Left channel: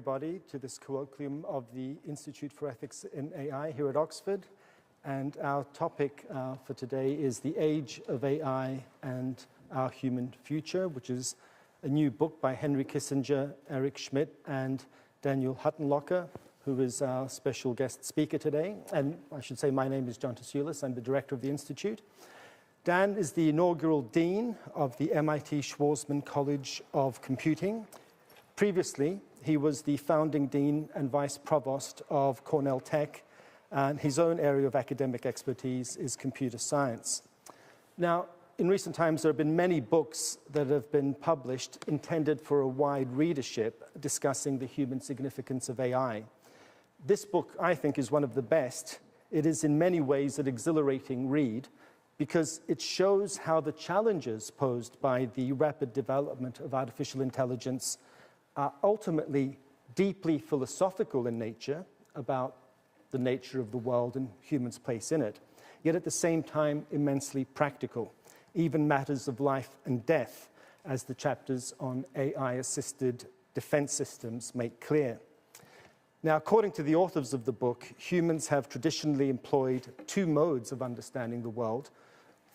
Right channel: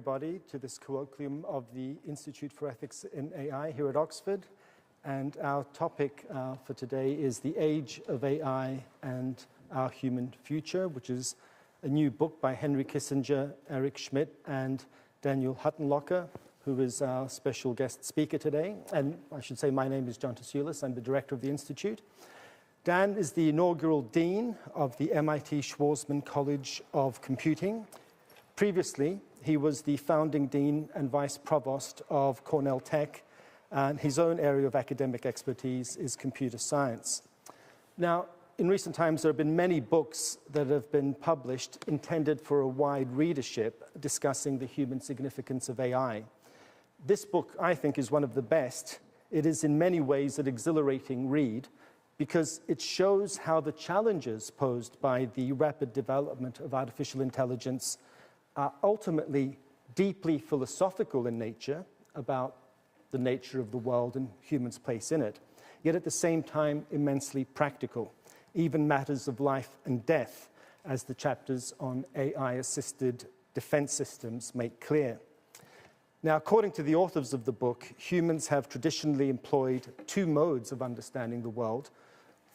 everybody, to this colloquium of the Institute for Ethics in AI here at Oxford. And our topic for today is The Age of AI and Our Human Future, which is a new book by Henry Kissinger, Eric Schmidt, and Daniel Huttenlocher, who is our special guest speaker today. And I should say my name is John Tasulis. I'm the director of the Institute. Dan is the inaugural dean of the MIT Schwarzman College of Computing. Previously, he was the founding dean and vice provost of Cornell Tech, and his own area of academic expertise is computer science. Now, in recent times, there have been many books that have been published intended for a wide readership discussing the human significance of AI. This book, I think, is one of the best. It is in many ways an exhilarating read because it shows how the challenges posed by the rapid development of artificial intelligence are ultimately deeply philosophical in nature about the nature of the world and humans' place in it, yet at the same time immensely practical, even matters of life and death, as the chapters on AI-assisted defense systems make clear. Now, according to the authors of the book, humans have traditionally employed two modes of understanding the world,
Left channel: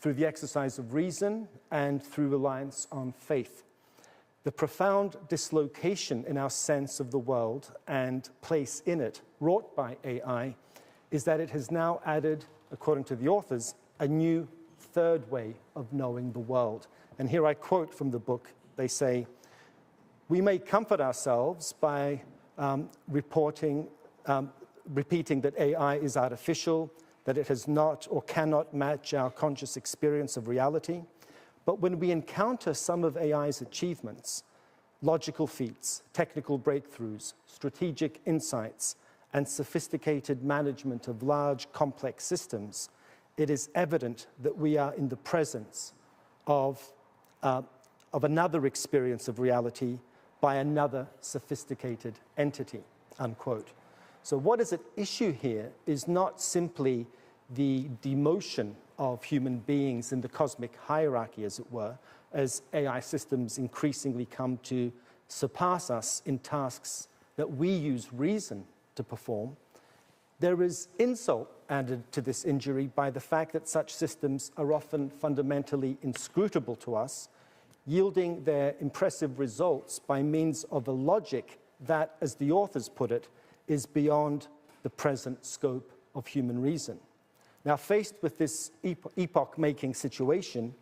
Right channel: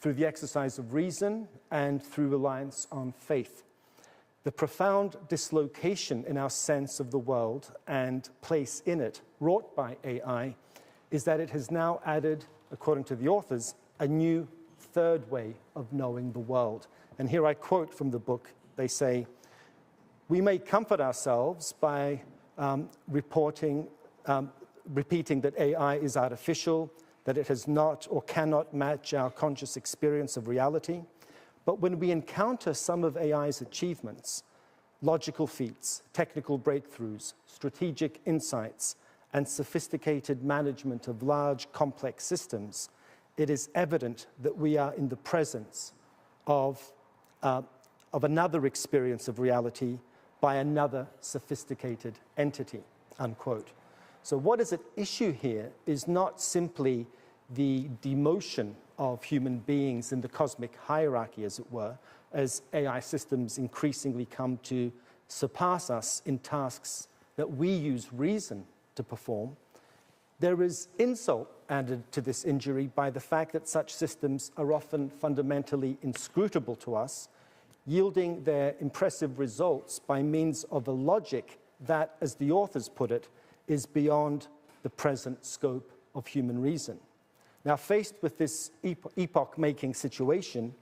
through the exercise of reason and through reliance on faith. The profound dislocation in our sense of the world and place in it, wrought by AI, is that it has now added, according to the authors, a new third way of knowing the world. And here I quote from the book. They say, "We may comfort ourselves by repeating that AI is artificial, that it has not or cannot match our conscious experience of reality. But when we encounter some of AI's achievements, logical feats, technical breakthroughs, strategic insights, and sophisticated management of large, complex systems, it is evident that we are in the presence of another experience of reality by another sophisticated entity," unquote. So what is at issue here is not simply the demotion of human beings in the cosmic hierarchy, as it were, as AI systems increasingly come to surpass us in tasks that we use reason to perform. There is insult added to this injury by the fact that such systems are often fundamentally inscrutable to us, yielding their impressive results by means of a logic that, as the authors put it, is beyond the present scope of human reason. Now, faced with this epoch-making situation,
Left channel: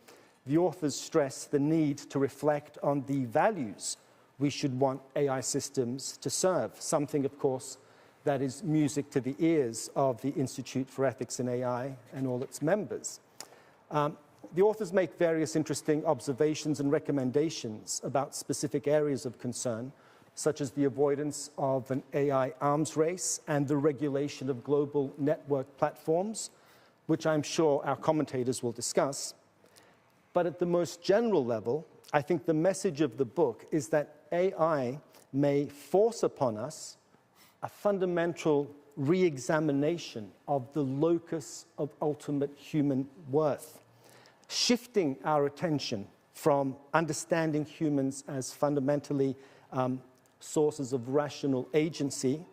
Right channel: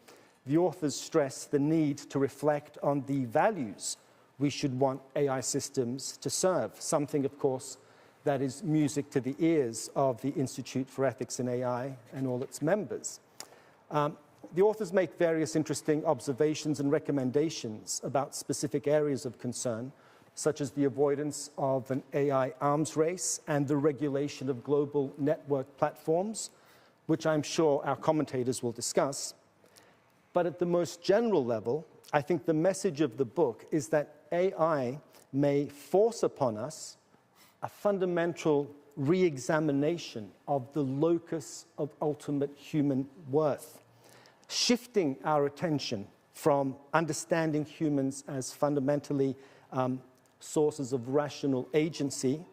the authors stress the need to reflect on the values we should want AI systems to serve, something, of course, that is music to the ears of the Institute for Ethics in AI and all its members. The authors make various interesting observations and recommendations about specific areas of concern, such as the avoidance of an AI arms race and the regulation of global network platforms, which I'm sure our commentators will discuss. But at the most general level, I think the message of the book is that AI may force upon us a fundamental re-examination of the locus of ultimate human worth, shifting our attention from understanding humans as fundamentally sources of rational agency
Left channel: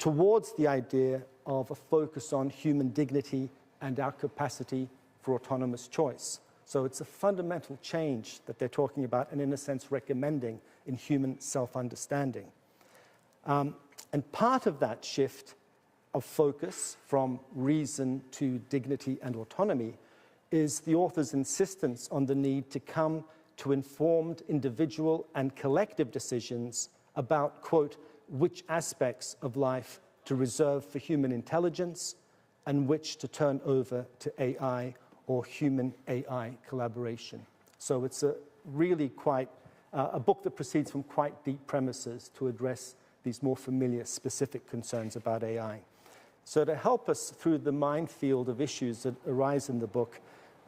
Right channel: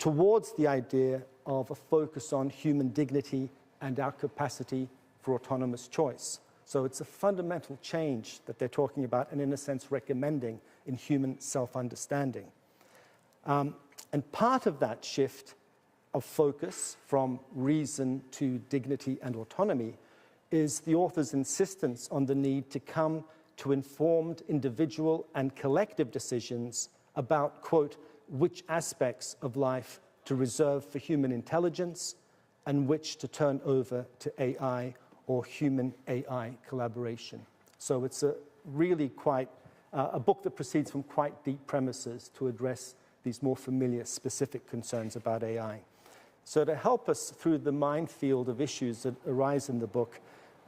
towards the idea of a focus on human dignity and our capacity for autonomous choice. So it's a fundamental change that they're talking about and, in a sense, recommending in human self-understanding. And part of that shift of focus from reason to dignity and autonomy is the author's insistence on the need to come to informed individual and collective decisions about, quote, which aspects of life to reserve for human intelligence and which to turn over to AI or human-AI collaboration. So it's a really quite a book that proceeds from quite deep premises to address these more familiar specific concerns about AI. So to help us through the minefield of issues that arise in the book,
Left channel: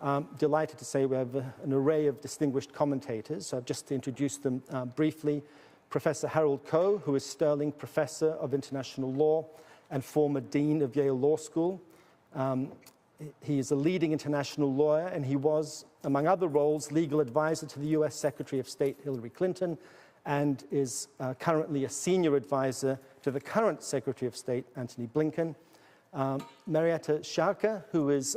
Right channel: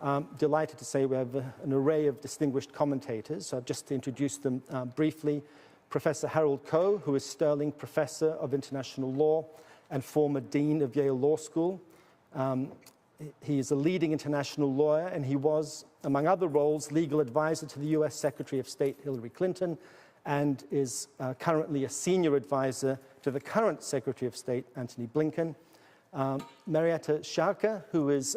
I'm delighted to say we have an array of distinguished commentators. So just to introduce them briefly, Professor Harold Koh, who is Sterling Professor of International Law and former Dean of Yale Law School. He is a leading international lawyer, and he was, among other roles, legal advisor to the US Secretary of State Hillary Clinton and is currently a senior advisor to the current Secretary of State, Antony Blinken. Marietta Schaake, who is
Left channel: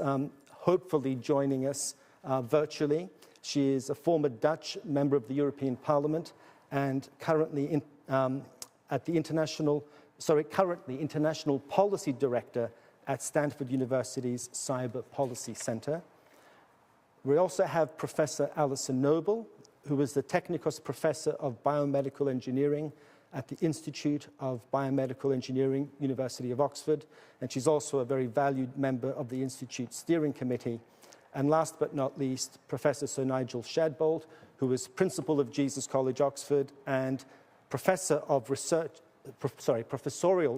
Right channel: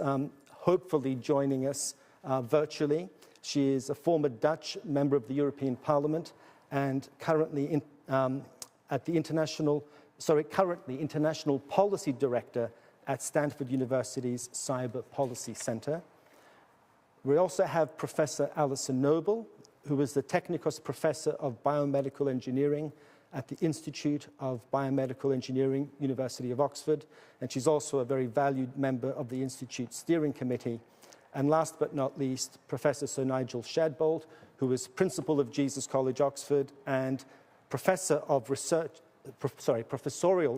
hopefully joining us virtually. She is a former Dutch member of the European Parliament and currently currently International Policy Director at Stanford University's Cyber Policy Center. We also have Professor Alison Noble, who is the Technikos Professor of Biomedical Engineering at the Institute of Biomedical Engineering, University of Oxford, and she's also a very valued member of the Institute's Steering Committee. And last but not least, Professor Sir Nigel Shadbolt, who is Principal of Jesus College, Oxford, and Professorial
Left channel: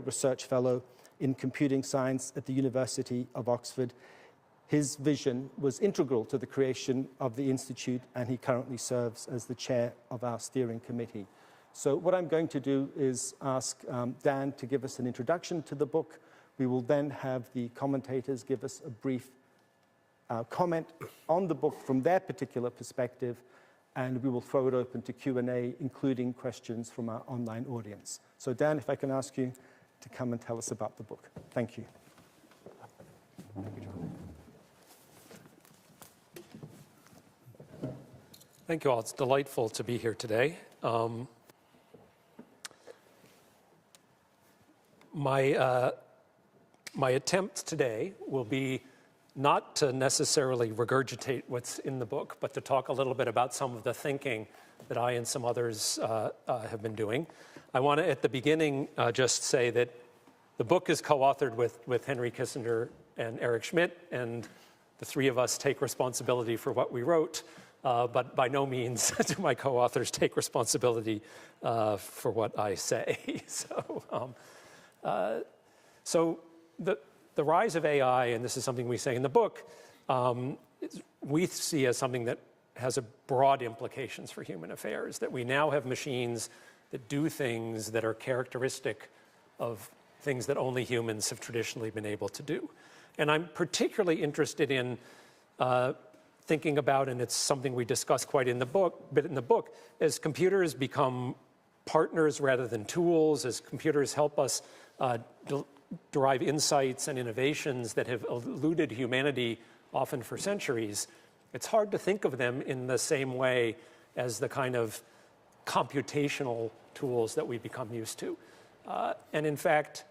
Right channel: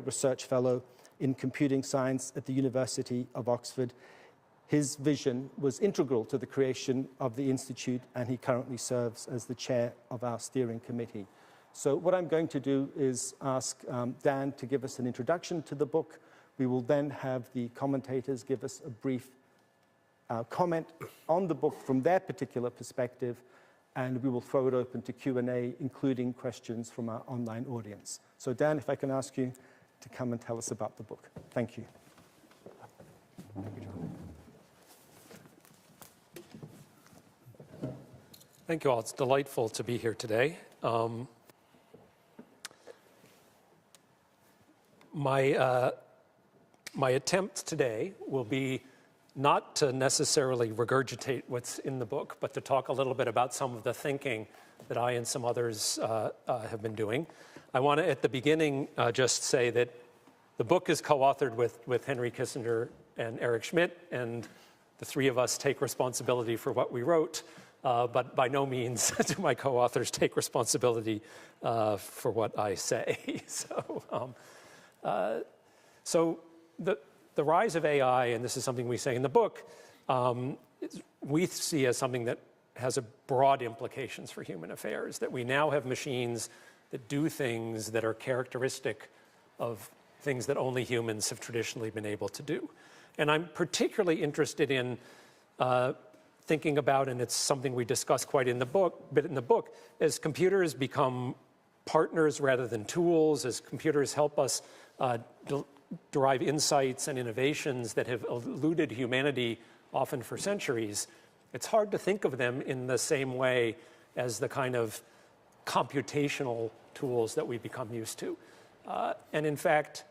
Research Fellow in Computing Science at the University of Oxford. His vision was integral to the creation of the Institute, and he currently serves as the chair of our steering committee. So what I'm going to do is ask Dan to give us an introduction to the book. We will then have the commentators give us a brief comment on the book from their particular perspective, and we will throw it open to Q&A, including questions from our online audience. So Dan, if I can ask you to come and tell us about the book. Thank you. Thank you all. It's delightful to be here today. My attempt today will be not to necessarily regurgitate what's in the book, but to talk a little bit about some of the thinking that I and some others have been doing. I want to, at the beginning, just say that the book is co-authored with Henry Kissinger and Eric Schmidt, and the three of us take responsibility for what we wrote. But by no means do my co-authors take responsibility for what I say. So the rise of AI, and this is something we say in the book, we see as something that has a broad implications for human affairs, that we now have machines that do things that are characteristic of things that only humans have traditionally been able to do. And I'm particularly interested in thinking about, and it's something we discuss quite in the book, as computers become partners rather than tools, as computers help us derive insights and innovations that have eluded humanity often for centuries, it's hard to think of them in the same way as the kind of computational tools that we become used to. And in fact,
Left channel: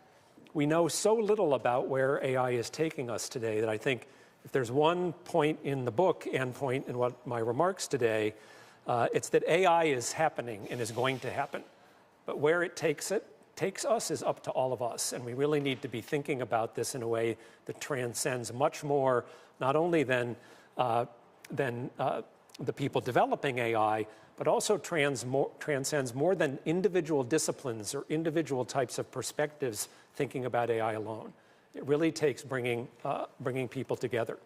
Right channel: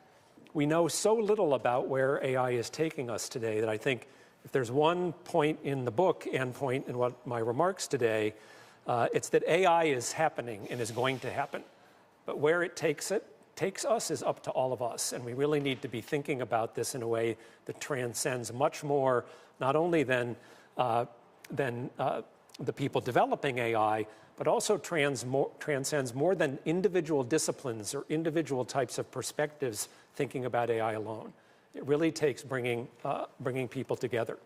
we know so little about where AI is taking us today that I think if there's one point in the book and point in what my remarks today, it's that AI is happening and is going to happen. But where it takes us is up to all of us. And we really need to be thinking about this in a way that transcends much more, not only than the people developing AI, but also transcends more than individual disciplines or individual types of perspectives thinking about AI alone. It really takes bringing people together.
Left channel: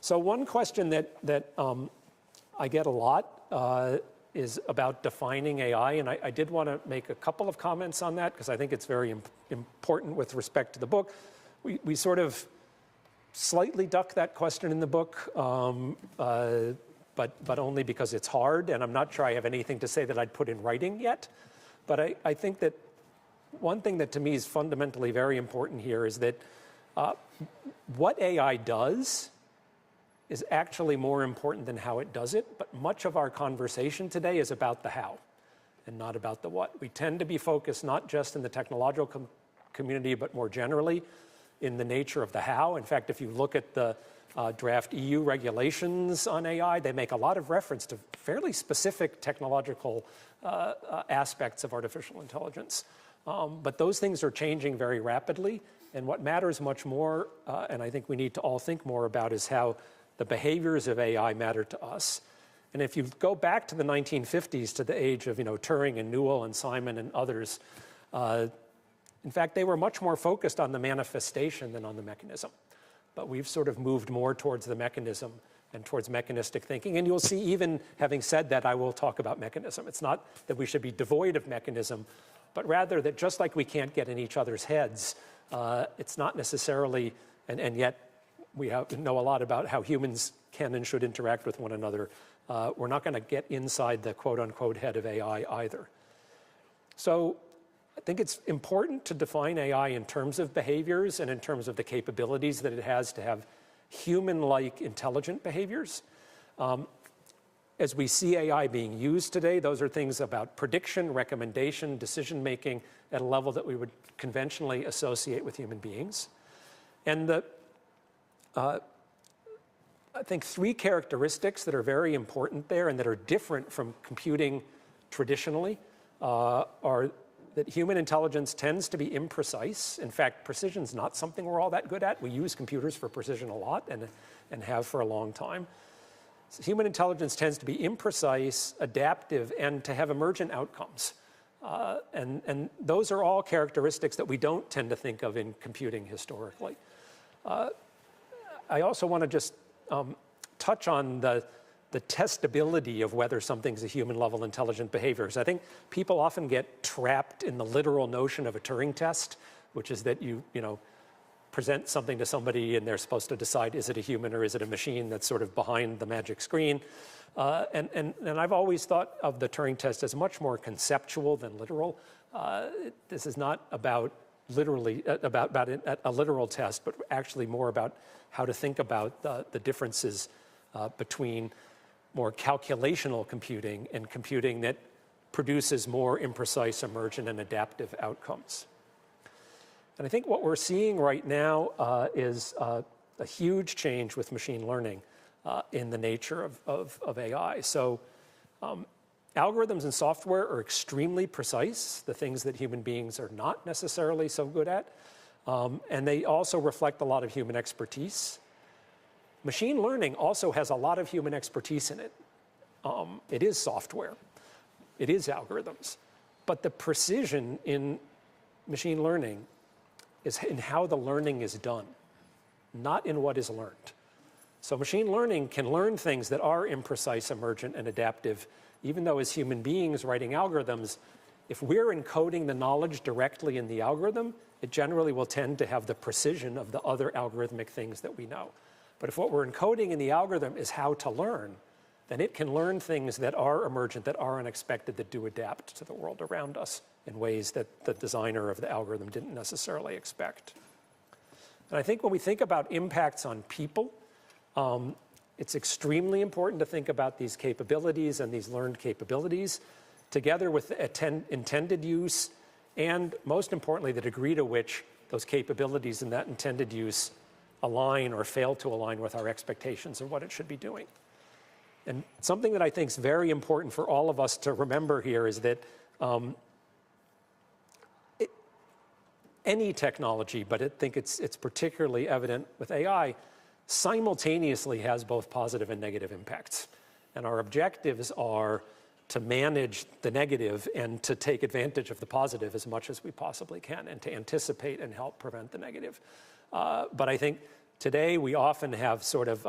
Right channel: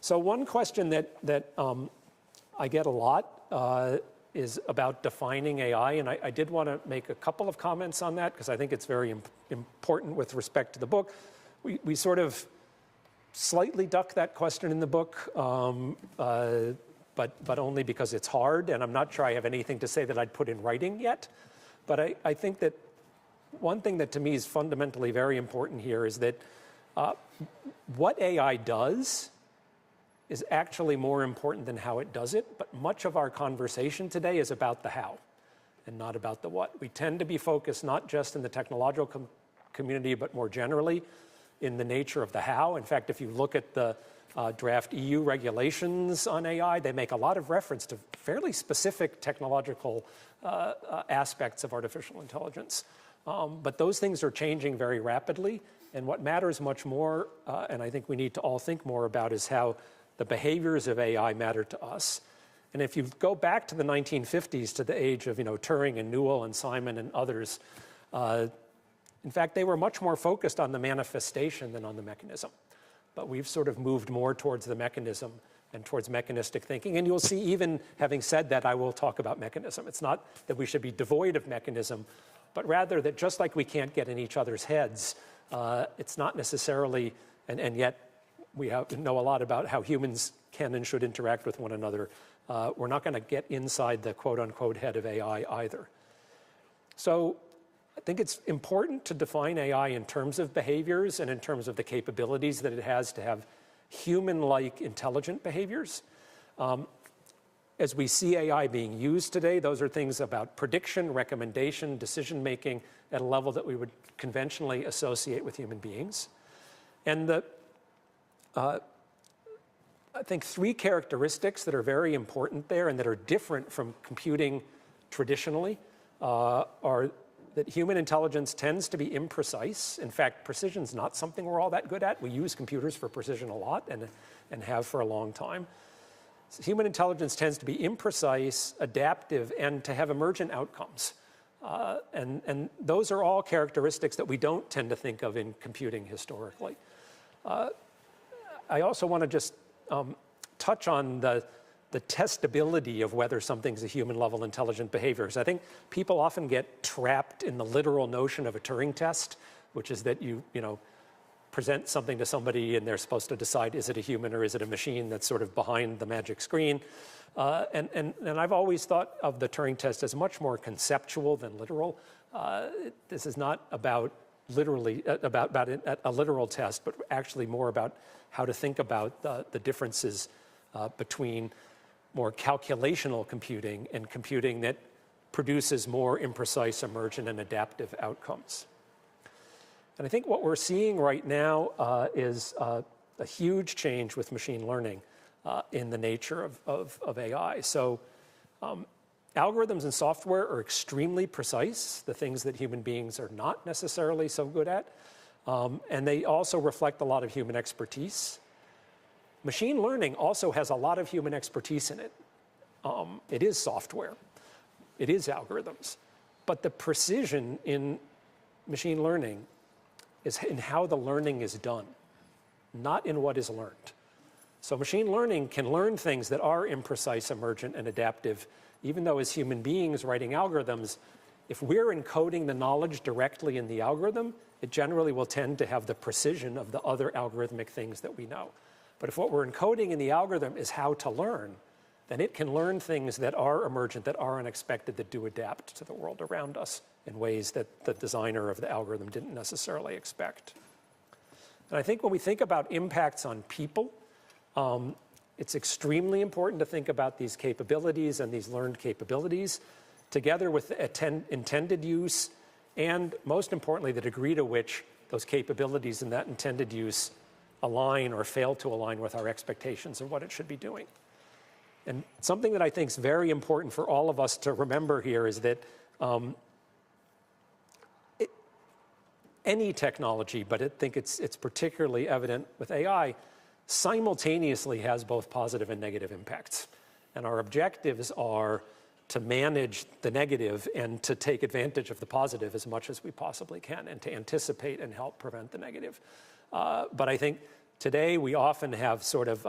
So one question that I get a lot is about defining AI, and I did want to make a couple of comments on that because I think it's very important with respect to the book. We sort of slightly duck that question in the book, but only because it's hard, and I'm not sure I have anything to say that I'd put in writing yet. But I think that one thing that to me is fundamentally very important here is that what AI does is actually more important than how it does it, but much of our conversation today is about the how and not about the what. We tend to be focused not just in the technological community, but more generally in the nature of the how. In fact, if you look at the draft EU regulations on AI, they make a lot of reference to fairly specific technological aspects of artificial intelligence. But those things are changing very rapidly, and what matters much more, and I think we need to all think more about, is how the behaviors of AI matter to us. And if you go back to the 1950s, to the age of Turing and Newell and Simon and others, in fact, they were much more focused on the manifestation than on the mechanism. But we've sort of moved more towards the mechanism and towards mechanistic thinking. And you'll see, even having said that, I will talk about mechanism. It's not that we should be devoid of mechanism, but rather that just like we can't get in each other's heads, it's not necessarily, and yet we know a lot about how humans can and should interact with one another. We're not going to get inside the quote-unquote head of AI either. So I think it's important to define AI in terms of behaviors and in terms of the capabilities that it has to have human-like intelligent behaviors. As we see AI being used today, those are things about prediction, recommendation, decision-making at a level that we would conventionally associate with human beings. And I think three characteristics that are very important there and that are different from computing traditionally are that human intelligence tends to be imprecise. In fact, precision is not something we're all that good at. We use computers for precision a lot and have for a long time. So human intelligence tends to be imprecise, adaptive, and to have emergent outcomes. And those are all characteristics that we don't tend to think of in computing historically. I also want to just touch on the testability of whether something's a human-level intelligent behavior. Because I think people often get trapped in the literal notion of a Turing test, which is that you present something to somebody and they're supposed to decide, is it a human or is it a machine that's sort of behind the magic screen. And I've always thought of the Turing test as much more conceptual than literal. This is not about literally about a literal test, but actually more about how to think about the differences between more calculational computing and computing that produces more imprecise, emergent, and adaptive outcomes. And I think what we're seeing right now is a huge change with machine learning in the nature of AI. So algorithms and software are extremely precise, the things that human beings are not necessarily so good at. And they also reflect a lot of human expertise. Machine learning also has a lot of human expertise in it. It is software. It is algorithms. But the precision in machine learning is in how the learning is done, not in what is learned. So machine learning can learn things that are imprecise, emergent, and adaptive, even though as human beings writing algorithms, if we're encoding the knowledge directly in the algorithm, it generally will tend to have the precision of the other algorithmic things that we know. But if what we're encoding in the algorithm is how to learn, then it can learn things that are emergent, that are unexpected, that do adapt to the world around us in ways that the designer of the algorithm didn't necessarily expect. And I think when we think about impacts on people, it's extremely important to think about these capabilities and these learned capabilities together with intended use and, most importantly, the degree to which those capabilities and that intended use align or fail to align with our expectations of what it should be doing. And something that I think is very important for all of us to remember here is that any technology, but I think it's particularly evident with AI, simultaneously has both positive and negative impacts. And our objectives are to manage the negative and to take advantage of the positive as much as we possibly can and to anticipate and help prevent the negative. But I think today we often have sort of,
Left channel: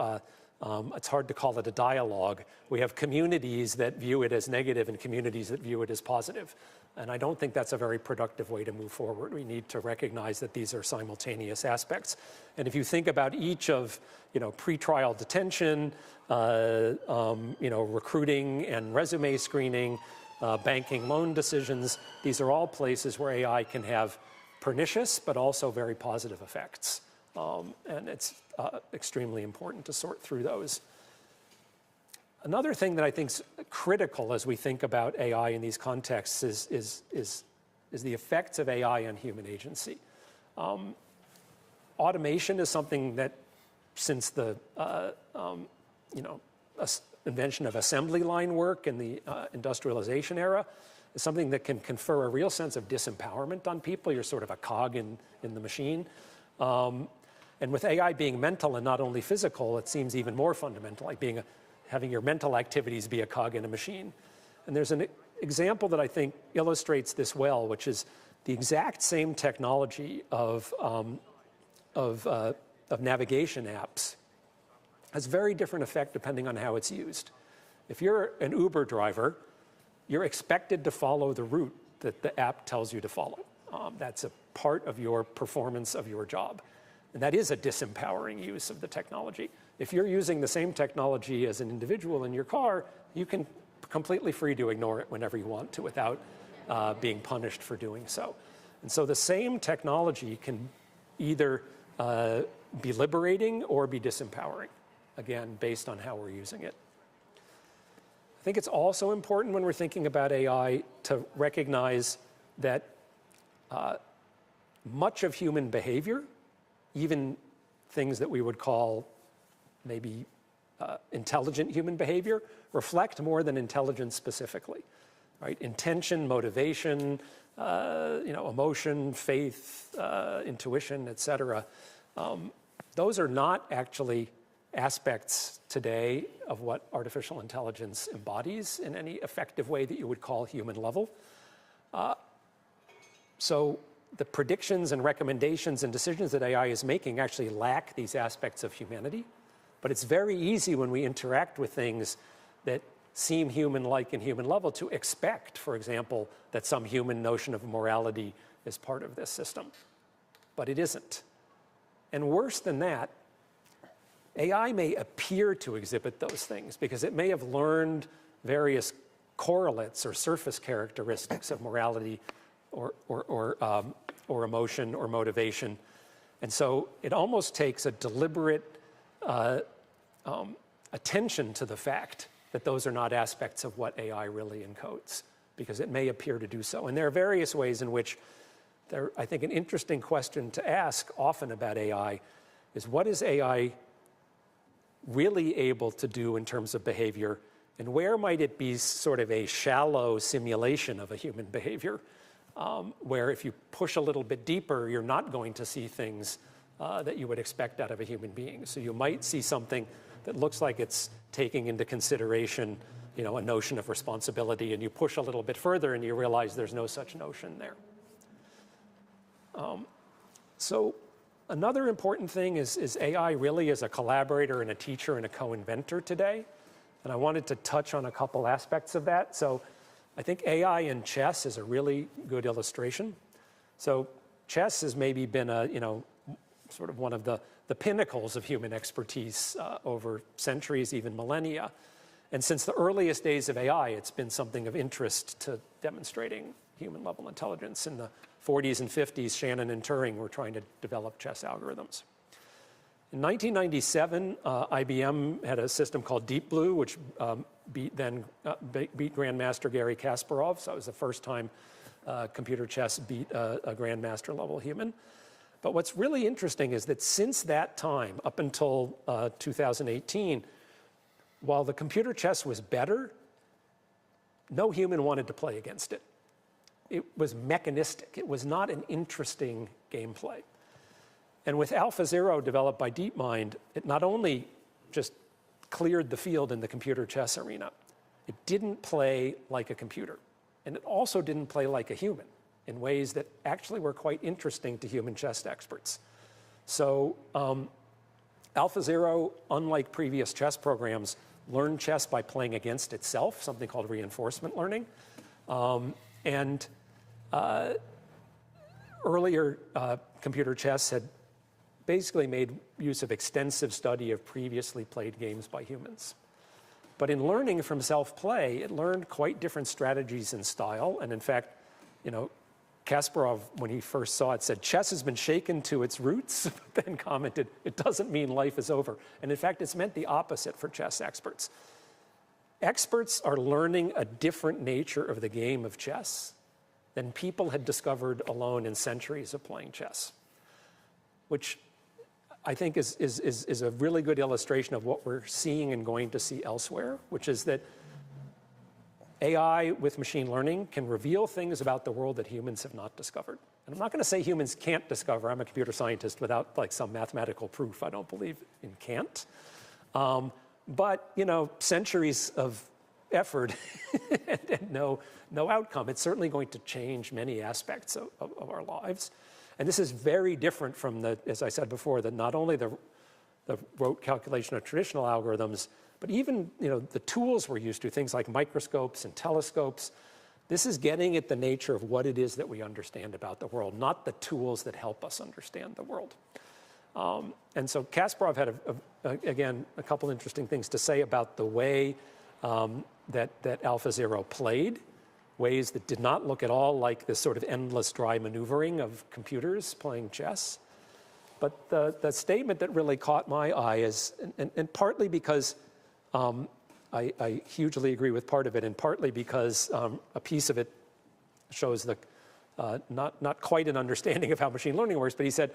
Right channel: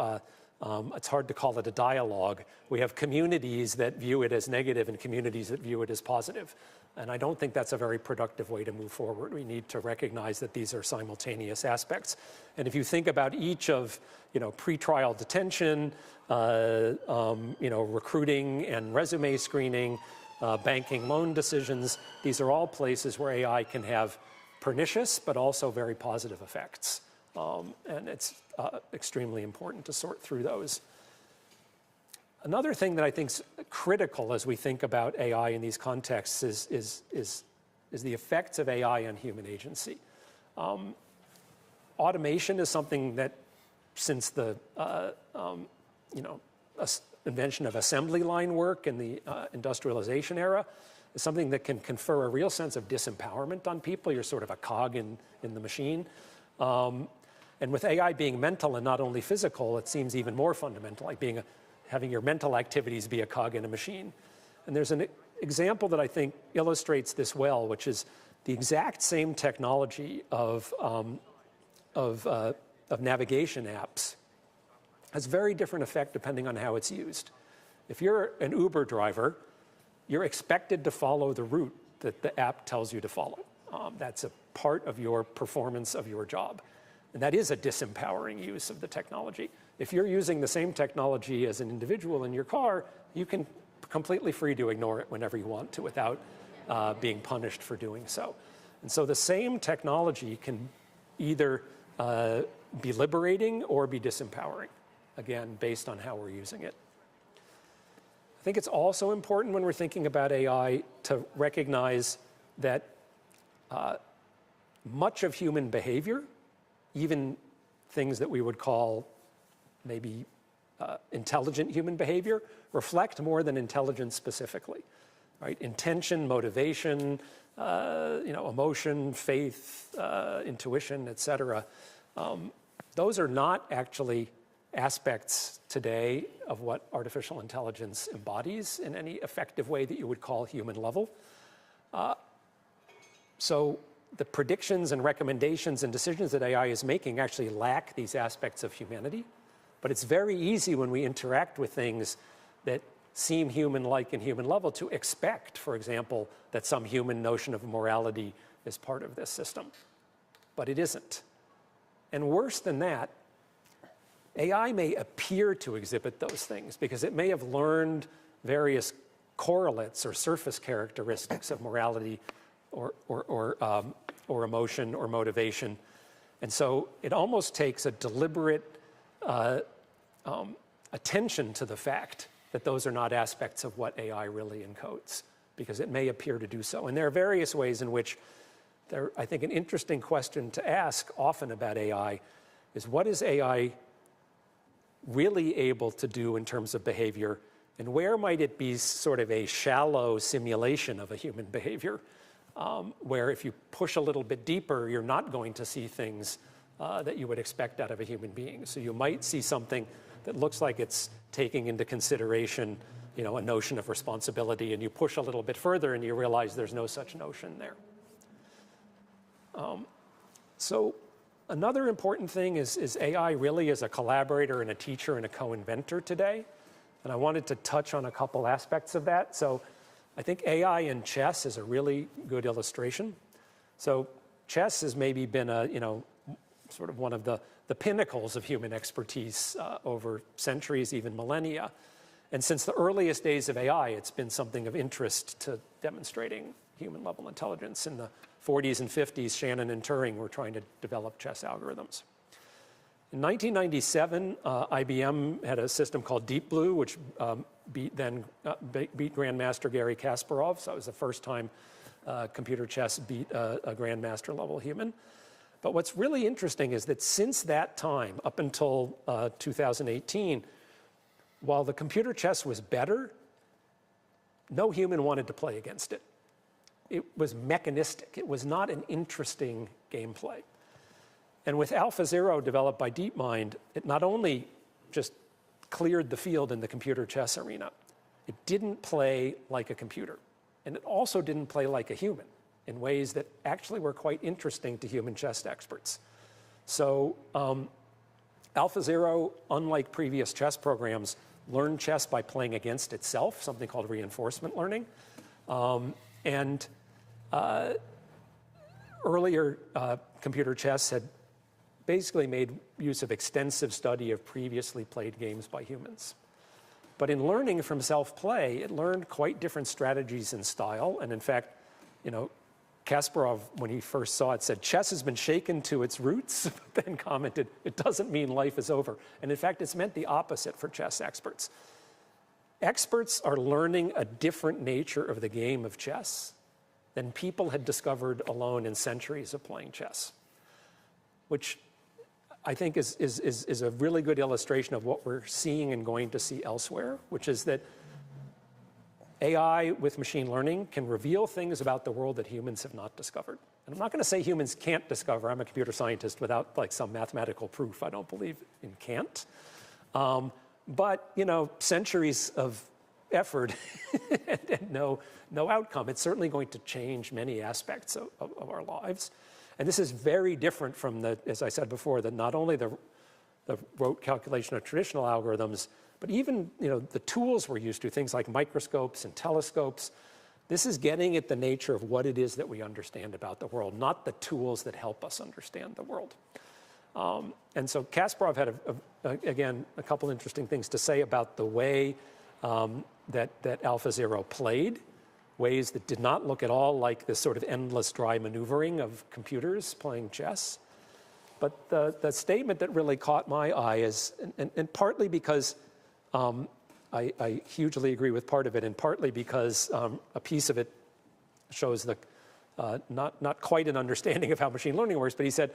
it's hard to call it a dialogue. We have communities that view it as negative and communities that view it as positive. And I don't think that's a very productive way to move forward. We need to recognize that these are simultaneous aspects. And if you think about each of, pretrial detention, recruiting and resume screening, banking loan decisions, these are all places where AI can have pernicious but also very positive effects. And it's extremely important to sort through those. Another thing that I think is critical as we think about AI in these contexts is the effects of AI on human agency. Automation is something that since the invention of assembly line work in the industrialization era is something that can confer a real sense of disempowerment on people. You're sort of a cog in the machine. And with AI being mental and not only physical, it seems even more fundamental, like having your mental activities be a cog in a machine. And there's an example that I think illustrates this well, which is the exact same technology of navigation apps has very different effect depending on how it's used. If you're an Uber driver, you're expected to follow the route that the app tells you to follow. That's a part of your performance of your job. And that is a disempowering use of the technology. If you're using the same technology as an individual in your car, you can completely free to ignore it whenever you want to without being punished for doing so. And so the same technology can either be liberating or be disempowering, again, based on how we're using it. I think it's also important when we're thinking about AI to recognize that much of human behavior, even things that we would call maybe intelligent human behavior, reflect more than intelligence specifically, right? Intention, motivation, emotion, faith, intuition, etc. Those are not actually aspects today of what artificial intelligence embodies in any effective way that you would call human level. So the predictions and recommendations and decisions that AI is making actually lack these aspects of humanity. But it's very easy when we interact with things that seem human-like and human level to expect, for example, that some human notion of morality is part of this system. But it isn't. And worse than that, AI may appear to exhibit those things because it may have learned various correlates or surface characteristics of morality or emotion or motivation. And so it almost takes a deliberate attention to the fact that those are not aspects of what AI really encodes, because it may appear to do so. And there are various ways in which I think an interesting question to ask often about AI is, what is AI really able to do in terms of behavior, and where might it be sort of a shallow simulation of a human behavior, where if you push a little bit deeper, you're not going to see things that you would expect out of a human being. So you might see something that looks like it's taking into consideration, a notion of responsibility, and you push a little bit further and you realize there's no such notion there. So another important thing is AI really is a collaborator and a teacher and a co-inventor today. And I wanted to touch on a couple aspects of that. So I think AI in chess is a really good illustration. So chess has maybe been sort of one of the pinnacles of human expertise over centuries, even millennia. And since the earliest days of AI, it's been something of interest to demonstrating human-level intelligence. In the 40s and 50s, Shannon and Turing were trying to develop chess algorithms. In 1997, IBM had a system called Deep Blue, which beat Grandmaster Garry Kasparov. So it was the first time computer chess beat a Grandmaster level human. But what's really interesting is that since that time, up until 2018, while the computer chess was better, no human wanted to play against it. It was mechanistic. It was not an interesting gameplay. And with AlphaZero, developed by DeepMind, it not only just cleared the field in the computer chess arena, it didn't play like a computer. And it also didn't play like a human in ways that actually were quite interesting to human chess experts. So AlphaZero, unlike previous chess programs, learned chess by playing against itself, something called reinforcement learning. Earlier computer chess had basically made use of extensive study of previously played games by humans. But in learning from self-play, it learned quite different strategies and style. And in fact, Kasparov, when he first saw it, said, "Chess has been shaken to its roots," but then commented, "It doesn't mean life is over." And in fact, it's meant the opposite for chess experts. Experts are learning a different nature of the game of chess than people had discovered alone in centuries of playing chess, which I think is a really good illustration of what we're seeing and going to see elsewhere, which is that AI with machine learning can reveal things about the world that humans have not discovered. And I'm not going to say humans can't discover. I'm a computer scientist without some mathematical proof. I don't believe in can't. But centuries of effort and no outcome. It's certainly going to change many aspects of our lives. And this is very different from as I said before, not only the rote calculation of traditional algorithms, but even the tools we're used to, things like microscopes and telescopes. This is getting at the nature of what it is that we understand about the world, not the tools that help us understand the world. And so Kasparov had, again, a couple interesting things to say about the way that AlphaZero played, ways that did not look at all like this sort of endless dry maneuvering of computers playing chess. But the statement that really caught my eye is, and partly because I hugely agree with part of it, and partly because a piece of it shows not quite an understanding of how machine learning works, but he said,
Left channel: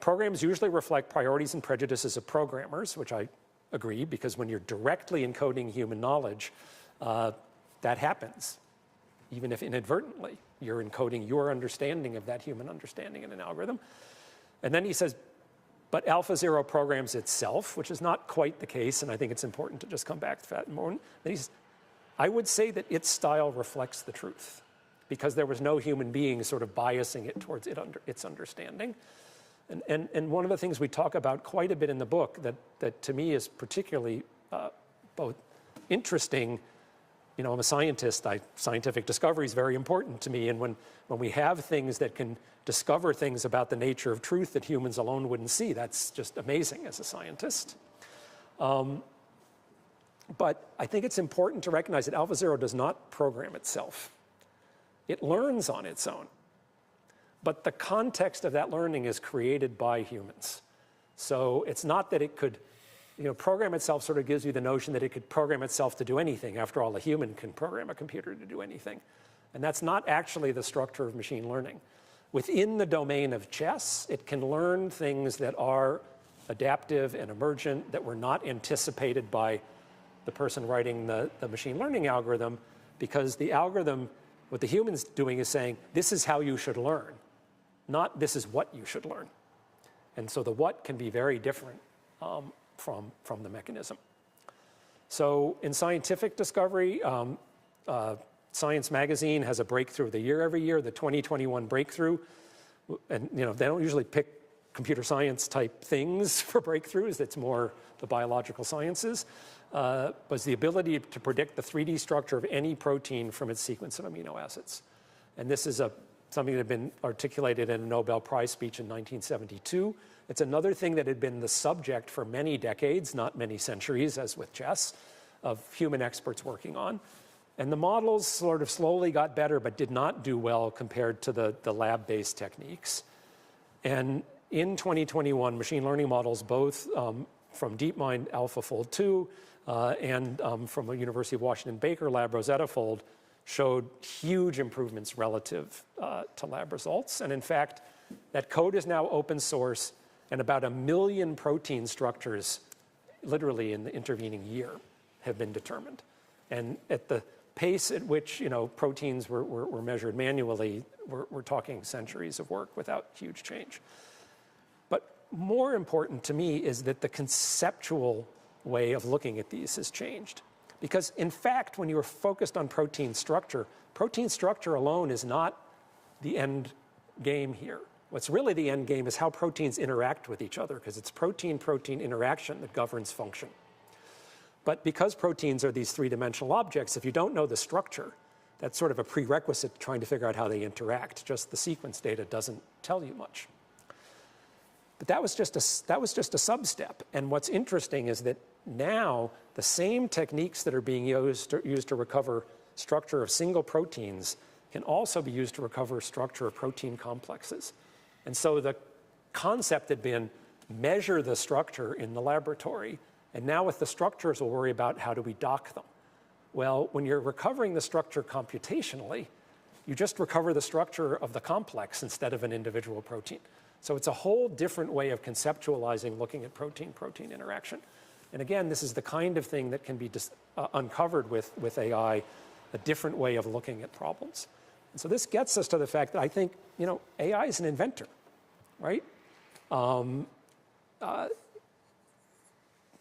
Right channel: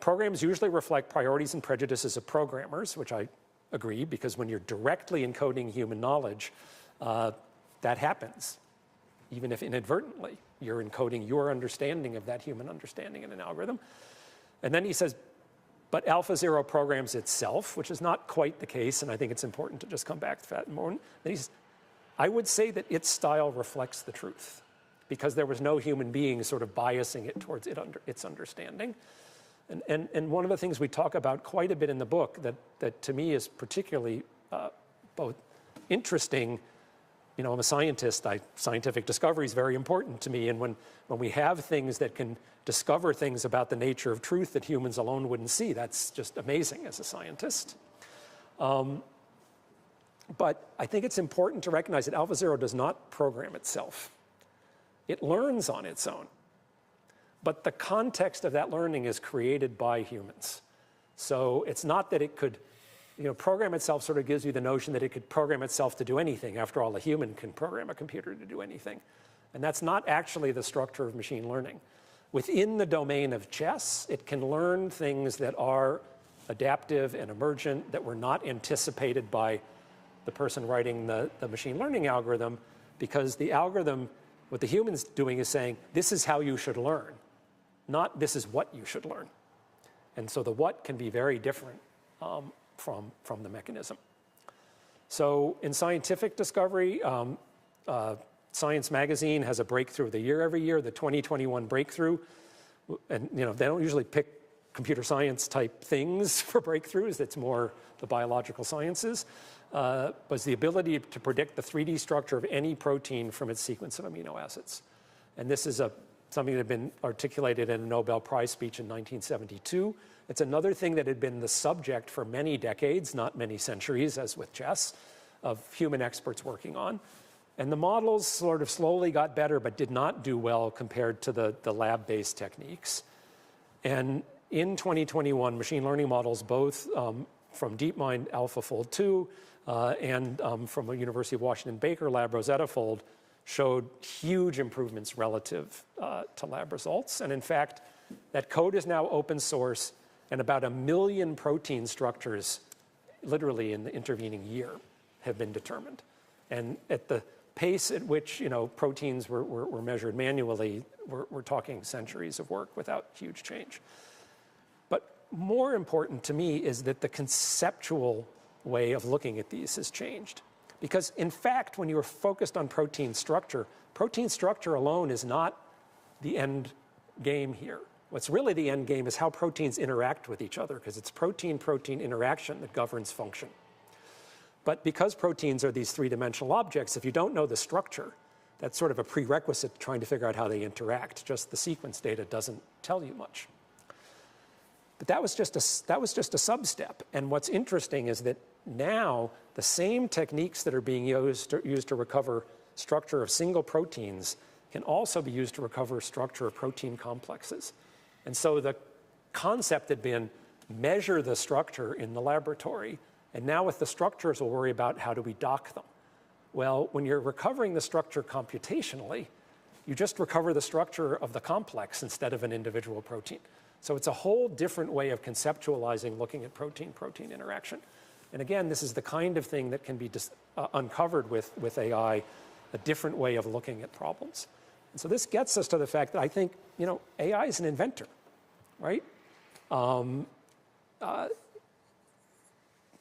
programs usually reflect priorities and prejudices of programmers, which I agree, because when you're directly encoding human knowledge, that happens. Even if inadvertently, you're encoding your understanding of that human understanding in an algorithm. And then he says, but AlphaZero programs itself, which is not quite the case, and I think it's important to just come back to that more. I would say that its style reflects the truth, because there was no human being sort of biasing it towards its understanding. And one of the things we talk about quite a bit in the book that to me is particularly both interesting. I'm a scientist. Scientific discovery is very important to me. And when we have things that can discover things about the nature of truth that humans alone wouldn't see, that's just amazing as a scientist. But I think it's important to recognize that AlphaZero does not program itself. It learns on its own. But the context of that learning is created by humans. So it's not that it could, program itself sort of gives you the notion that it could program itself to do anything. After all, a human can program a computer to do anything. And that's not actually the structure of machine learning. Within the domain of chess, it can learn things that are adaptive and emergent, that were not anticipated by the person writing the machine learning algorithm, because the algorithm, what the human's doing is saying, this is how you should learn, not this is what you should learn. And so the what can be very different from the mechanism. So in scientific discovery, Science Magazine has a breakthrough of the year every year, the 2021 breakthrough. And they don't usually pick computer science type things for breakthroughs. It's more the biological sciences. Was the ability to predict the 3D structure of any protein from its sequence of amino acids. And this is something that had been articulated in a Nobel Prize speech in 1972. It's another thing that had been the subject for many decades, not many centuries, as with chess, of human experts working on. And the models sort of slowly got better, but did not do well compared to the lab-based techniques. And in 2021, machine learning models, both from DeepMind AlphaFold 2 and from a University of Washington Baker lab, Rosetta Fold, showed huge improvements relative to lab results. And in fact, that code is now open source, and about 1 million protein structures, literally in the intervening year, have been determined. And at the pace at which proteins were measured manually, we're talking centuries of work without huge change. But more important to me is that the conceptual way of looking at these has changed. Because in fact, when you are focused on protein structure alone is not the end game here. What's really the end game is how proteins interact with each other, because it's protein-protein interaction that governs function. But because proteins are these three-dimensional objects, if you don't know the structure, that's sort of a prerequisite to trying to figure out how they interact. Just the sequence data doesn't tell you much. But that was just a sub-step. And what's interesting is that now the same techniques that are being used to recover structure of single proteins can also be used to recover structure of protein complexes. And so the concept had been measure the structure in the laboratory, and now with the structures, we'll worry about how do we dock them. Well, when you're recovering the structure computationally, you just recover the structure of the complex instead of an individual protein. So it's a whole different way of conceptualizing looking at protein-protein interaction. And again, this is the kind of thing that can be uncovered with AI, a different way of looking at problems. And so this gets us to the fact that I think, AI is an inventor, right?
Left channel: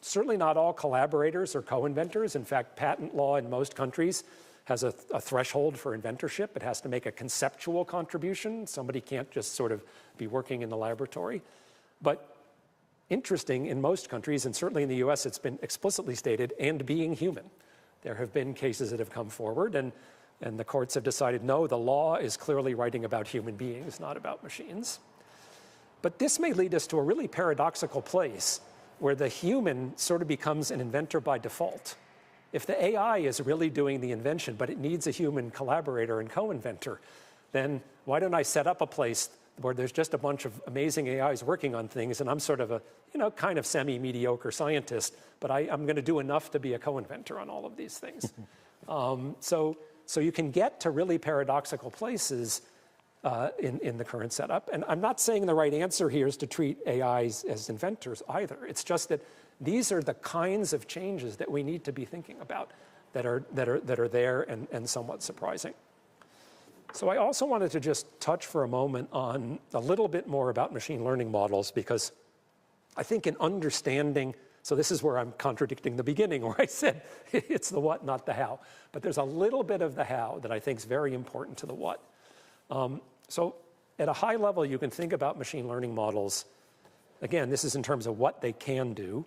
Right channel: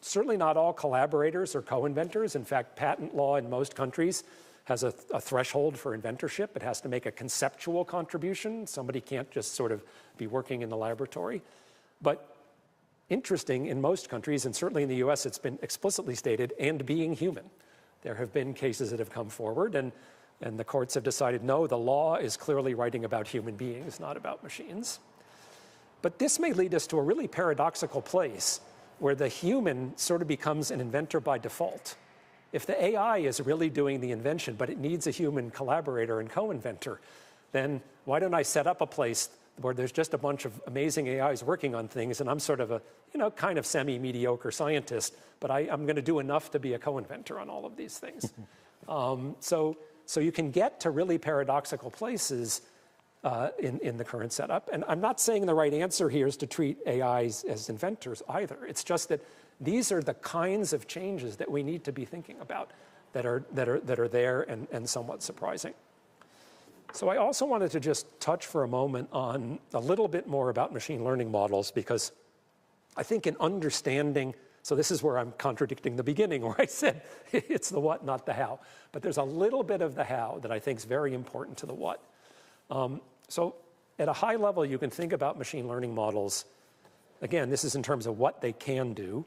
Certainly not all collaborators are co-inventors. In fact, patent law in most countries has a threshold for inventorship. It has to make a conceptual contribution. Somebody can't just sort of be working in the laboratory. But interesting, in most countries, and certainly in the US, it's been explicitly stated, and being human. There have been cases that have come forward, and the courts have decided, no, the law is clearly writing about human beings, not about machines. But this may lead us to a really paradoxical place where the human sort of becomes an inventor by default. If the AI is really doing the invention, but it needs a human collaborator and co-inventor, then why don't I set up a place where there's just a bunch of amazing AIs working on things, and I'm sort of a, kind of semi-mediocre scientist, but I'm going to do enough to be a co-inventor on all of these things. So you can get to really paradoxical places in the current setup. And I'm not saying the right answer here is to treat AIs as inventors either. It's just that these are the kinds of changes that we need to be thinking about that are there and somewhat surprising. So I also wanted to just touch for a moment on a little bit more about machine learning models, because I think in understanding, so this is where I'm contradicting the beginning where I said it's the what, not the how. But there's a little bit of the how that I think is very important to the what. So at a high level, you can think about machine learning models. Again, this is in terms of what they can do.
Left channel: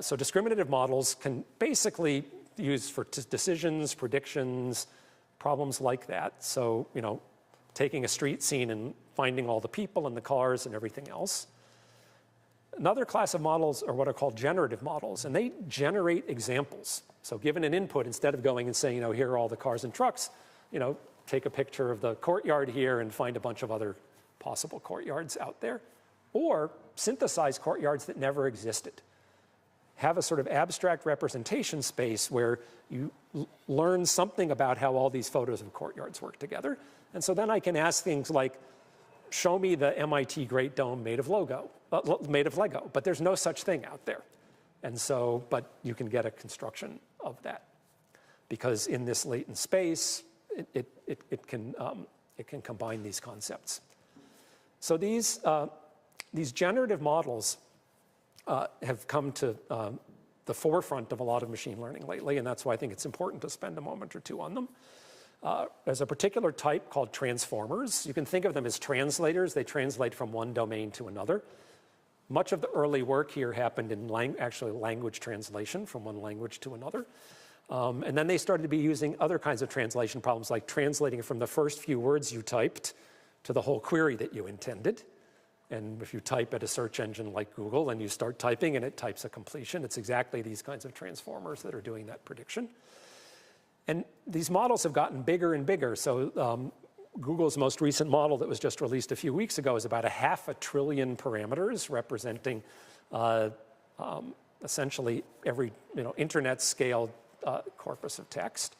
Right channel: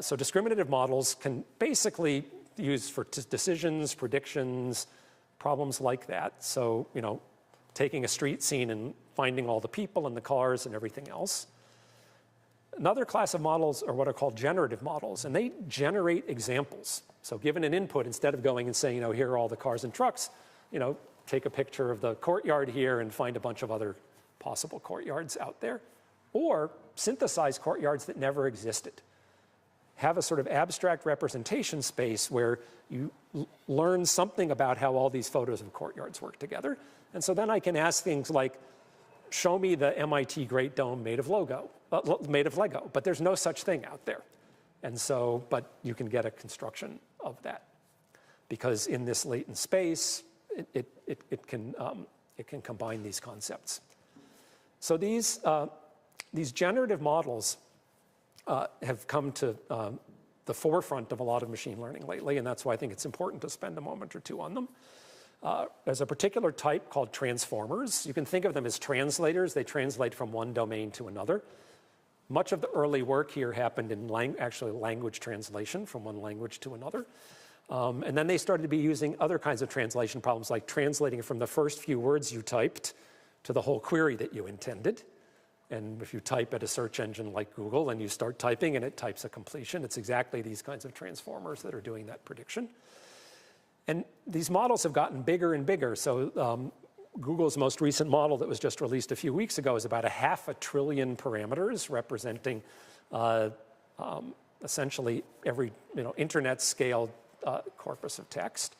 So discriminative models can basically be used for decisions, predictions, problems like that. So, taking a street scene and finding all the people and the cars and everything else. Another class of models are what are called generative models, and they generate examples. So given an input, instead of going and saying, here are all the cars and trucks, take a picture of the courtyard here and find a bunch of other possible courtyards out there. Or synthesize courtyards that never existed. Have a sort of abstract representation space where you learn something about how all these photos of courtyards work together. And so then I can ask things like, show me the MIT Great Dome made of Lego. But there's no such thing out there. And so, but you can get a construction of that. Because in this latent space, it can combine these concepts. So these generative models have come to the forefront of a lot of machine learning lately, and that's why I think it's important to spend a moment or two on them. There's a particular type called transformers. You can think of them as translators. They translate from one domain to another. Much of the early work here happened in language translation from one language to another. And then they started to be using other kinds of translation problems, like translating from the first few words you typed to the whole query that you intended. And if you type at a search engine like Google and you start typing and it types a completion, it's exactly these kinds of transformers that are doing that prediction. And these models have gotten bigger and bigger. So Google's most recent model that was just released a few weeks ago is about 500 billion parameters, representing essentially every internet scale corpus of text.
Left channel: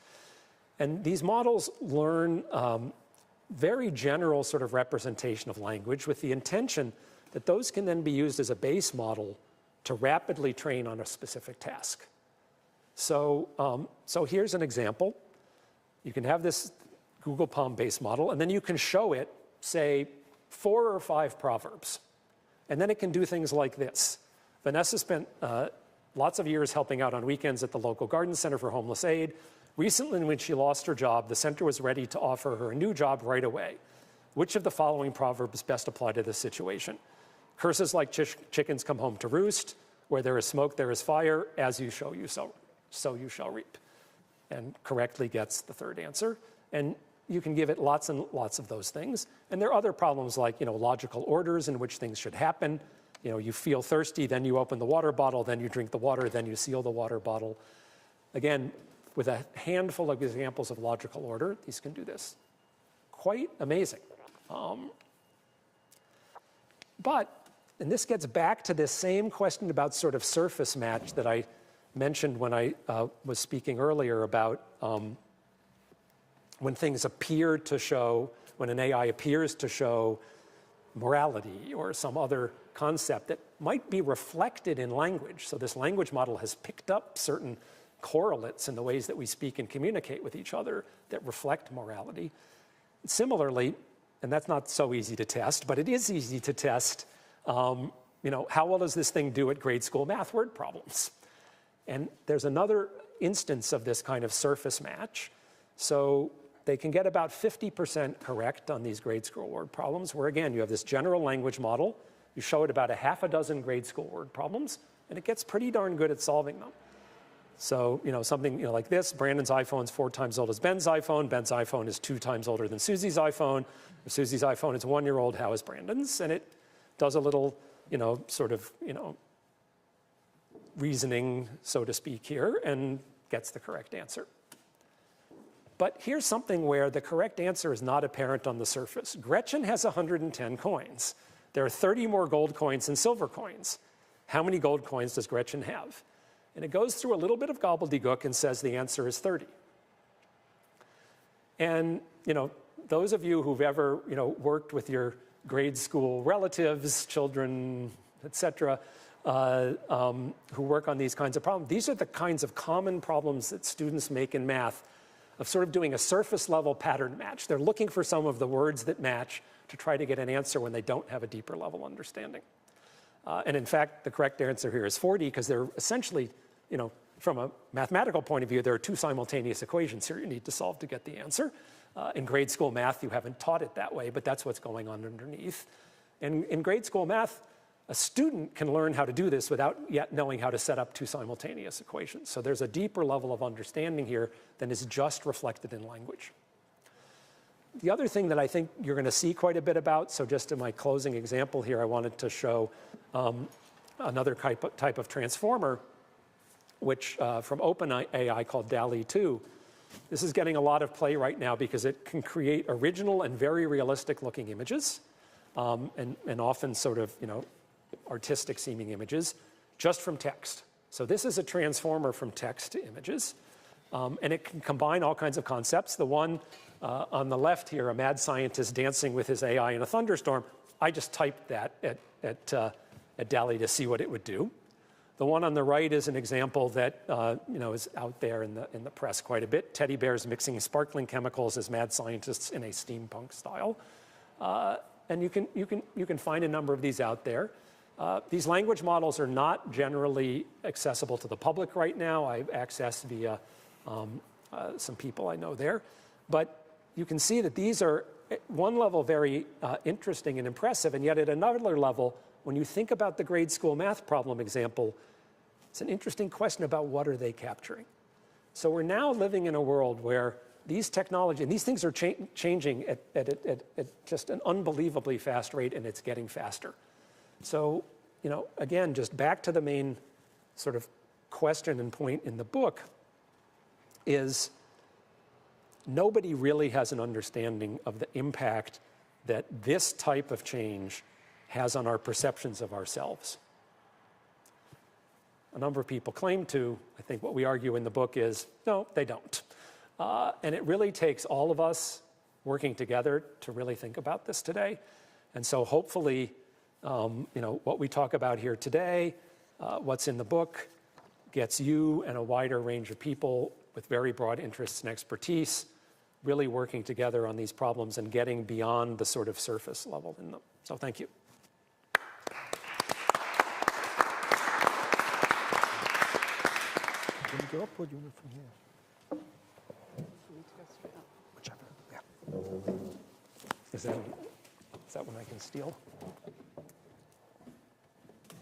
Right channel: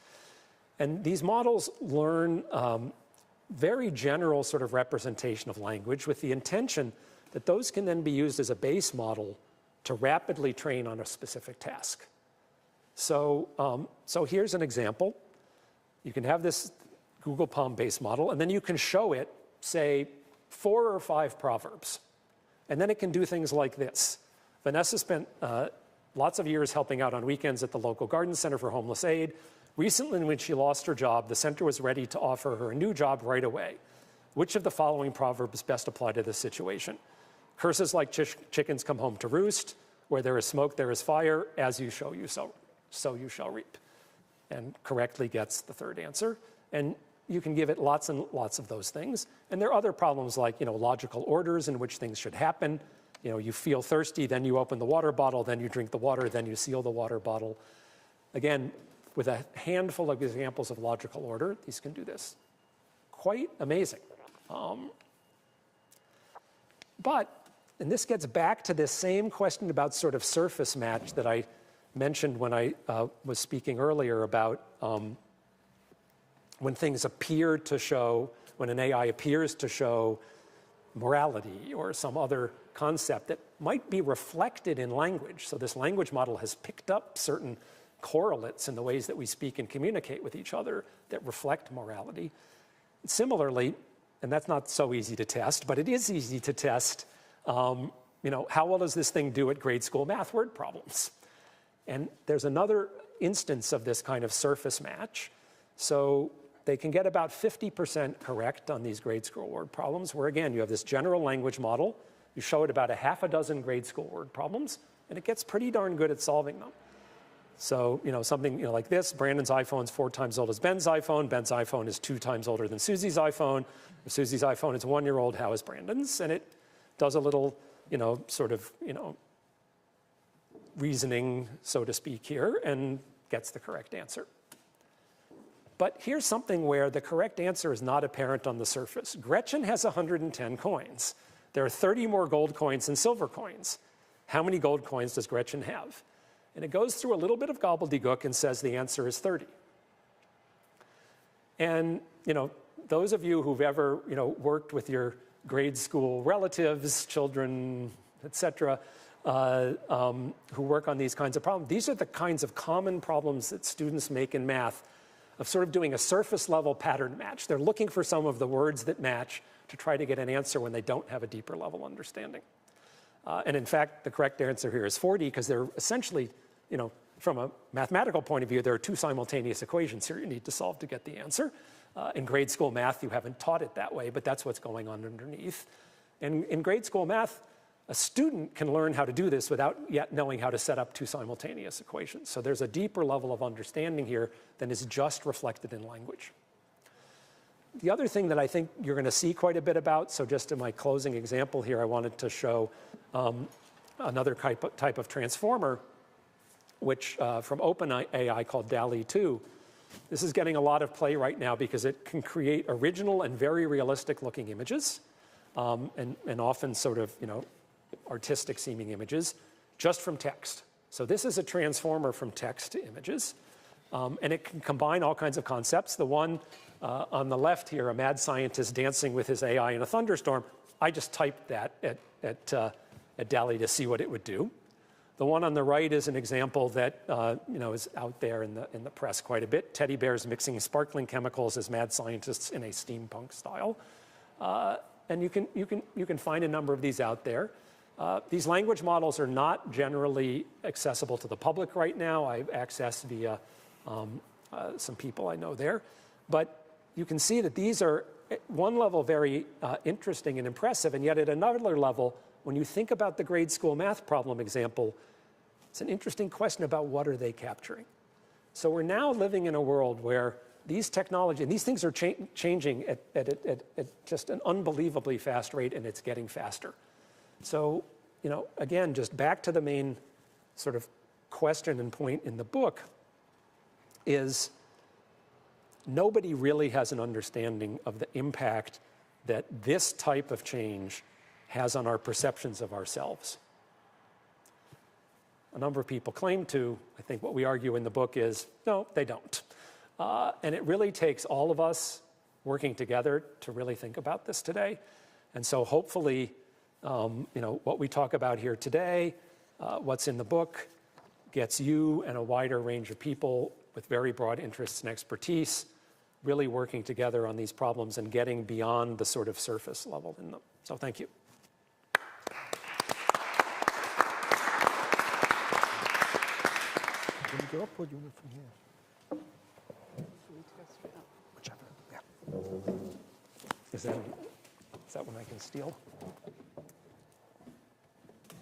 And these models learn very general sort of representation of language with the intention that those can then be used as a base model to rapidly train on a specific task. So here's an example. You can have this Google Palm base model, and then you can show it, say, 4 or 5 proverbs. And then it can do things like this. Vanessa spent lots of years helping out on weekends at the local garden center for homeless aid. Recently, when she lost her job, the center was ready to offer her a new job right away. Which of the following proverbs best apply to this situation? Curses like chickens come home to roost. Where there is smoke, there is fire. As you sow, so you shall reap. And correctly gets the third answer. And you can give it lots and lots of those things. And there are other problems like, logical orders in which things should happen. You feel thirsty, then you open the water bottle, then you drink the water, then you seal the water bottle. Again, with a handful of examples of logical order, these can do this. Quite amazing. And this gets back to this same question about sort of surface match that I mentioned when I was speaking earlier about when things appear to show, when an AI appears to show morality or some other concept that might be reflected in language. So this language model has picked up certain correlates in the ways that we speak and communicate with each other that reflect morality. Similarly, and that's not so easy to test, but it is easy to test, how well does this thing do at grade school math word problems? And there's another instance of this kind of surface match. So they can get about 50% correct on these grade school word problems, where again, you have this general language model, you show it about 6 grade school word problems, and it gets pretty darn good at solving them. So, something like this, Brandon's iPhone is 4 times old as Ben's iPhone is 2 times older than Susie's iPhone. If Susie's iPhone is 1 year old, how is Brandon's? And it does a little, sort of, reasoning, so to speak, here, and gets the correct answer. But here's something where the correct answer is not apparent on the surface. Gretchen has 110 coins. There are 30 more gold coins than silver coins. How many gold coins does Gretchen have? And it goes through a little bit of gobbledygook and says the answer is 30. And, those of you who've ever, worked with your grade school relatives, children, etc., who work on these kinds of problems, these are the kinds of common problems that students make in math, of sort of doing a surface level pattern match. They're looking for some of the words that match to try to get an answer when they don't have a deeper level understanding. And in fact, the correct answer here is 40, because they're essentially, from a mathematical point of view, there are two simultaneous equations here you need to solve to get the answer. In grade school math, you haven't taught it that way, but that's what's going on underneath. And in grade school math, a student can learn how to do this without yet knowing how to set up two simultaneous equations. So there's a deeper level of understanding here than is just reflected in language. The other thing that I think you're going to see quite a bit about, so just in my closing example here, I wanted to show another type of transformer, which from OpenAI called DALL-E 2. This is getting a lot of play right now because it can create original and very realistic looking images, and often sort of, artistic seeming images just from text. So this is a transformer from text to images, and it can combine all kinds of concepts. The one on the left here, a mad scientist dancing with his AI in a thunderstorm, I just typed that at DALL-E to see what it would do. The one on the right is an example that is out there in the press quite a bit. Teddy bears mixing sparkling chemicals as mad scientists in a steampunk style, and you can find a number of these out there. These language models are not generally accessible to the public right now. I've accessed via some people I know there, but you can see that these are at one level very interesting and impressive, and yet at another level, when you think about the grade school math problem example, it's an interesting question about what are they capturing. So we're now living in a world where these technology, and these things are changing at just an unbelievably fast rate, and it's getting faster. So, again, just back to the main sort of question and point in the book is nobody really has an understanding of the impact that this type of change has on our perceptions of ourselves. A number of people claim to. I think what we argue in the book is, no, they don't. And it really takes all of us working together to really think about this today. And so hopefully, what we talk about here today, what's in the book, gets you and a wider range of people with very broad interests and expertise really working together on these problems and getting beyond the sort of surface level in them. So thank you. Can you go up or do you want from here? Whichever, yeah. Is that one I can steal?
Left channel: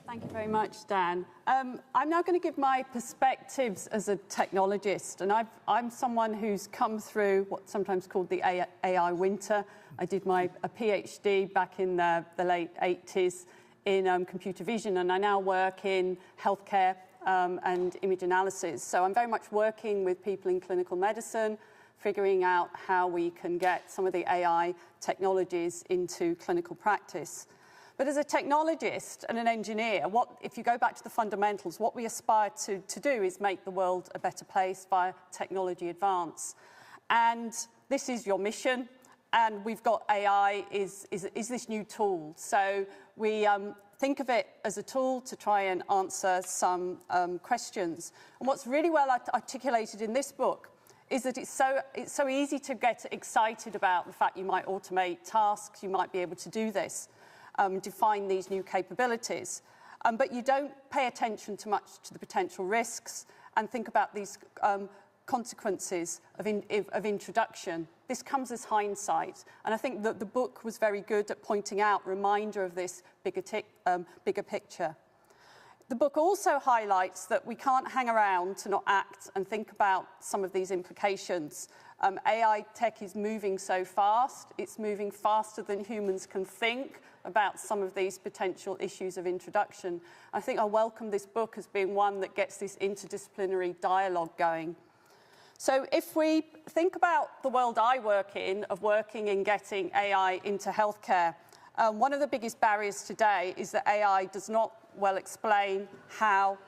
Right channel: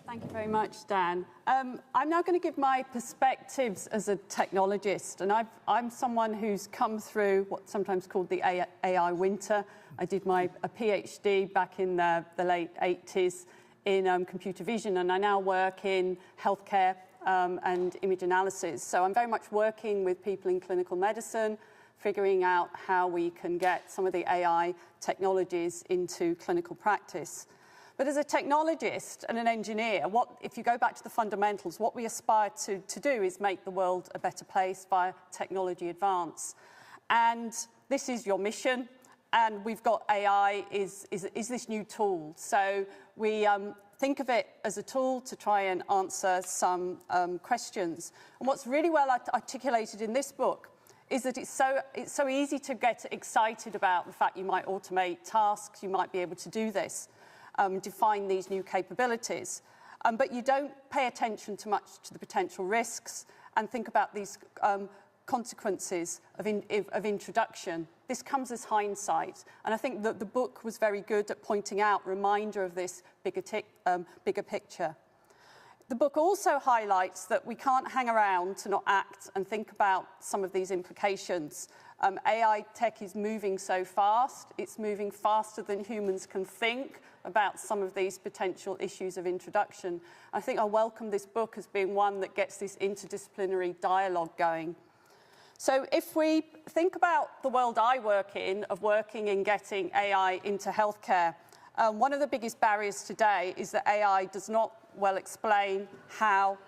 Thank you very much, Dan. I'm now going to give my perspectives as a technologist, and I'm someone who's come through what's sometimes called the AI winter. I did a PhD back in the late 80s in computer vision, and I now work in healthcare and image analysis. So I'm very much working with people in clinical medicine, figuring out how we can get some of the AI technologies into clinical practice. But as a technologist and an engineer, if you go back to the fundamentals, what we aspire to do is make the world a better place via technology advance. And this is your mission. And we've got AI is this new tool. So we think of it as a tool to try and answer some questions. And what's really well articulated in this book is that it's so easy to get excited about the fact you might automate tasks, you might be able to do this. Define these new capabilities. But you don't pay attention too much to the potential risks and think about these consequences of introduction. This comes as hindsight. And I think that the book was very good at pointing out, reminder of this bigger picture. The book also highlights that we can't hang around to not act and think about some of these implications. AI tech is moving so fast. It's moving faster than humans can think, about some of these potential issues of introduction. I think I welcome this book as being one that gets this interdisciplinary dialogue going. So if we think about the world I work in, of working in getting AI into healthcare, one of the biggest barriers today is that AI does not well explain how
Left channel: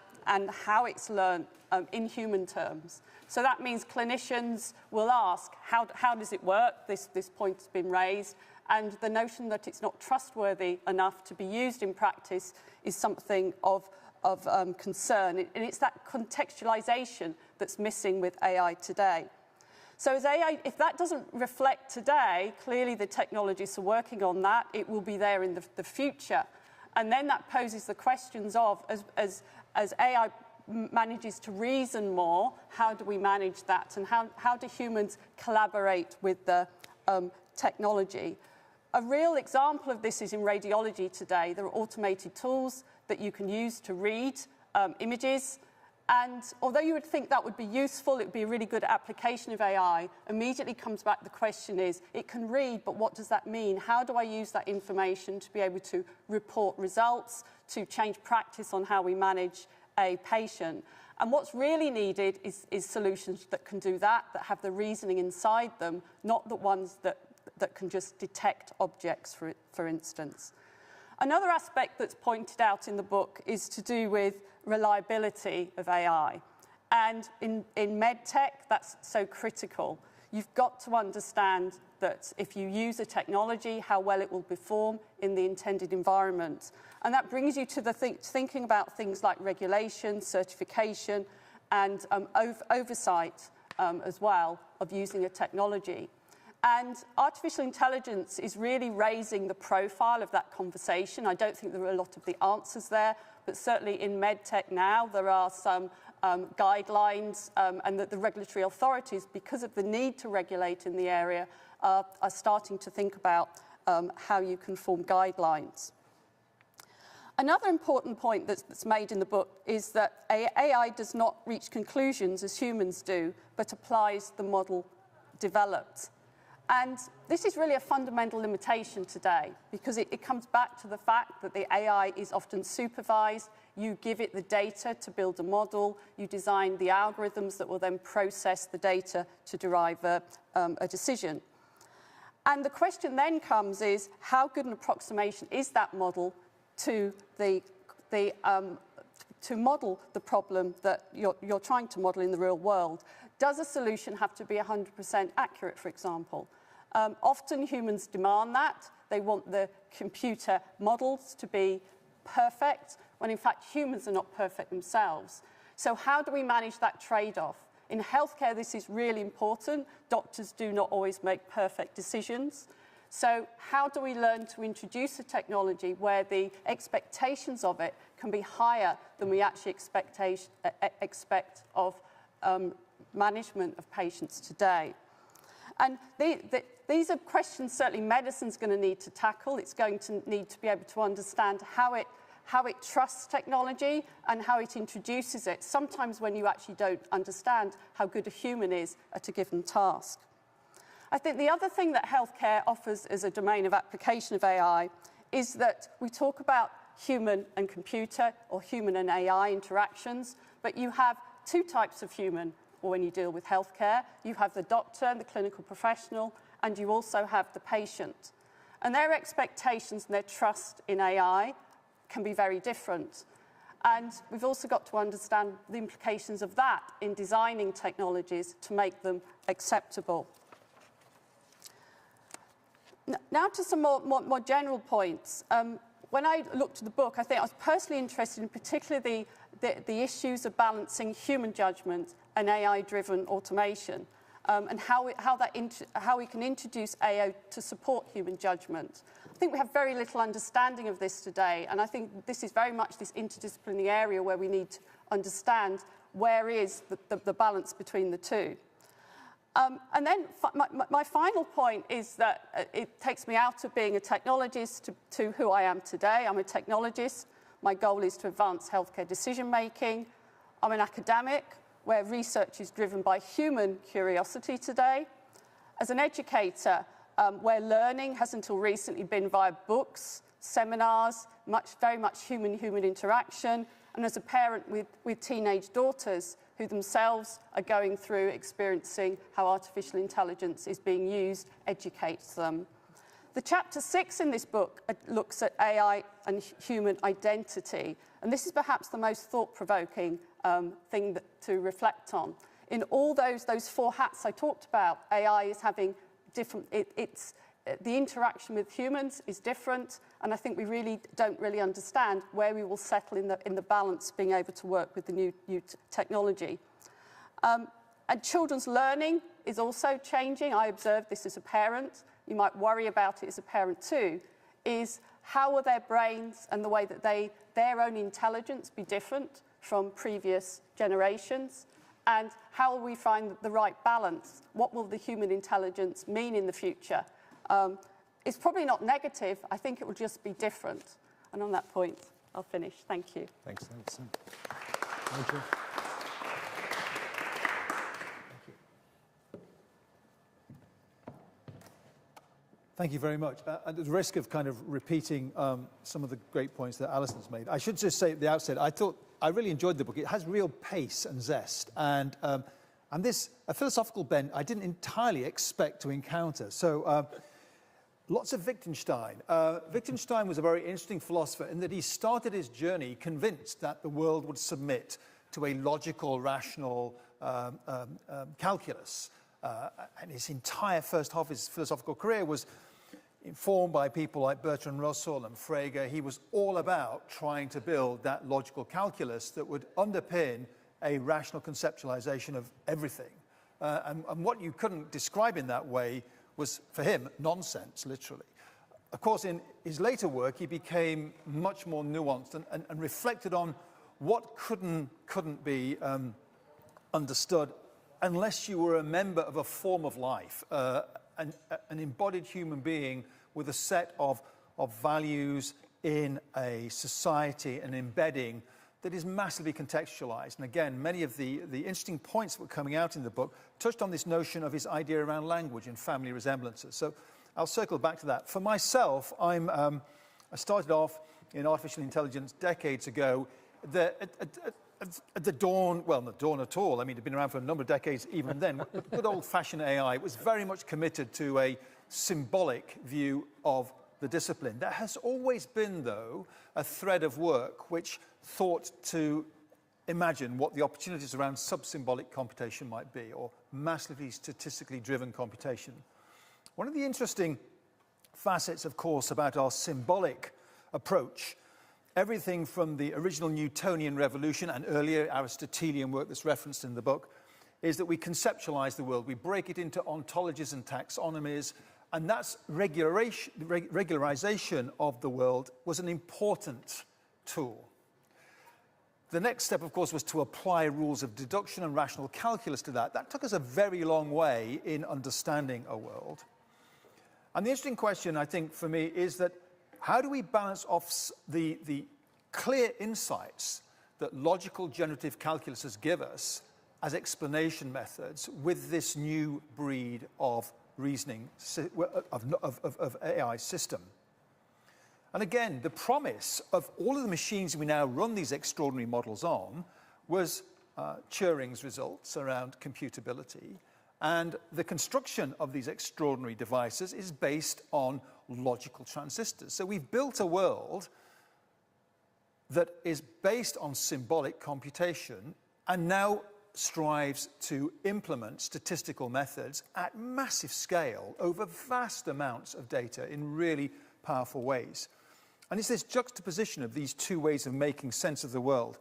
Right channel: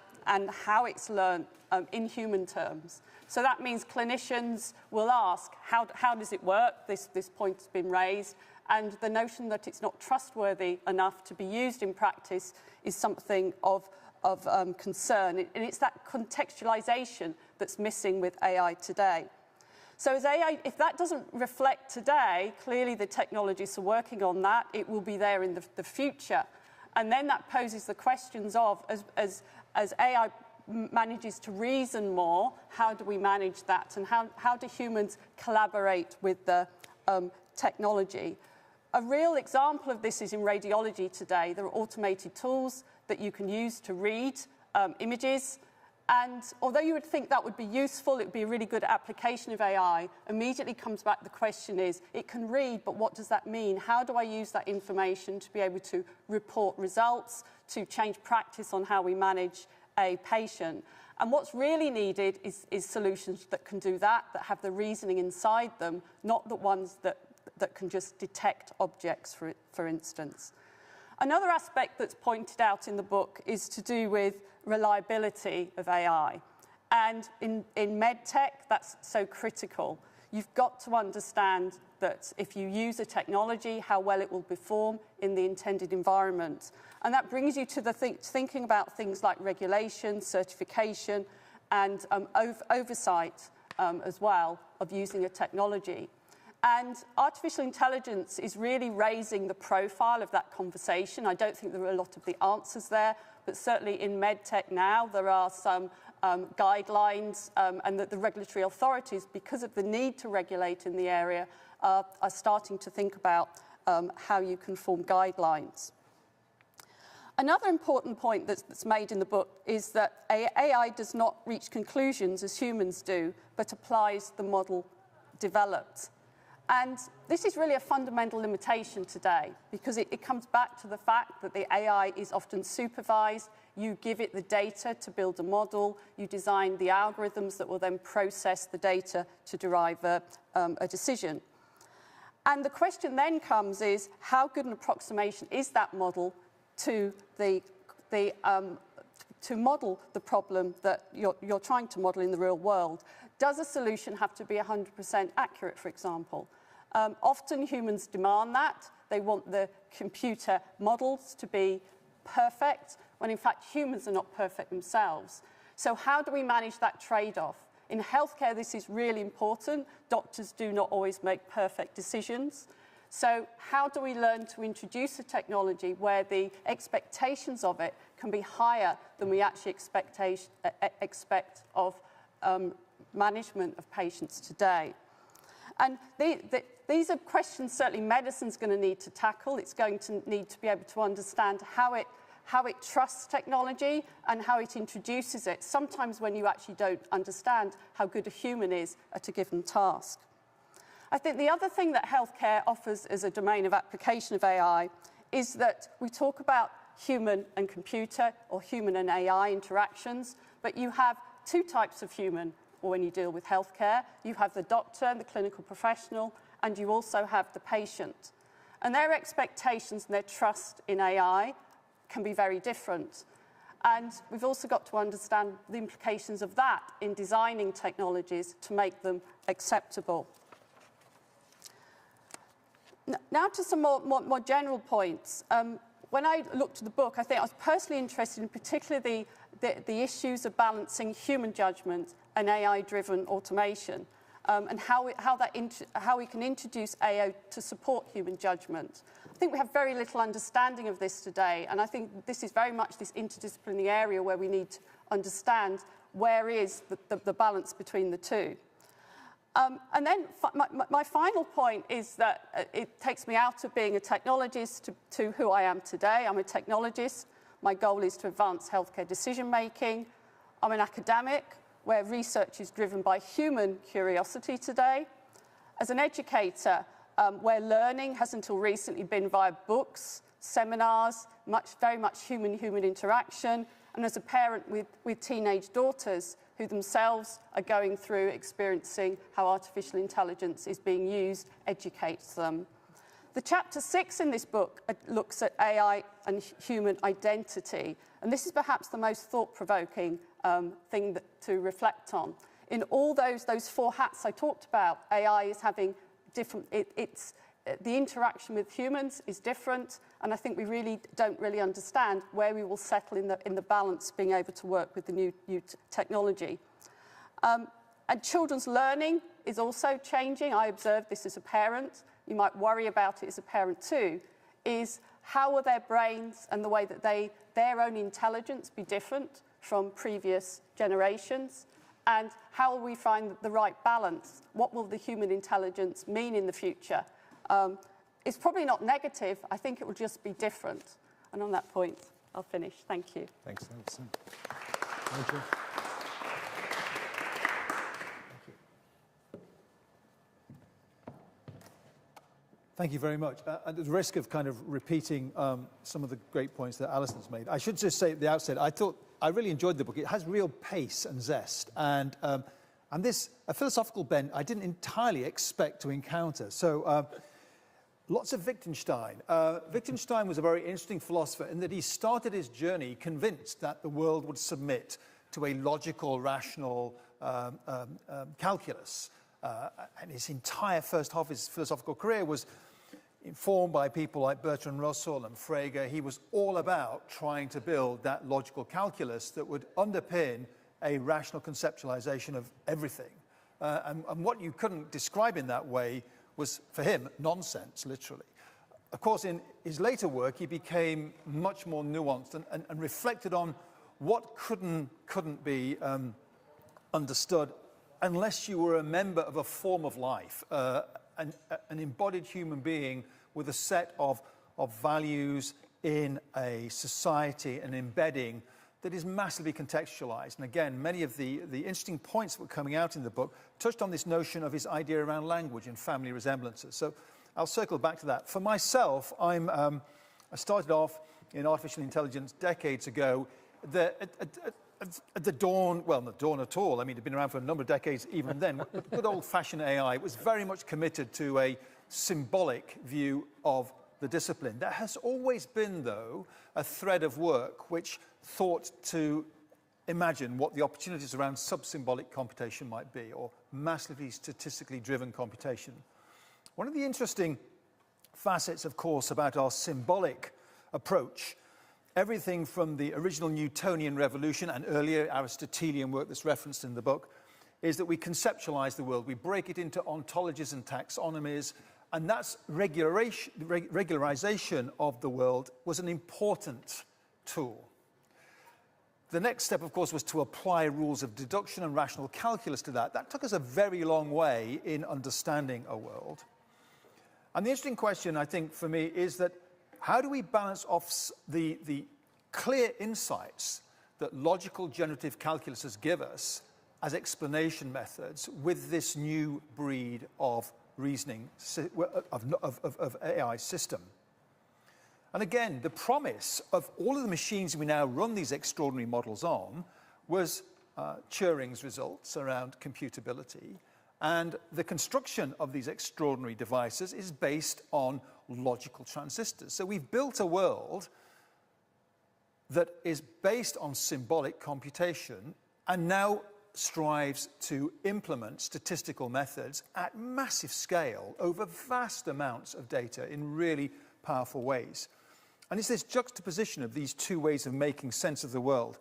it's learned in human terms. So that means clinicians will ask, how does it work? This point has been raised. And the notion that it's not trustworthy enough to be used in practice is something of concern. And it's that contextualization that's missing with AI today. So as AI, if that doesn't reflect today, clearly the technologists are working on that. It will be there in the future. And then that poses the questions of, as AI manages to reason more, how do we manage that? And how do humans collaborate with the technology? A real example of this is in radiology today. There are automated tools that you can use to read images. And although you would think that would be useful, it would be a really good application of AI, immediately comes back the question is, it can read, but what does that mean? How do I use that information to be able to report results, to change practice on how we manage a patient? And what's really needed is solutions that can do that have the reasoning inside them, not the ones that can just detect objects, for instance. Another aspect that's pointed out in the book is to do with reliability of AI. And in medtech, that's so critical. You've got to understand that if you use a technology, how well it will perform in the intended environment. And that brings you to the thinking about things like regulation, certification, and oversight as well of using a technology. And artificial intelligence is really raising the profile of that conversation. I don't think there are a lot of the answers there, but certainly in medtech now, there are some guidelines and that the regulatory authorities, because of the need to regulate in the area, are starting to think about how you can form guidelines. Another important point that's made in the book is that AI does not reach conclusions as humans do, but applies the model developed. And this is really a fundamental limitation today, because it comes back to the fact that the AI is often supervised. You give it the data to build a model. You design the algorithms that will then process the data to derive a decision. And the question then comes is, how good an approximation is that model to model the problem that you're trying to model in the real world? Does a solution have to be 100% accurate, for example? Often humans demand that. They want the computer models to be perfect, when in fact humans are not perfect themselves. So how do we manage that trade-off? In healthcare, this is really important. Doctors do not always make perfect decisions. So how do we learn to introduce a technology where the expectations of it can be higher than we actually expect of management of patients today? And these are questions certainly medicine's going to need to tackle. It's going to need to be able to understand how it trusts technology and how it introduces it, sometimes when you actually don't understand how good a human is at a given task. I think the other thing that healthcare offers as a domain of application of AI is that we talk about human and computer or human and AI interactions, but you have two types of human when you deal with healthcare. You have the doctor, the clinical professional, and you also have the patient. And their expectations and their trust in AI can be very different. And we've also got to understand the implications of that in designing technologies to make them acceptable. Now to some more general points. When I looked at the book, I think I was personally interested in particularly the issues of balancing human judgment and AI-driven automation, and how we can introduce AI to support human judgment. I think we have very little understanding of this today, and I think this is very much this interdisciplinary area where we need to understand where is the balance between the two. And then my final point is that it takes me out of being a technologist to who I am today. I'm a technologist. My goal is to advance healthcare decision-making. I'm an academic, where research is driven by human curiosity today. As an educator, where learning has until recently been via books, seminars, very much human-human interaction, and as a parent with teenage daughters who themselves are going through experiencing how artificial intelligence is being used, educates them. The chapter 6 in this book looks at AI and human identity, and this is perhaps the most thought-provoking thing to reflect on. In all those 4 hats I talked about, AI is having different, the interaction with humans is different, and I think we don't really understand where we will settle in the balance being able to work with the new technology. And children's learning is also changing. I observe this as a parent. You might worry about it as a parent too, is how will their brains and the way that their own intelligence be different from previous generations? And how will we find the right balance? What will the human intelligence mean in the future? It's probably not negative. I think it will just be different. And on that point, I'll finish. Thank you. Thanks, Alison. Thank you. Thank you very much. At the risk of kind of repeating some of the great points that Alison's made, I should just say at the outset, I really enjoyed the book. It has real pace and zest, and this a philosophical bent I didn't entirely expect to encounter. So lots of Wittgenstein. Wittgenstein was a very interesting philosopher in that he started his journey convinced that the world would submit to a logical, rational calculus. And his entire first half of his philosophical career was informed by people like Bertrand Russell and Frege. He was all about trying to build that logical calculus that would underpin a rational conceptualization of everything. And what you couldn't describe in that way was, for him, nonsense, literally. Of course, in his later work, he became much more nuanced and reflected on what couldn't be understood unless you were a member of a form of life, an embodied human being with a set of values in a society, an embedding that is massively contextualized. And again, many of the interesting points that were coming out in the book touched on this notion of his idea around language and family resemblances. So I'll circle back to that. For myself, I started off in artificial intelligence decades ago. At the dawn, well, not dawn at all. I mean, it'd been around for a number of decades even then. Good old-fashioned AI was very much committed to a symbolic view of the discipline. There has always been, though, a thread of work which thought to imagine what the opportunities around sub-symbolic computation might be, or massively statistically driven computation. One of the interesting facets, of course, about our symbolic approach, everything from the original Newtonian revolution and earlier Aristotelian work that's referenced in the book, is that we conceptualize the world. We break it into ontologies and taxonomies, and that's regularization of the world was an important tool. The next step, of course, was to apply rules of deduction and rational calculus to that. That took us a very long way in understanding a world. And the interesting question, I think, for me, is that how do we balance off the clear insights that logical generative calculuses give us as explanation methods with this new breed of reasoning, of AI system? And again, the promise of all of the machines we now run these extraordinary models on was Turing's results around computability. And the construction of these extraordinary devices is based on logical transistors. So we've built a world that is based on symbolic computation and now strives to implement statistical methods at massive scale over vast amounts of data in really powerful ways. And it's this juxtaposition of these two ways of making sense of the world.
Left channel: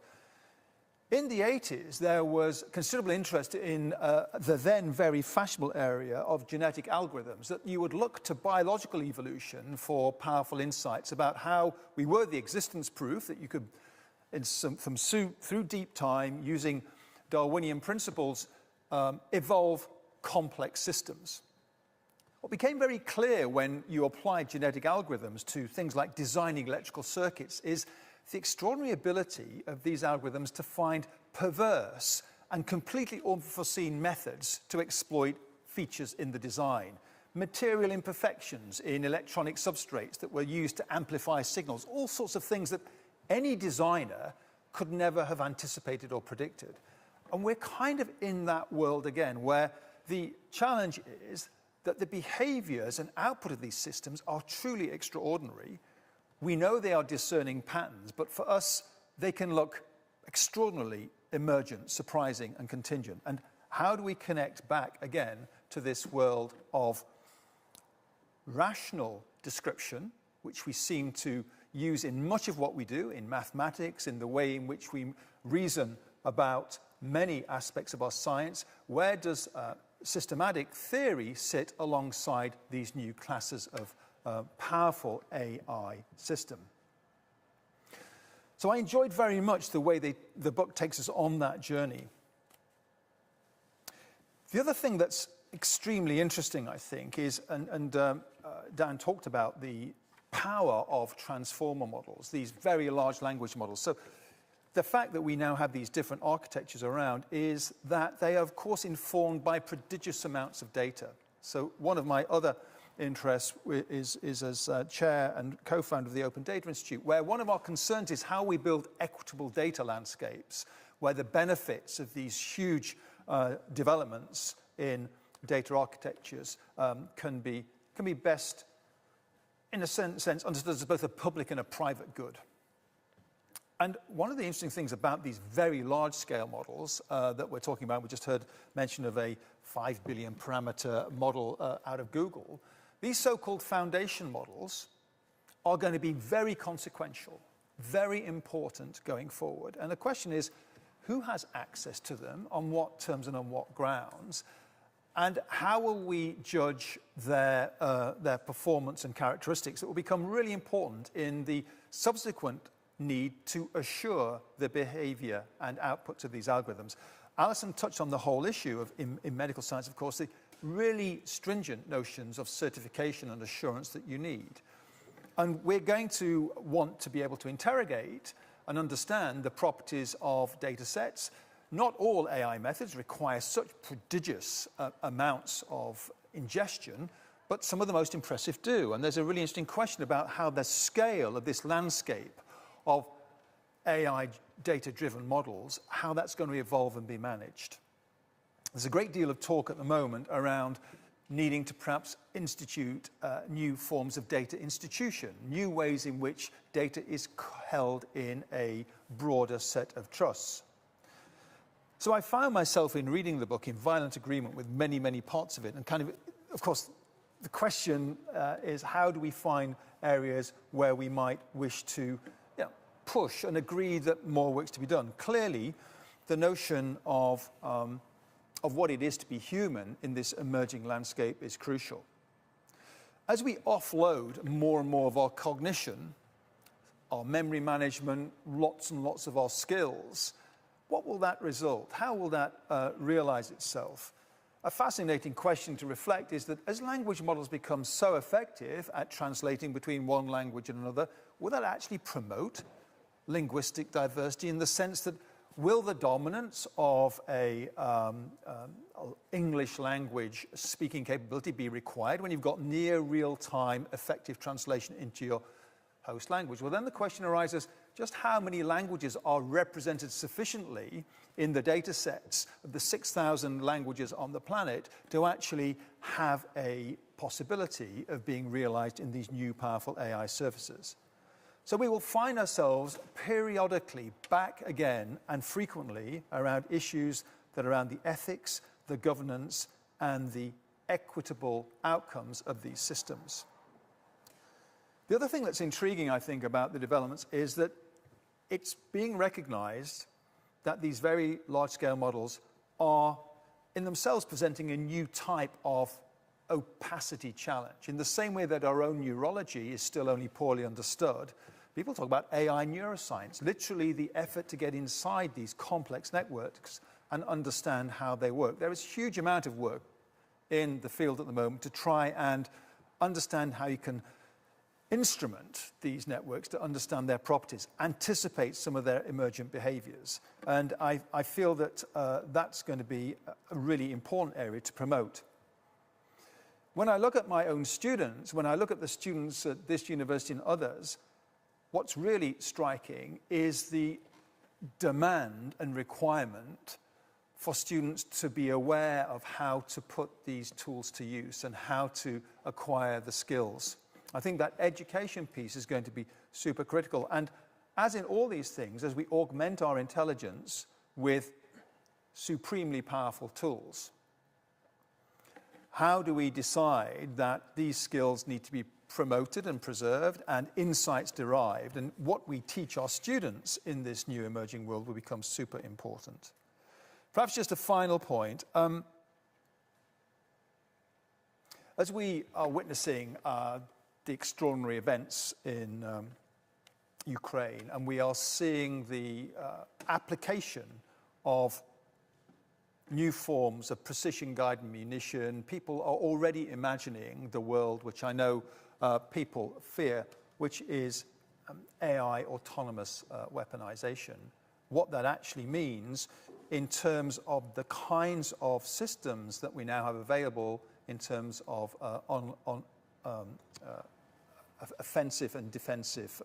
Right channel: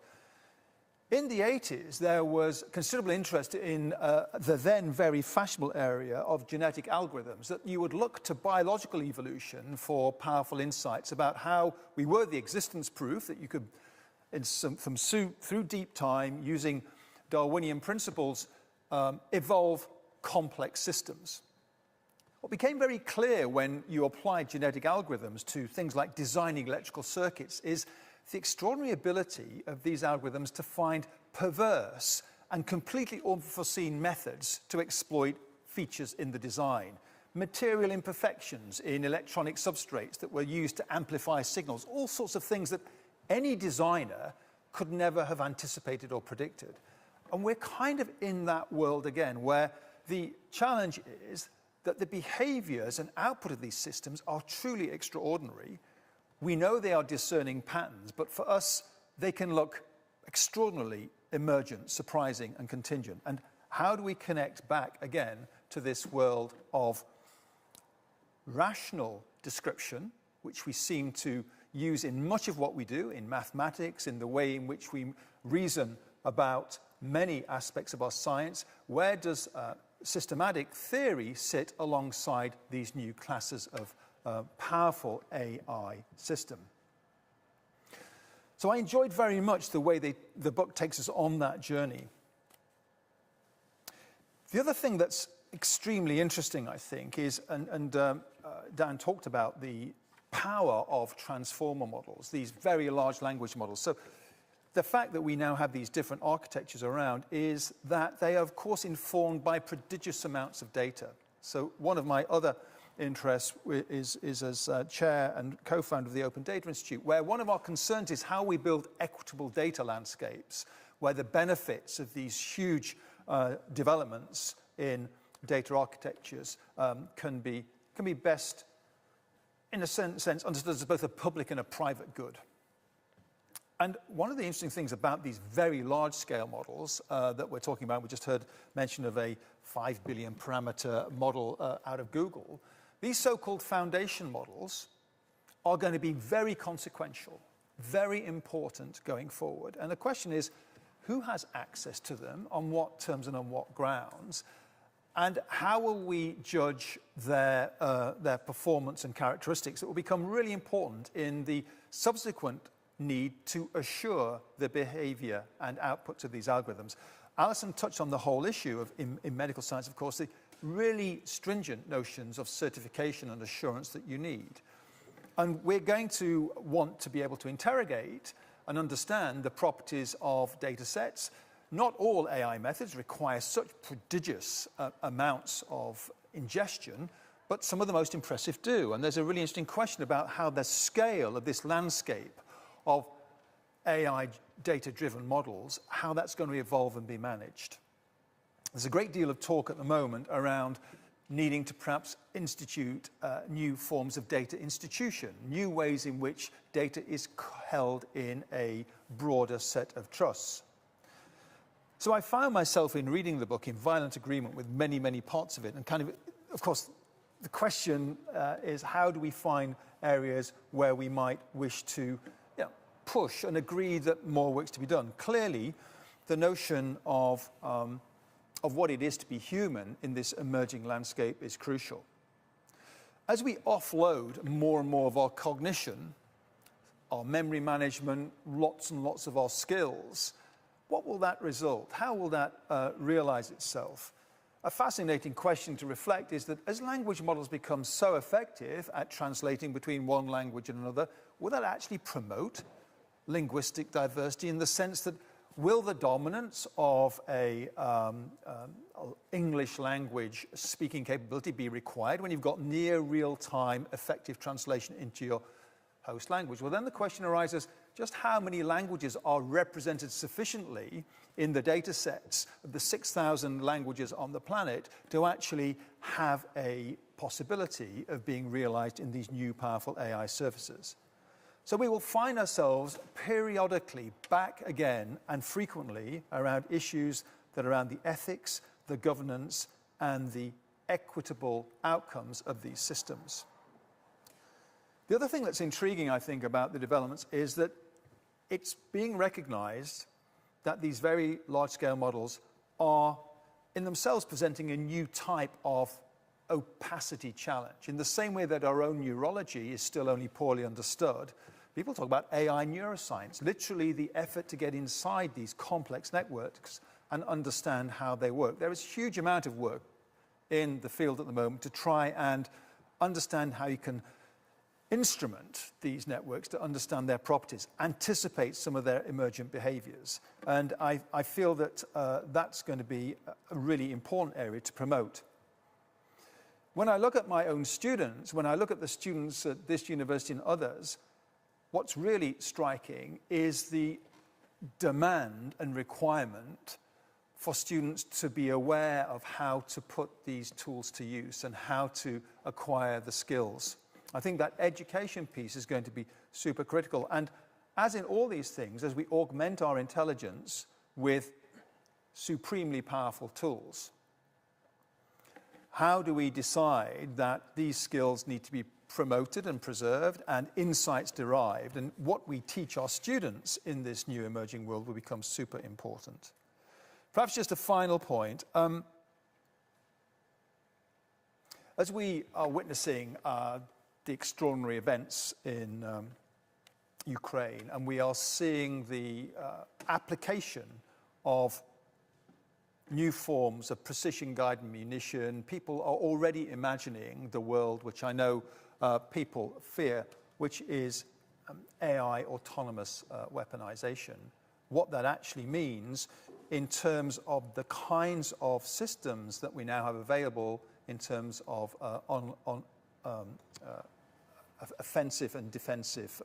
In the 80s, there was considerable interest in the then very fashionable area of genetic algorithms, that you would look to biological evolution for powerful insights about how we were the existence proof that you could, through deep time, using Darwinian principles, evolve complex systems. What became very clear when you applied genetic algorithms to things like designing electrical circuits is the extraordinary ability of these algorithms to find perverse and completely unforeseen methods to exploit features in the design. material imperfections in electronic substrates that were used to amplify signals, all sorts of things that any designer could never have anticipated or predicted. And we're kind of in that world again, where the challenge is that the behaviors and output of these systems are truly extraordinary. We know they are discerning patterns, but for us, they can look extraordinarily emergent, surprising, and contingent. And how do we connect back again to this world of rational description, which we seem to use in much of what we do, in mathematics, in the way in which we reason about many aspects of our science? Where does systematic theory sit alongside these new classes of powerful AI system? So I enjoyed very much the way the book takes us on that journey. The other thing that's extremely interesting, I think, is, and Dan talked about the power of transformer models, these very large language models. So the fact that we now have these different architectures around is that they are, of course, informed by prodigious amounts of data. So one of my other interests is as chair and co-founder of the Open Data Institute, where one of our concerns is how we build equitable data landscapes, where the benefits of these huge developments in data architectures can be best, in a sense, understood as both a public and a private good. And one of the interesting things about these very large-scale models that we're talking about, we just heard mention of a 5 billion parameter model out of Google. These so-called foundation models are going to be very consequential, very important going forward. And the question is, who has access to them, on what terms and on what grounds? And how will we judge their performance and characteristics that will become really important in the subsequent need to assure the behavior and outputs of these algorithms? Alison touched on the whole issue of, in medical science, of course, the really stringent notions of certification and assurance that you need. And we're going to want to be able to interrogate and understand the properties of data sets. Not all AI methods require such prodigious amounts of ingestion, but some of the most impressive do. And there's a really interesting question about how the scale of this landscape of AI data-driven models, how that's going to evolve and be managed. There's a great deal of talk at the moment around needing to perhaps institute new forms of data institution, new ways in which data is held in a broader set of trusts. So I found myself in reading the book in violent agreement with many, many parts of it. And kind of course, the question is, how do we find areas where we might wish to push and agree that more work's to be done? Clearly, the notion of what it is to be human in this emerging landscape is crucial. As we offload more and more of our cognition, our memory management, lots and lots of our skills, what will that result? How will that realize itself? A fascinating question to reflect is that as language models become so effective at translating between one language and another, will that actually promote linguistic diversity, in the sense that will the dominance of a English language speaking capability be required when you've got near real-time effective translation into your host language? Well, then the question arises, just how many languages are represented sufficiently in the data sets of the 6,000 languages on the planet to actually have a possibility of being realized in these new powerful AI services? So we will find ourselves periodically back again and frequently around issues that are around the ethics, the governance, and the equitable outcomes of these systems. The other thing that's intriguing, I think, about the developments is that it's being recognized that these very large-scale models are in themselves presenting a new type of opacity challenge. In the same way that our own neurology is still only poorly understood, people talk about AI neuroscience, literally the effort to get inside these complex networks and understand how they work. There is a huge amount of work in the field at the moment to try and understand how you can instrument these networks to understand their properties, anticipate some of their emergent behaviors. And I feel that that's going to be a really important area to promote. When I look at my own students, when I look at the students at this university and others, what's really striking is the demand and requirement for students to be aware of how to put these tools to use and how to acquire the skills. I think that education piece is going to be super critical. And as in all these things, as we augment our intelligence with supremely powerful tools, how do we decide that these skills need to be promoted and preserved and insights derived? And what we teach our students in this new emerging world will become super important. Perhaps just a final point. As we are witnessing the extraordinary events in Ukraine, and we are seeing the application of new forms of precision-guided munition, people are already imagining the world which I know people fear, which is AI autonomous weaponization. What that actually means in terms of the kinds of systems that we now have available in terms of offensive and defensive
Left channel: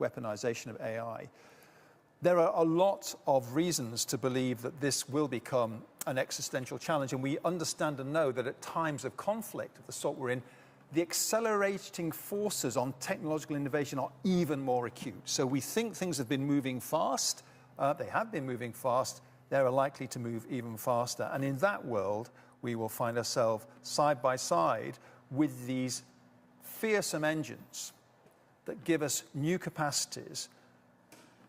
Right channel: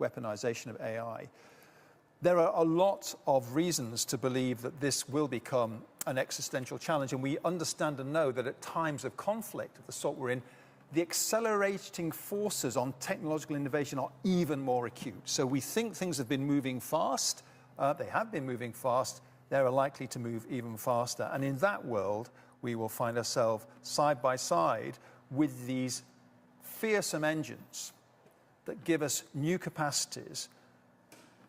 weaponization of AI. There are a lot of reasons to believe that this will become an existential challenge, and we understand and know that at times of conflict of the sort we're in, the accelerating forces on technological innovation are even more acute. So we think things have been moving fast. They have been moving fast. They're likely to move even faster. And in that world, we will find ourselves side by side with these fearsome engines that give us new capacities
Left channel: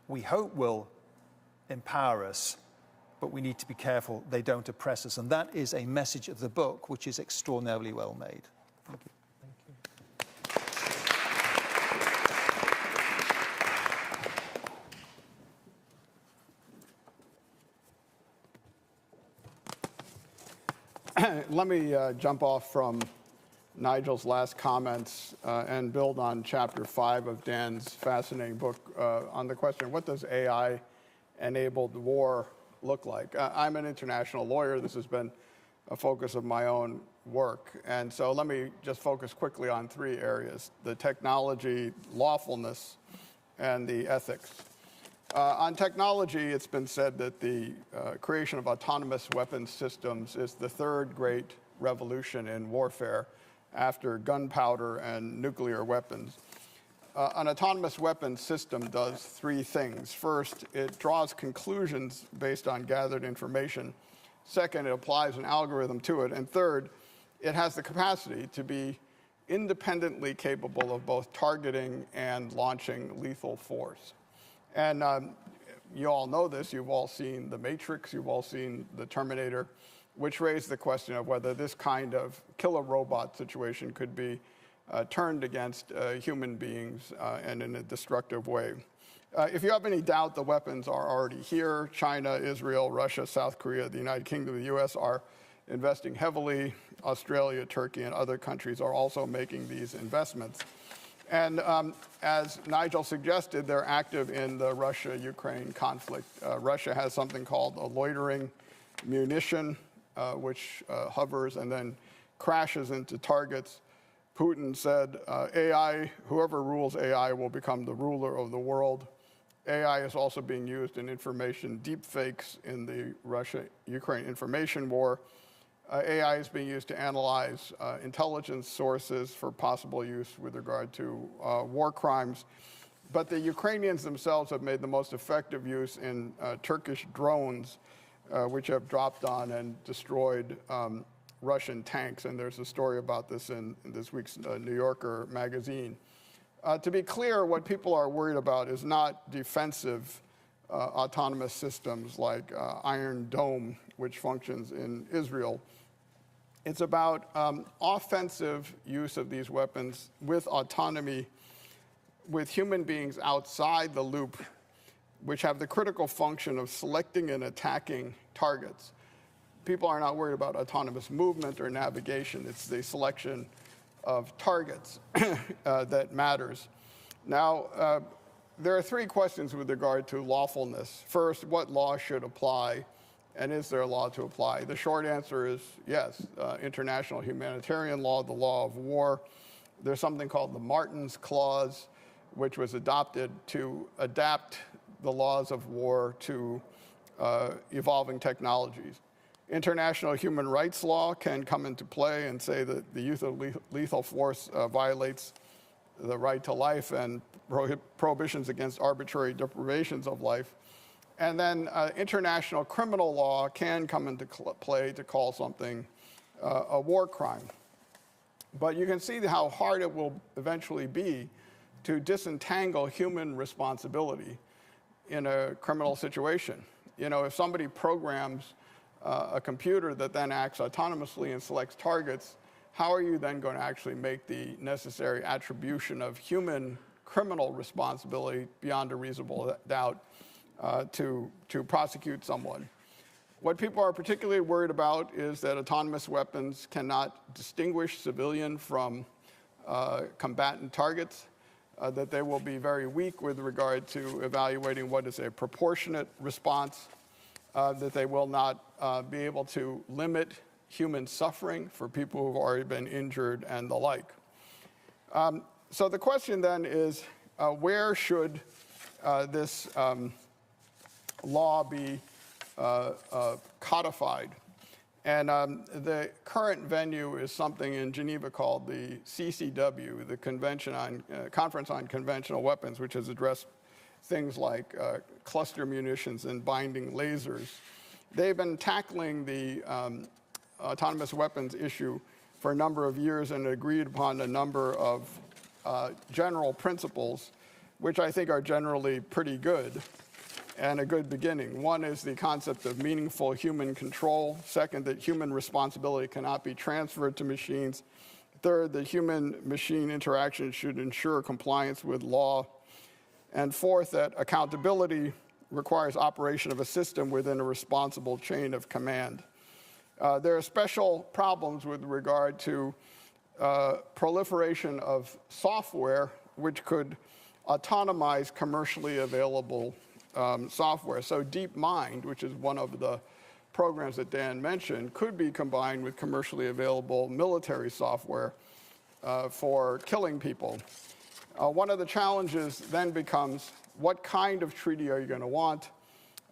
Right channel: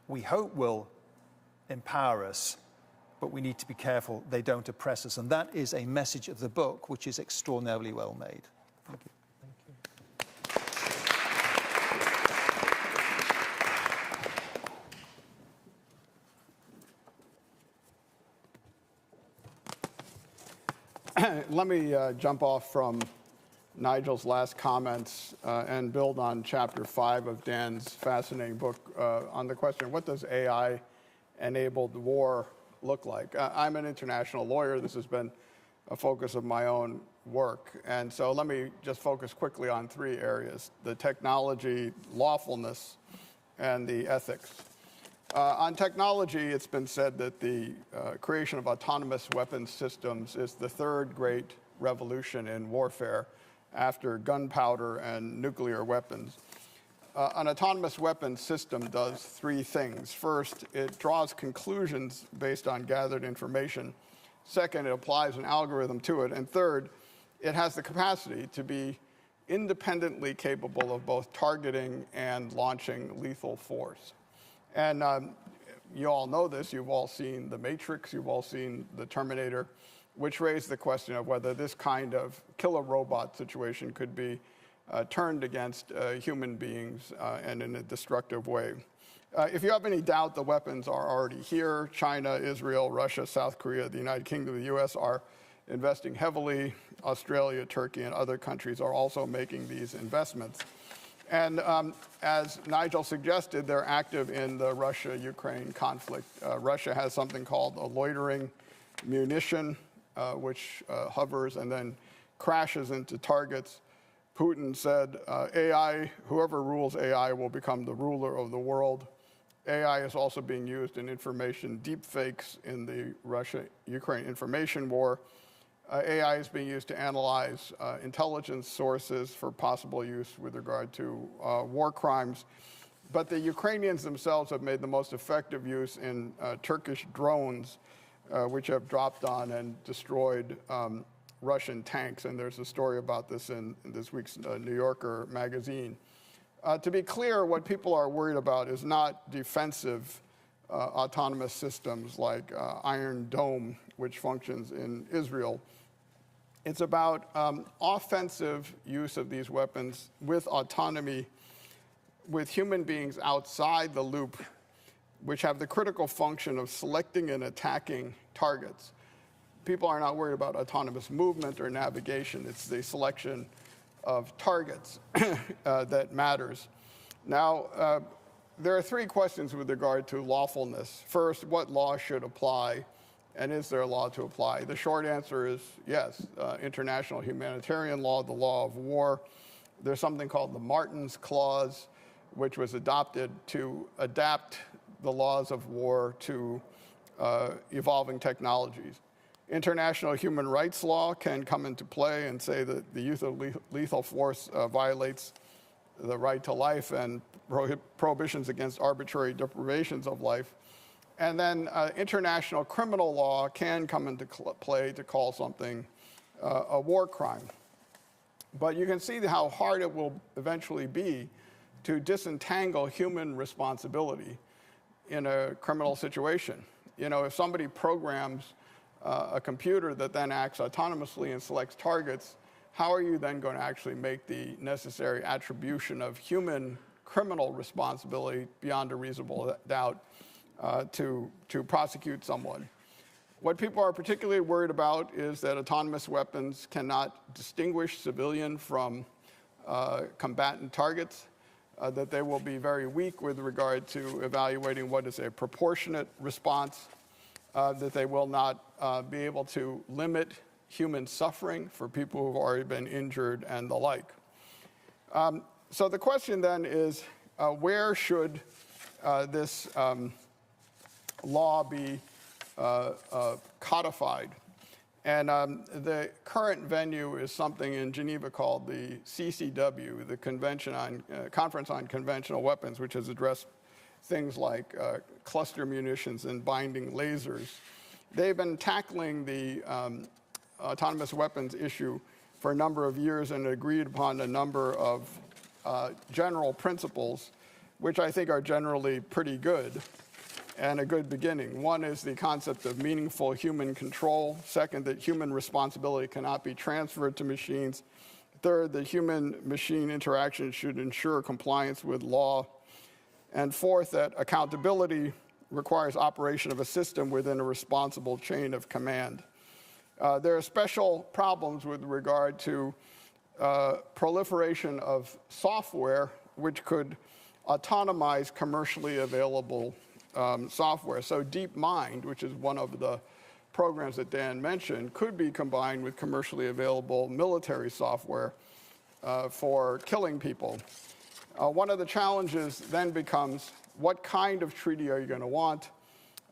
we hope will empower us, but we need to be careful they don't oppress us. And that is a message of the book, which is extraordinarily well made. Thank you. Let me jump off from Nigel's last comments and build on chapter 5 of Dan's fascinating book on the question, what does AI-enabled war look like? I'm an international lawyer. This has been a focus of my own work. And so let me just focus quickly on 3 areas: the technology, lawfulness, and the ethics. On technology, it's been said that the creation of autonomous weapons systems is the 3rd great revolution in warfare after gunpowder and nuclear weapons. An autonomous weapons system does 3 things. First, it draws conclusions based on gathered information. Second, it applies an algorithm to it. And third, it has the capacity to be independently capable of both targeting and launching lethal force. And you all know this. You've all seen The Matrix. You've all seen The Terminator, which raised the question of whether this kind of killer robot situation could be turned against human beings and in a destructive way. If you have any doubt, the weapons are already here. China, Israel, Russia, South Korea, the United Kingdom, the US are investing heavily. Australia, Turkey, and other countries are also making these investments. And as Nigel suggested, they're active in the Russia-Ukraine conflict. Russia has something called a loitering munition, which hovers and then crashes into targets. Putin said, AI, whoever rules AI will become the ruler of the world. AI is also being used in information deepfakes in the Russia-Ukraine information war. AI is being used to analyze intelligence sources for possible use with regard to war crimes. But the Ukrainians themselves have made the most effective use in Turkish drones, which have dropped on and destroyed Russian tanks. And there's a story about this in this week's New Yorker magazine. To be clear, what people are worried about is not defensive autonomous systems like Iron Dome, which functions in Israel. It's about offensive use of these weapons with autonomy, with human beings outside the loop, which have the critical function of selecting and attacking targets. People are not worried about autonomous movement or navigation. It's the selection of targets that matters. Now, there are 3 questions with regard to lawfulness. First, what law should apply? And is there a law to apply? The short answer is yes. International humanitarian law, the law of war. There's something called the Martin's Clause, which was adopted to adapt the laws of war to evolving technologies. International human rights law can come into play and say that the use of lethal force violates the right to life and prohibitions against arbitrary deprivations of life. And then international criminal law can come into play to call something a war crime. But you can see how hard it will eventually be to disentangle human responsibility in a criminal situation. You know, if somebody programs a computer that then acts autonomously and selects targets, how are you then going to actually make the necessary attribution of human criminal responsibility beyond a reasonable doubt to prosecute someone? What people are particularly worried about is that autonomous weapons cannot distinguish civilian from combatant targets, that they will be very weak with regard to evaluating what is a proportionate response, that they will not be able to limit human suffering for people who have already been injured and the like. So the question then is, where should this law be codified? And the current venue is something in Geneva called the CCW, the Conference on Conventional Weapons, which has addressed things like cluster munitions and binding lasers. They've been tackling the autonomous weapons issue for a number of years and agreed upon a number of general principles, which I think are generally pretty good and a good beginning. One is the concept of meaningful human control. Second, that human responsibility cannot be transferred to machines. Third, that human-machine interaction should ensure compliance with law. And fourth, that accountability requires operation of a system within a responsible chain of command. There are special problems with regard to proliferation of software which could autonomize commercially available software. So DeepMind, which is one of the programs that Dan mentioned, could be combined with commercially available military software for killing people. One of the challenges then becomes, what kind of treaty are you going to want?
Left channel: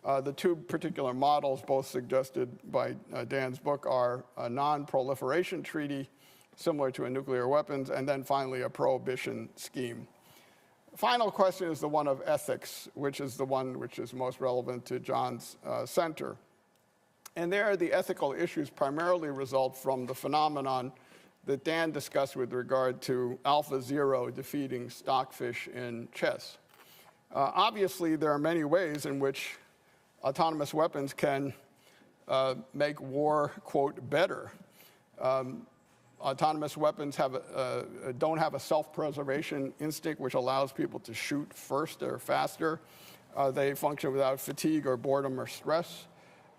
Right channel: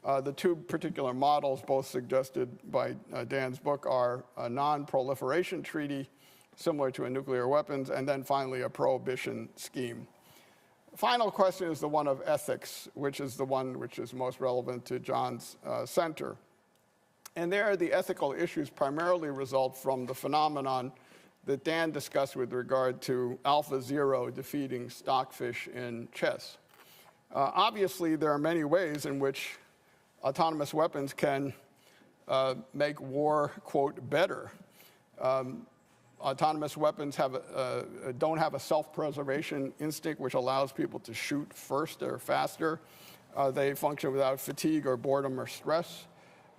The two particular models, both suggested by Dan's book, are a non-proliferation treaty, similar to a nuclear weapons, and then finally a prohibition scheme. Final question is the one of ethics, which is the one which is most relevant to John's center. And there, the ethical issues primarily result from the phenomenon that Dan discussed with regard to AlphaZero defeating Stockfish in chess. Obviously, there are many ways in which autonomous weapons can make war, quote, better. Autonomous weapons don't have a self-preservation instinct which allows people to shoot first or faster. They function without fatigue or boredom or stress.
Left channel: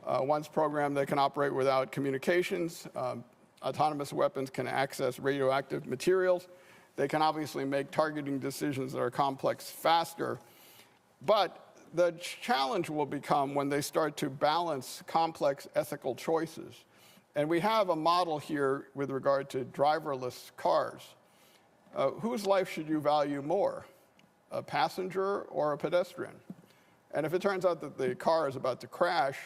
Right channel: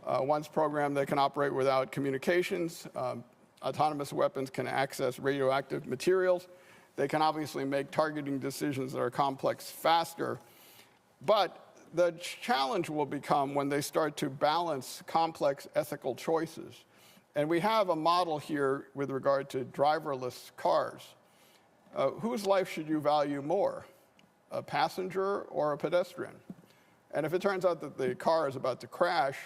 Once programmed, they can operate without communications. Autonomous weapons can access radioactive materials. They can obviously make targeting decisions that are complex faster. But the challenge will become when they start to balance complex ethical choices. And we have a model here with regard to driverless cars. Whose life should you value more, a passenger or a pedestrian? And if it turns out that the car is about to crash,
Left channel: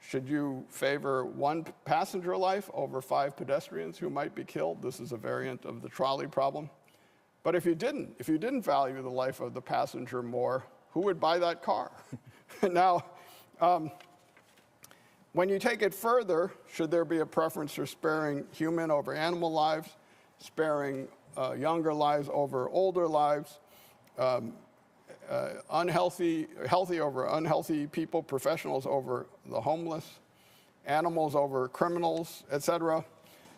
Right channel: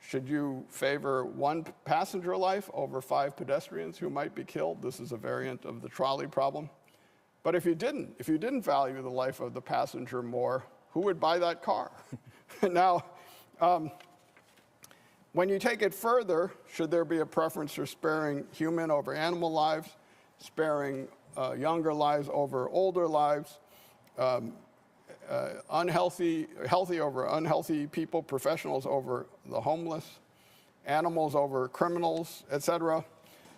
should you favor one passenger life over 5 pedestrians who might be killed? This is a variant of the trolley problem. But if you didn't value the life of the passenger more, who would buy that car? Now, when you take it further, should there be a preference for sparing human over animal lives, sparing younger lives over older lives, healthy over unhealthy people, professionals over the homeless, animals over criminals, etc.?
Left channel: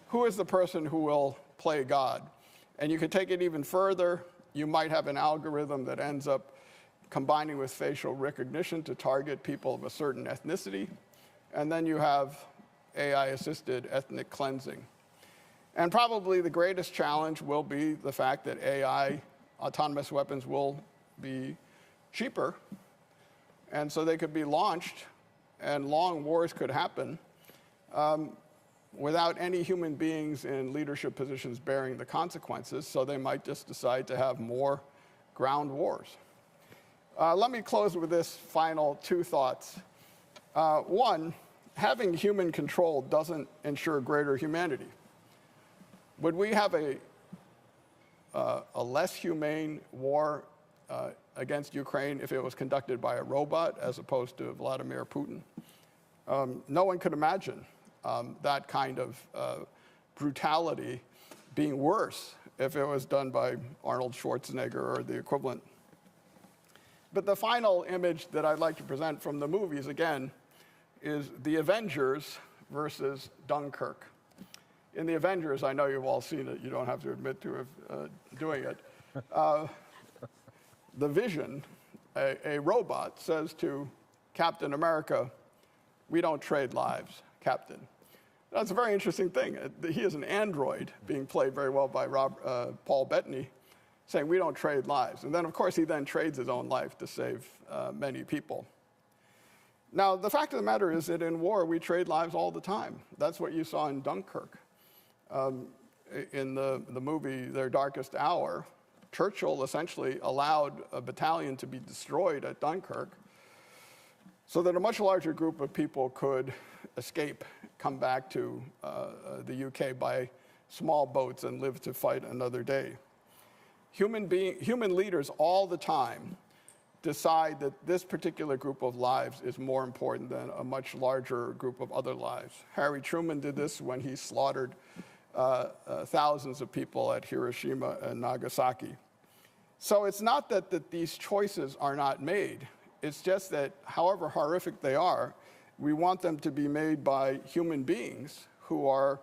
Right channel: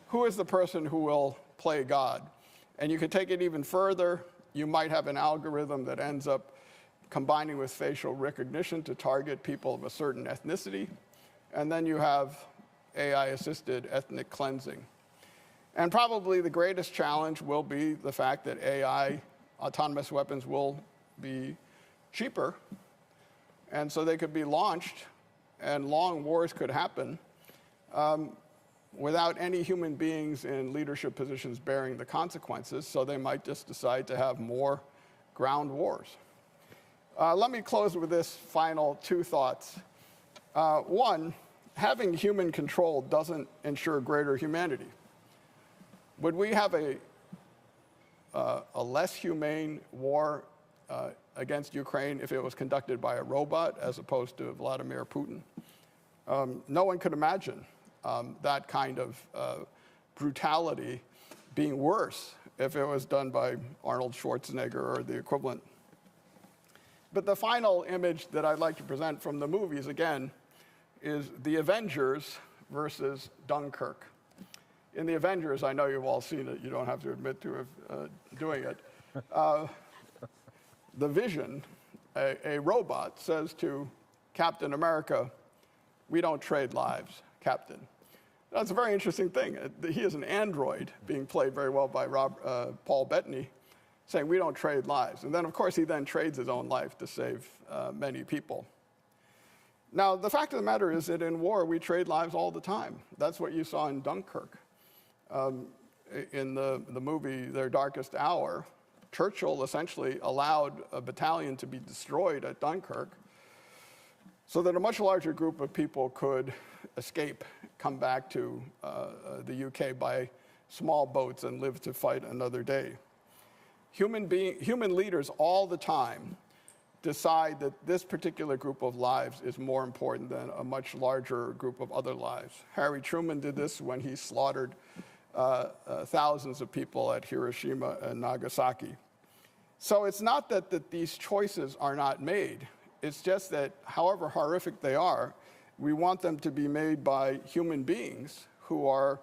Who is the person who will play God? And you could take it even further. You might have an algorithm that ends up combining with facial recognition to target people of a certain ethnicity. And then you have AI-assisted ethnic cleansing. And probably the greatest challenge will be the fact that AI, autonomous weapons, will be cheaper. And so they could be launched and long wars could happen without any human beings in leadership positions bearing the consequences, so they might just decide to have more ground wars. Let me close with this final two thoughts. One, having human control doesn't ensure greater humanity. Would we have a less humane war against Ukraine if it was conducted by a robot as opposed to Vladimir Putin? No one could imagine that kind of brutality being worse if it was done by Arnold Schwarzenegger or the equivalent. But the final image that I'd like to present from the movies, again, is the Avengers versus Dunkirk. In the Avengers, I know you've all seen it. You don't have to admit to doing it. The Vision, a robot, says to Captain America, "We don't trade lives, Captain." That's a very interesting thing. He is an android being played very well by Paul Bettany, saying, "We don't trade lives." And then, of course, he then trades his own life to save many people. Now, the fact of the matter is that in war, we trade lives all the time. That's what you saw in Dunkirk. In the movie Their Darkest Hour, Churchill essentially allowed a battalion to be destroyed at Dunkirk so that a much larger group of people could escape, come back to the UK by small boats and live to fight another day. Human leaders all the time decide that this particular group of lives is more important than a much larger group of other lives. Harry Truman did this when he slaughtered thousands of people at Hiroshima and Nagasaki. So it's not that these choices are not made. It's just that however horrific they are, we want them to be made by human beings who are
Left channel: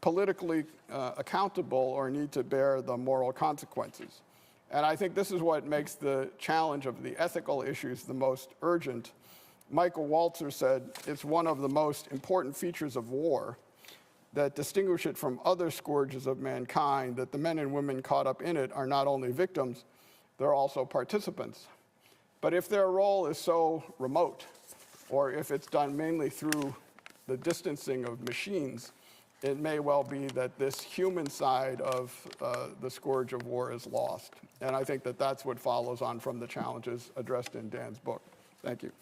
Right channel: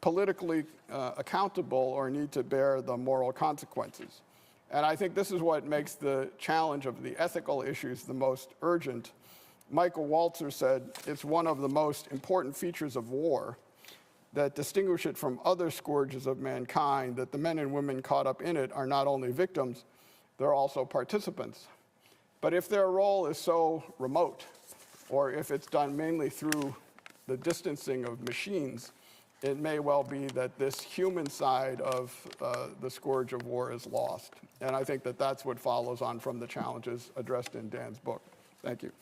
politically accountable or need to bear the moral consequences. And I think this is what makes the challenge of the ethical issues the most urgent. Michael Walzer said, "It's one of the most important features of war that distinguish it from other scourges of mankind, that the men and women caught up in it are not only victims, they're also participants. But if their role is so remote, or if it's done mainly through the distancing of machines, it may well be that this human side of the scourge of war is lost." And I think that that's what follows on from the challenges addressed in Dan's book. Thank you.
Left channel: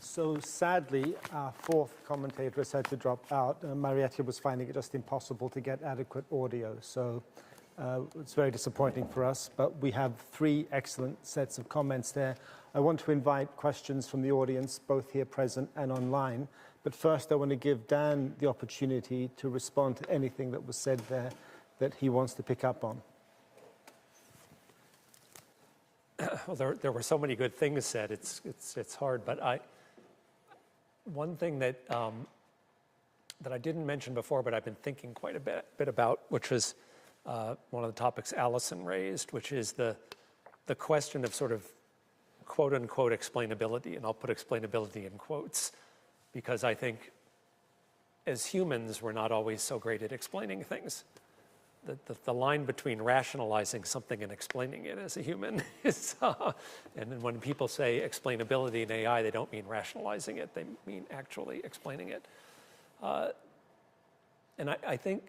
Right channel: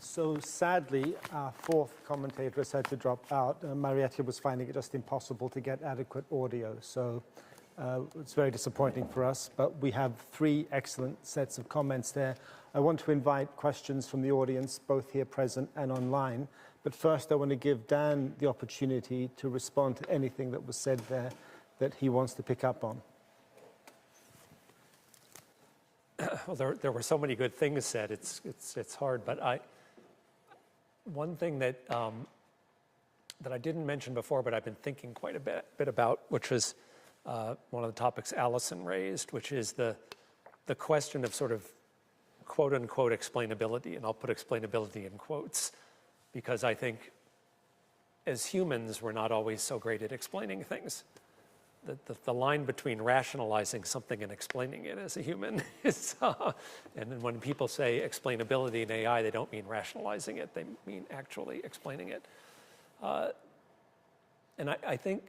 So sadly, our fourth commentator has had to drop out. Marietta was finding it just impossible to get adequate audio. So it's very disappointing for us, but we have three excellent sets of comments there. I want to invite questions from the audience, both here present and online. But first, I want to give Dan the opportunity to respond to anything that was said there that he wants to pick up on. Well, there were so many good things said. It's hard, but one thing that I didn't mention before, but I've been thinking quite a bit about, which was one of the topics Allison raised, which is the question of sort of quote unquote explainability, and I'll put explainability in quotes, because I think as humans we're not always so great at explaining things. The line between rationalizing something and explaining it as a human is, and then when people say explainability in AI, they don't mean rationalizing it, they mean actually explaining it. And I think,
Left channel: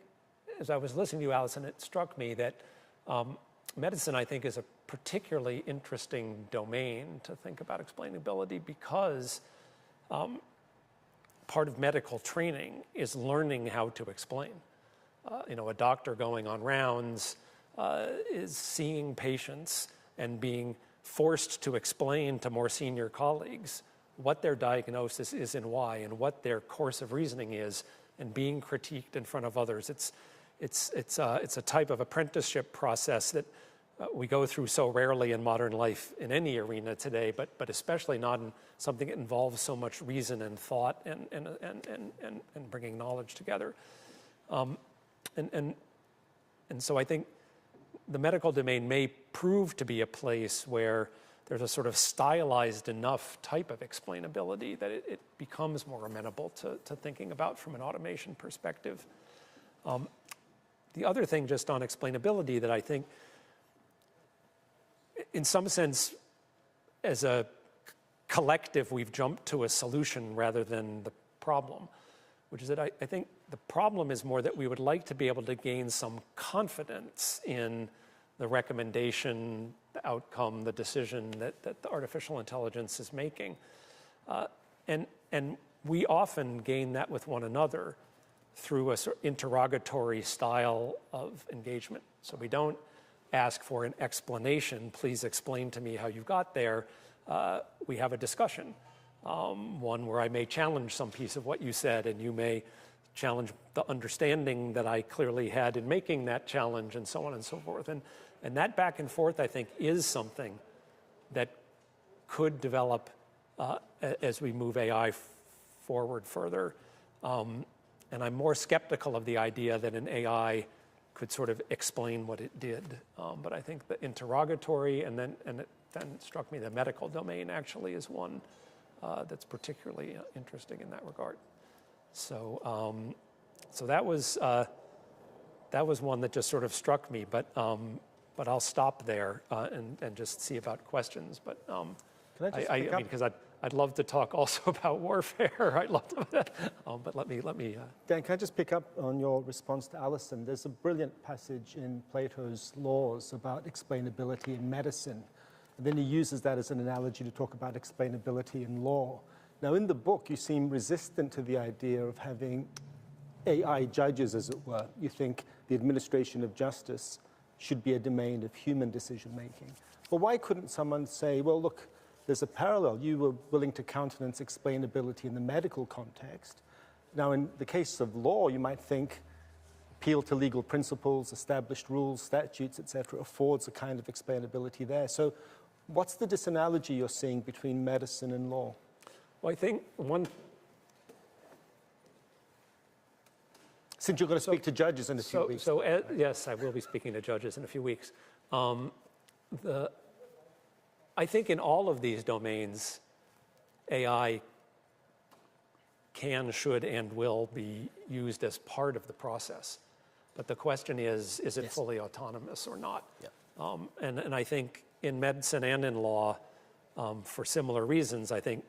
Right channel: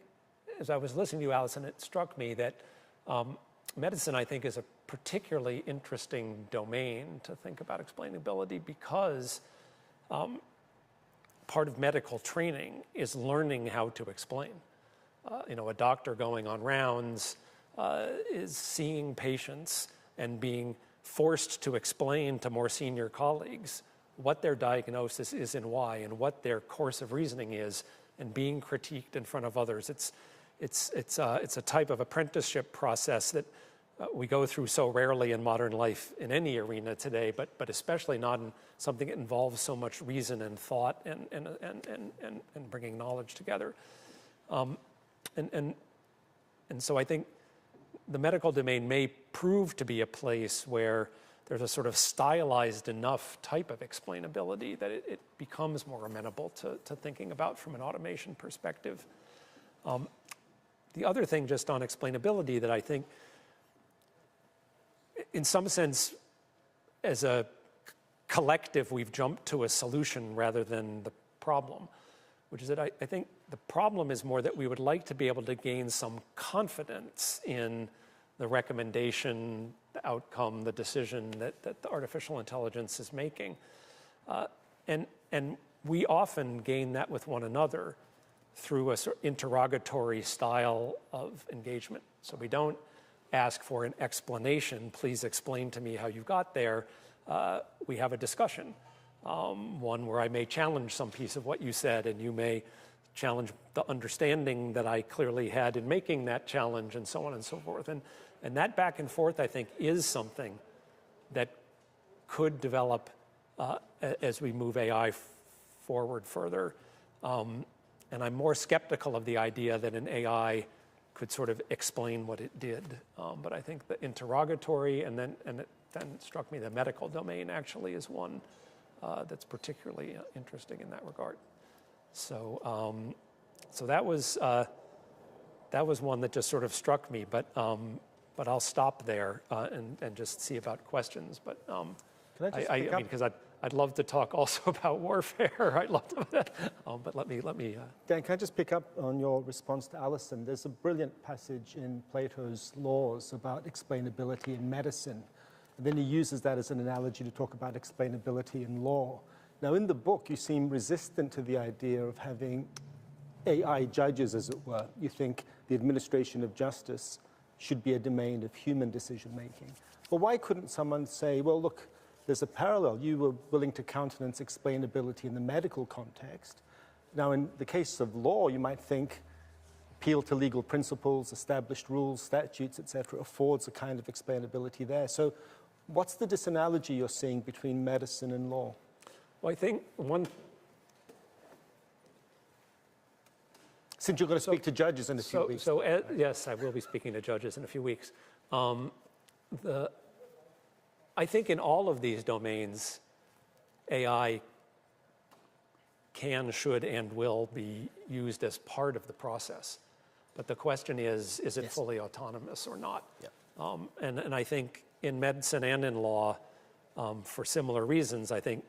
as I was listening to you, Allison, it struck me that medicine, I think, is a particularly interesting domain to think about explainability, because part of medical training is learning how to explain. A doctor going on rounds is seeing patients and being forced to explain to more senior colleagues what their diagnosis is and why, and what their course of reasoning is, and being critiqued in front of others. It's a type of apprenticeship process that we go through so rarely in modern life in any arena today, but especially not in something that involves so much reason and thought and bringing knowledge together. And so I think the medical domain may prove to be a place where there's a sort of stylized enough type of explainability that it becomes more amenable to thinking about from an automation perspective. The other thing just on explainability that I think in some sense, as a collective, we've jumped to a solution rather than the problem, which is that I think the problem is more that we would like to be able to gain some confidence in the recommendation, the outcome, the decision that the artificial intelligence is making. And we often gain that with one another through a sort of interrogatory style of engagement. So we don't ask for an explanation, please explain to me how you got there. We have a discussion, one where I may challenge some piece of what you said, and you may challenge the understanding that I clearly had in making that challenge, and so on and so forth. And that back and forth, I think, is something that could develop as we move AI forward further. And I'm more skeptical of the idea that an AI could sort of explain what it did. But I think the interrogatory, and then it struck me the medical domain actually is one that's particularly interesting in that regard. So that was one that just sort of struck me. But I'll stop there and just see about questions. But I mean, because I'd love to talk also about warfare. I'd love to, but let me. Dan, can I just pick up on your response to Alison? There's a brilliant passage in Plato's Laws about explainability in medicine. And then he uses that as an analogy to talk about explainability in law. Now, in the book, you seem resistant to the idea of having AI judges, as it were. You think the administration of justice should be a domain of human decision-making. But why couldn't someone say, well, look, there's a parallel. You were willing to countenance explainability in the medical context. Now, in the case of law, you might think appeal to legal principles, established rules, statutes, etc., affords a kind of explainability there. So what's the disanalogy you're seeing between medicine and law? Well, I think one... Since you're going to speak to judges in a few weeks. Yes, I will be speaking to judges in a few weeks. I think in all of these domains, AI can, should, and will be used as part of the process. But the question is it fully autonomous or not? Yeah. And I think in medicine and in law, for similar reasons, I think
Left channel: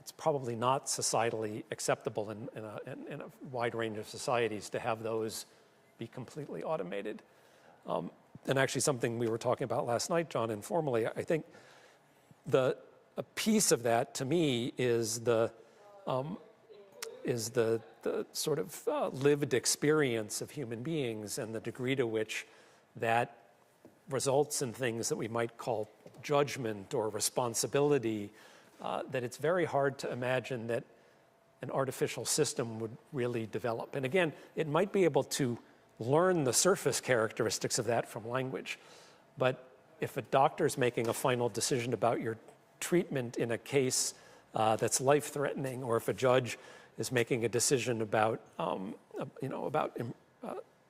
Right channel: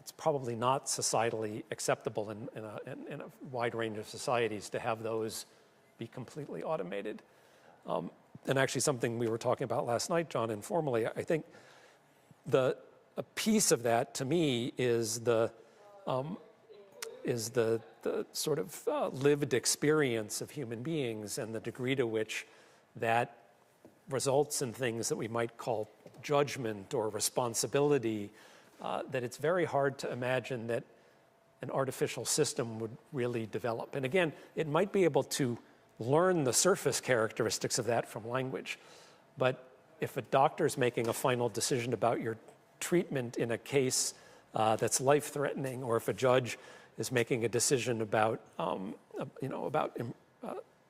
it's probably not societally acceptable in a wide range of societies to have those be completely automated. And actually something we were talking about last night, John, informally, I think a piece of that to me is the sort of lived experience of human beings and the degree to which that results in things that we might call judgment or responsibility, that it's very hard to imagine that an artificial system would really develop. And again, it might be able to learn the surface characteristics of that from language. But if a doctor's making a final decision about your treatment in a case that's life-threatening, or if a judge is making a decision about,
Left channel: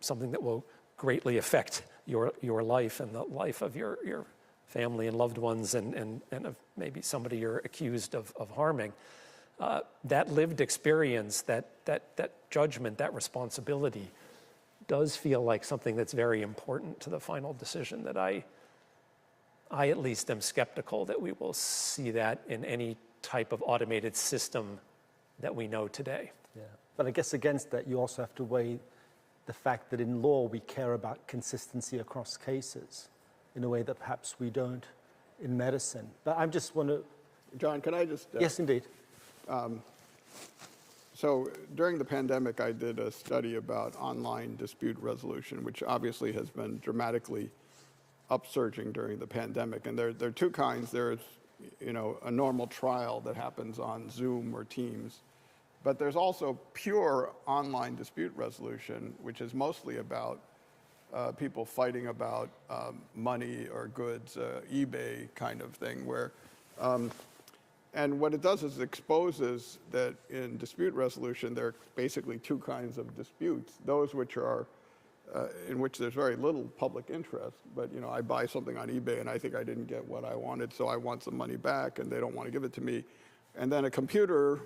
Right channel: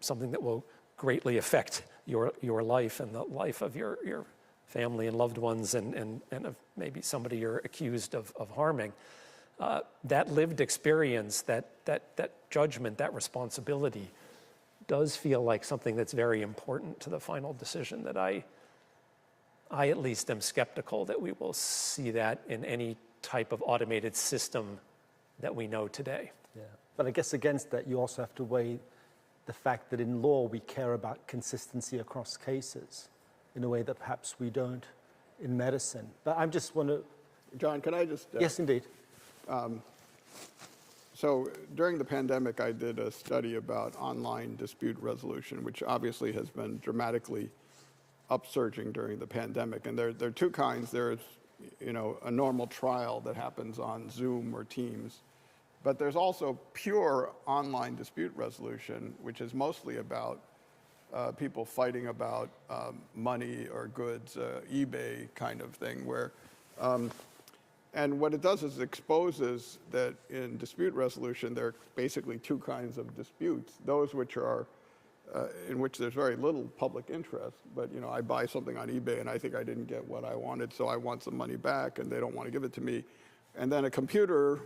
something that will greatly affect your life and the life of your family and loved ones and of maybe somebody you're accused of harming, that lived experience, that judgment, that responsibility does feel like something that's very important to the final decision, that I at least am skeptical that we will see that in any type of automated system that we know today. Yeah, but I guess against that, you also have to weigh the fact that in law we care about consistency across cases in a way that perhaps we don't in medicine. But I just want to... John, can I just... Yes, indeed. So during the pandemic, I did a study about online dispute resolution, which obviously has been dramatically upsurging during the pandemic. And there are two kinds. There's, a normal trial that happens on Zoom or Teams. But there's also pure online dispute resolution, which is mostly about people fighting about money or goods, eBay kind of thing, where... And what it does is it exposes that in dispute resolution, there are basically two kinds of disputes. Those which are, in which there's very little public interest, but I buy something on eBay and I think I didn't get what I wanted, so I want some money back and they don't want to give it to me. And then a computer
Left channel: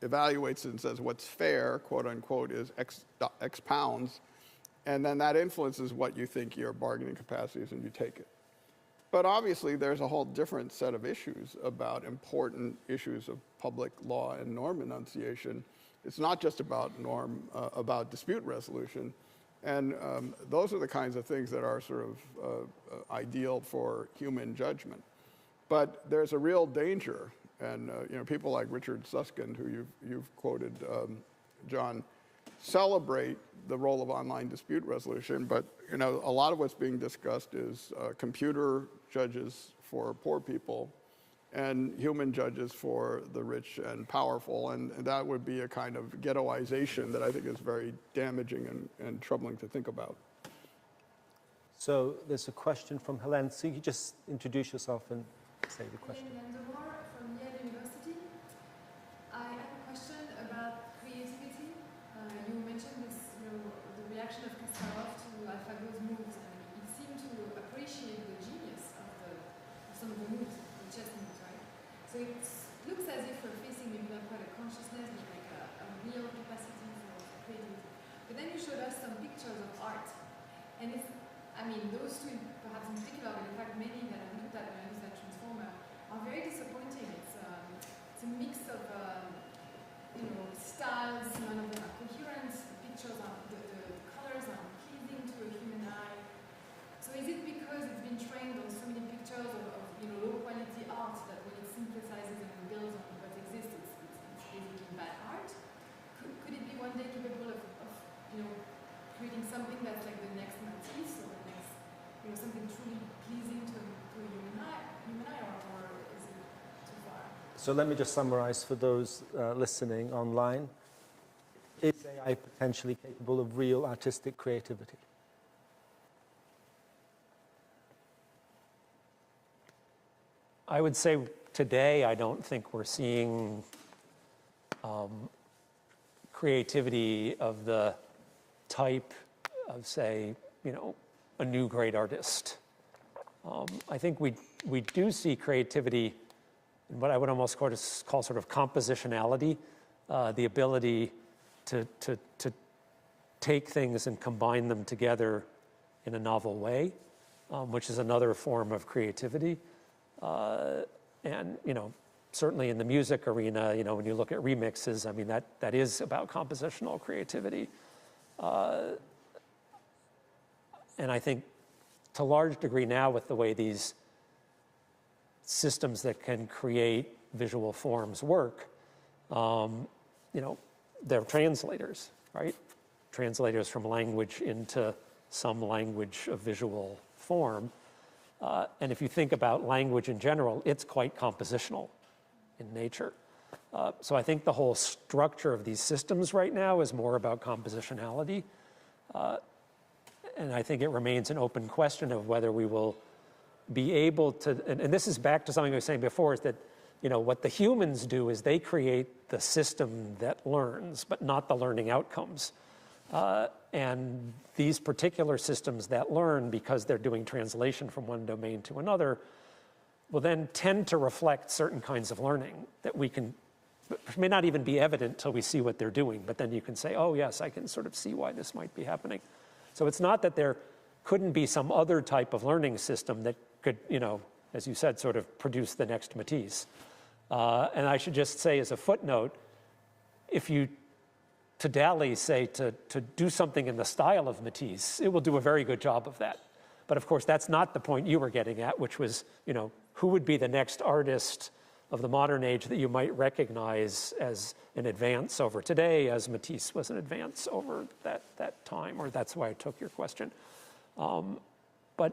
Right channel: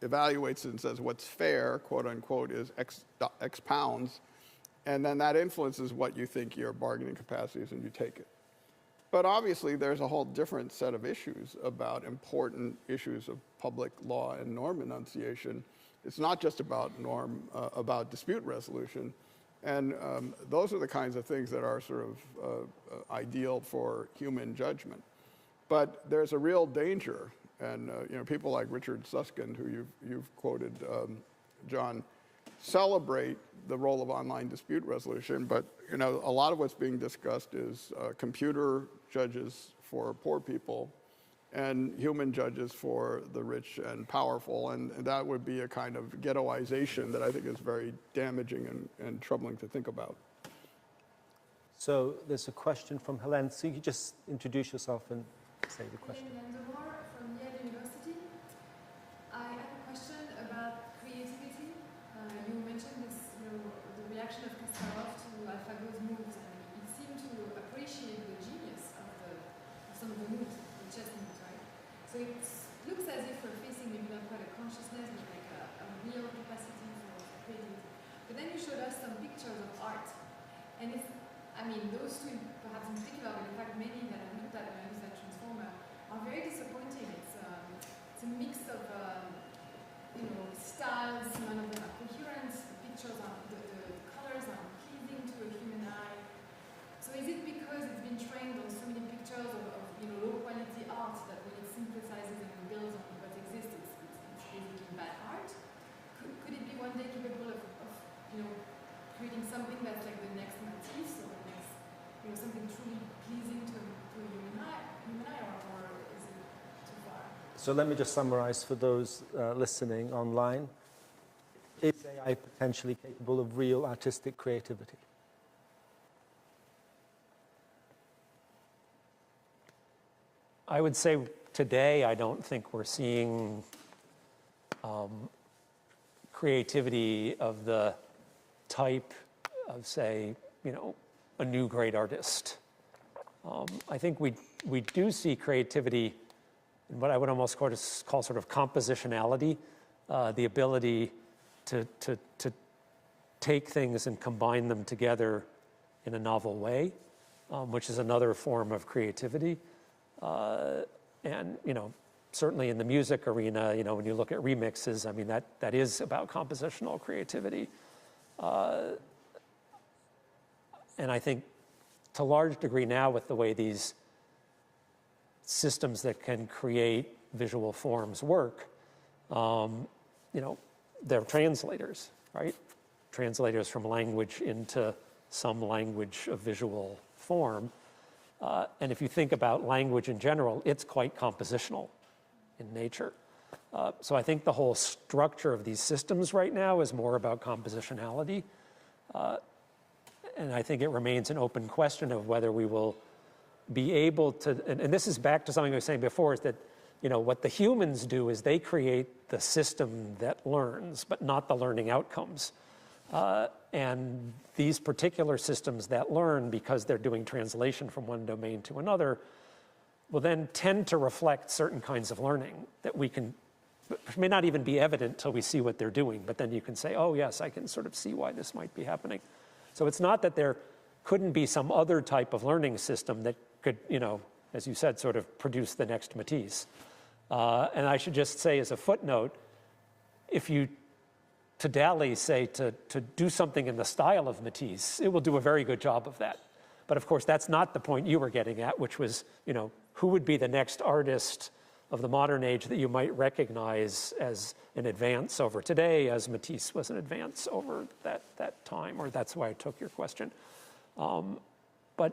evaluates it and says what's fair, quote unquote, is X pounds. And then that influences what you think your bargaining capacity is and you take it. But obviously, there's a whole different set of issues about important issues of public law and norm enunciation. It's not just about about dispute resolution. And those are the kinds of things that are sort of ideal for human judgment. But there's a real danger, and people like Richard Susskind, who you've quoted, John, celebrate the role of online dispute resolution, but a lot of what's being discussed is computer judges for poor people and human judges for the rich and powerful, and that would be a kind of ghettoization that I think is very damaging and troubling to think about. So there's a question from Helene. So you could just introduce yourself and say the question. From Yale University. I have a question about creativity. You mentioned this, the reaction of Kasparov to AlphaGo's moves, and he seemed to appreciate the genius of some of the moves, the chess moves, right? So it looks as if we're facing maybe not quite a consciousness, but like a real capacity for creativity. But then you showed us some pictures of art, and those two, perhaps in particular, but in fact many that I've looked at when I use that transformer, are very disappointing. It's a mix of styles, none of them are coherent. The pictures are, the colors are pleasing to a human eye. So is it because it's been trained on so many pictures of low quality art that when it synthesizes and builds on what exists, it's basically bad art? Could it be one day capable of creating something that's like the next Matisse, or the next, something truly pleasing to a human eye, or is it too far? So let me just summarize for those listening online. Is AI potentially capable of real artistic creativity? I would say today I don't think we're seeing creativity of the type of, say, a new great artist. I think we do see creativity in what I would almost call sort of compositionality, the ability to take things and combine them together in a novel way, which is another form of creativity. And certainly in the music arena, when you look at remixes, that is about compositional creativity. And I think to a large degree now, with the way these systems that can create visual forms work, they're translators, right? Translators from language into some language of visual form. And if you think about language in general, it's quite compositional in nature. So I think the whole structure of these systems right now is more about compositionality. And I think it remains an open question of whether we will be able to, and this is back to something I was saying before, is that, what the humans do is they create the system that learns, but not the learning outcomes. And these particular systems that learn, because they're doing translation from one domain to another, will then tend to reflect certain kinds of learning that which may not even be evident till we see what they're doing, but then you can say, oh yes, I can sort of see why this might be happening. So it's not that there couldn't be some other type of learning system that could, as you said, sort of produce the next Matisse. And I should just say as a footnote, if you, to Dali, say to do something in the style of Matisse, it will do a very good job of that. But of course, that's not the point you were getting at, which was, who would be the next artist of the modern age that you might recognize as an advance over today, as Matisse was an advance over that time, or that's why I took your question. But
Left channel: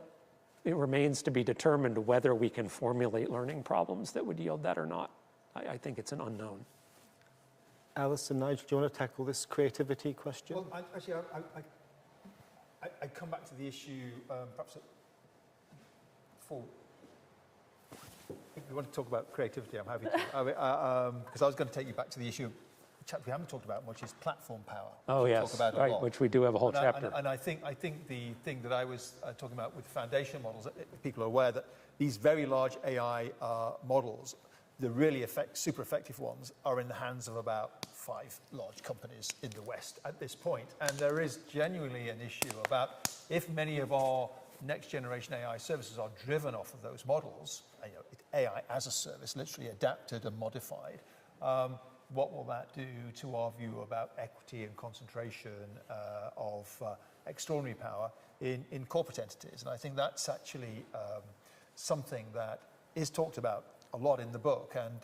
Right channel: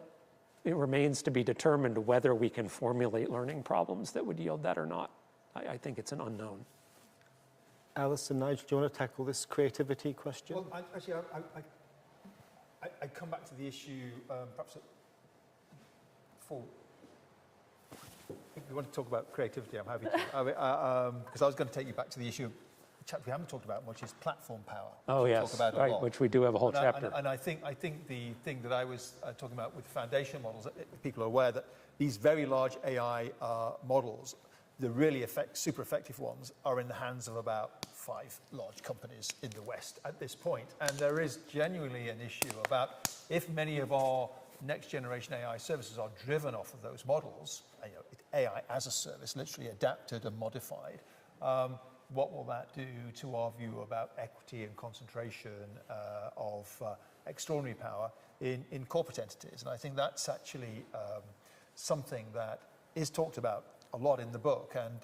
it remains to be determined whether we can formulate learning problems that would yield that or not. I think it's an unknown. Alison, Nigel, do you want to tackle this creativity question? Well, I come back to the issue, perhaps if you want to talk about creativity, I'm happy to. Because I was going to take you back to the issue of a chapter we haven't talked about, which is platform power. Oh, yes, talk about right, which we do have a whole chapter. And I think the thing that I was talking about with foundation models, people are aware that these very large AI models, the really super effective ones, are in the hands of about 5 large companies in the West at this point. And there is genuinely an issue about if many of our next generation AI services are driven off of those models, AI as a service, literally adapted and modified, what will that do to our view about equity and concentration of extraordinary power in corporate entities? And I think that's actually something that is talked about a lot in the book, and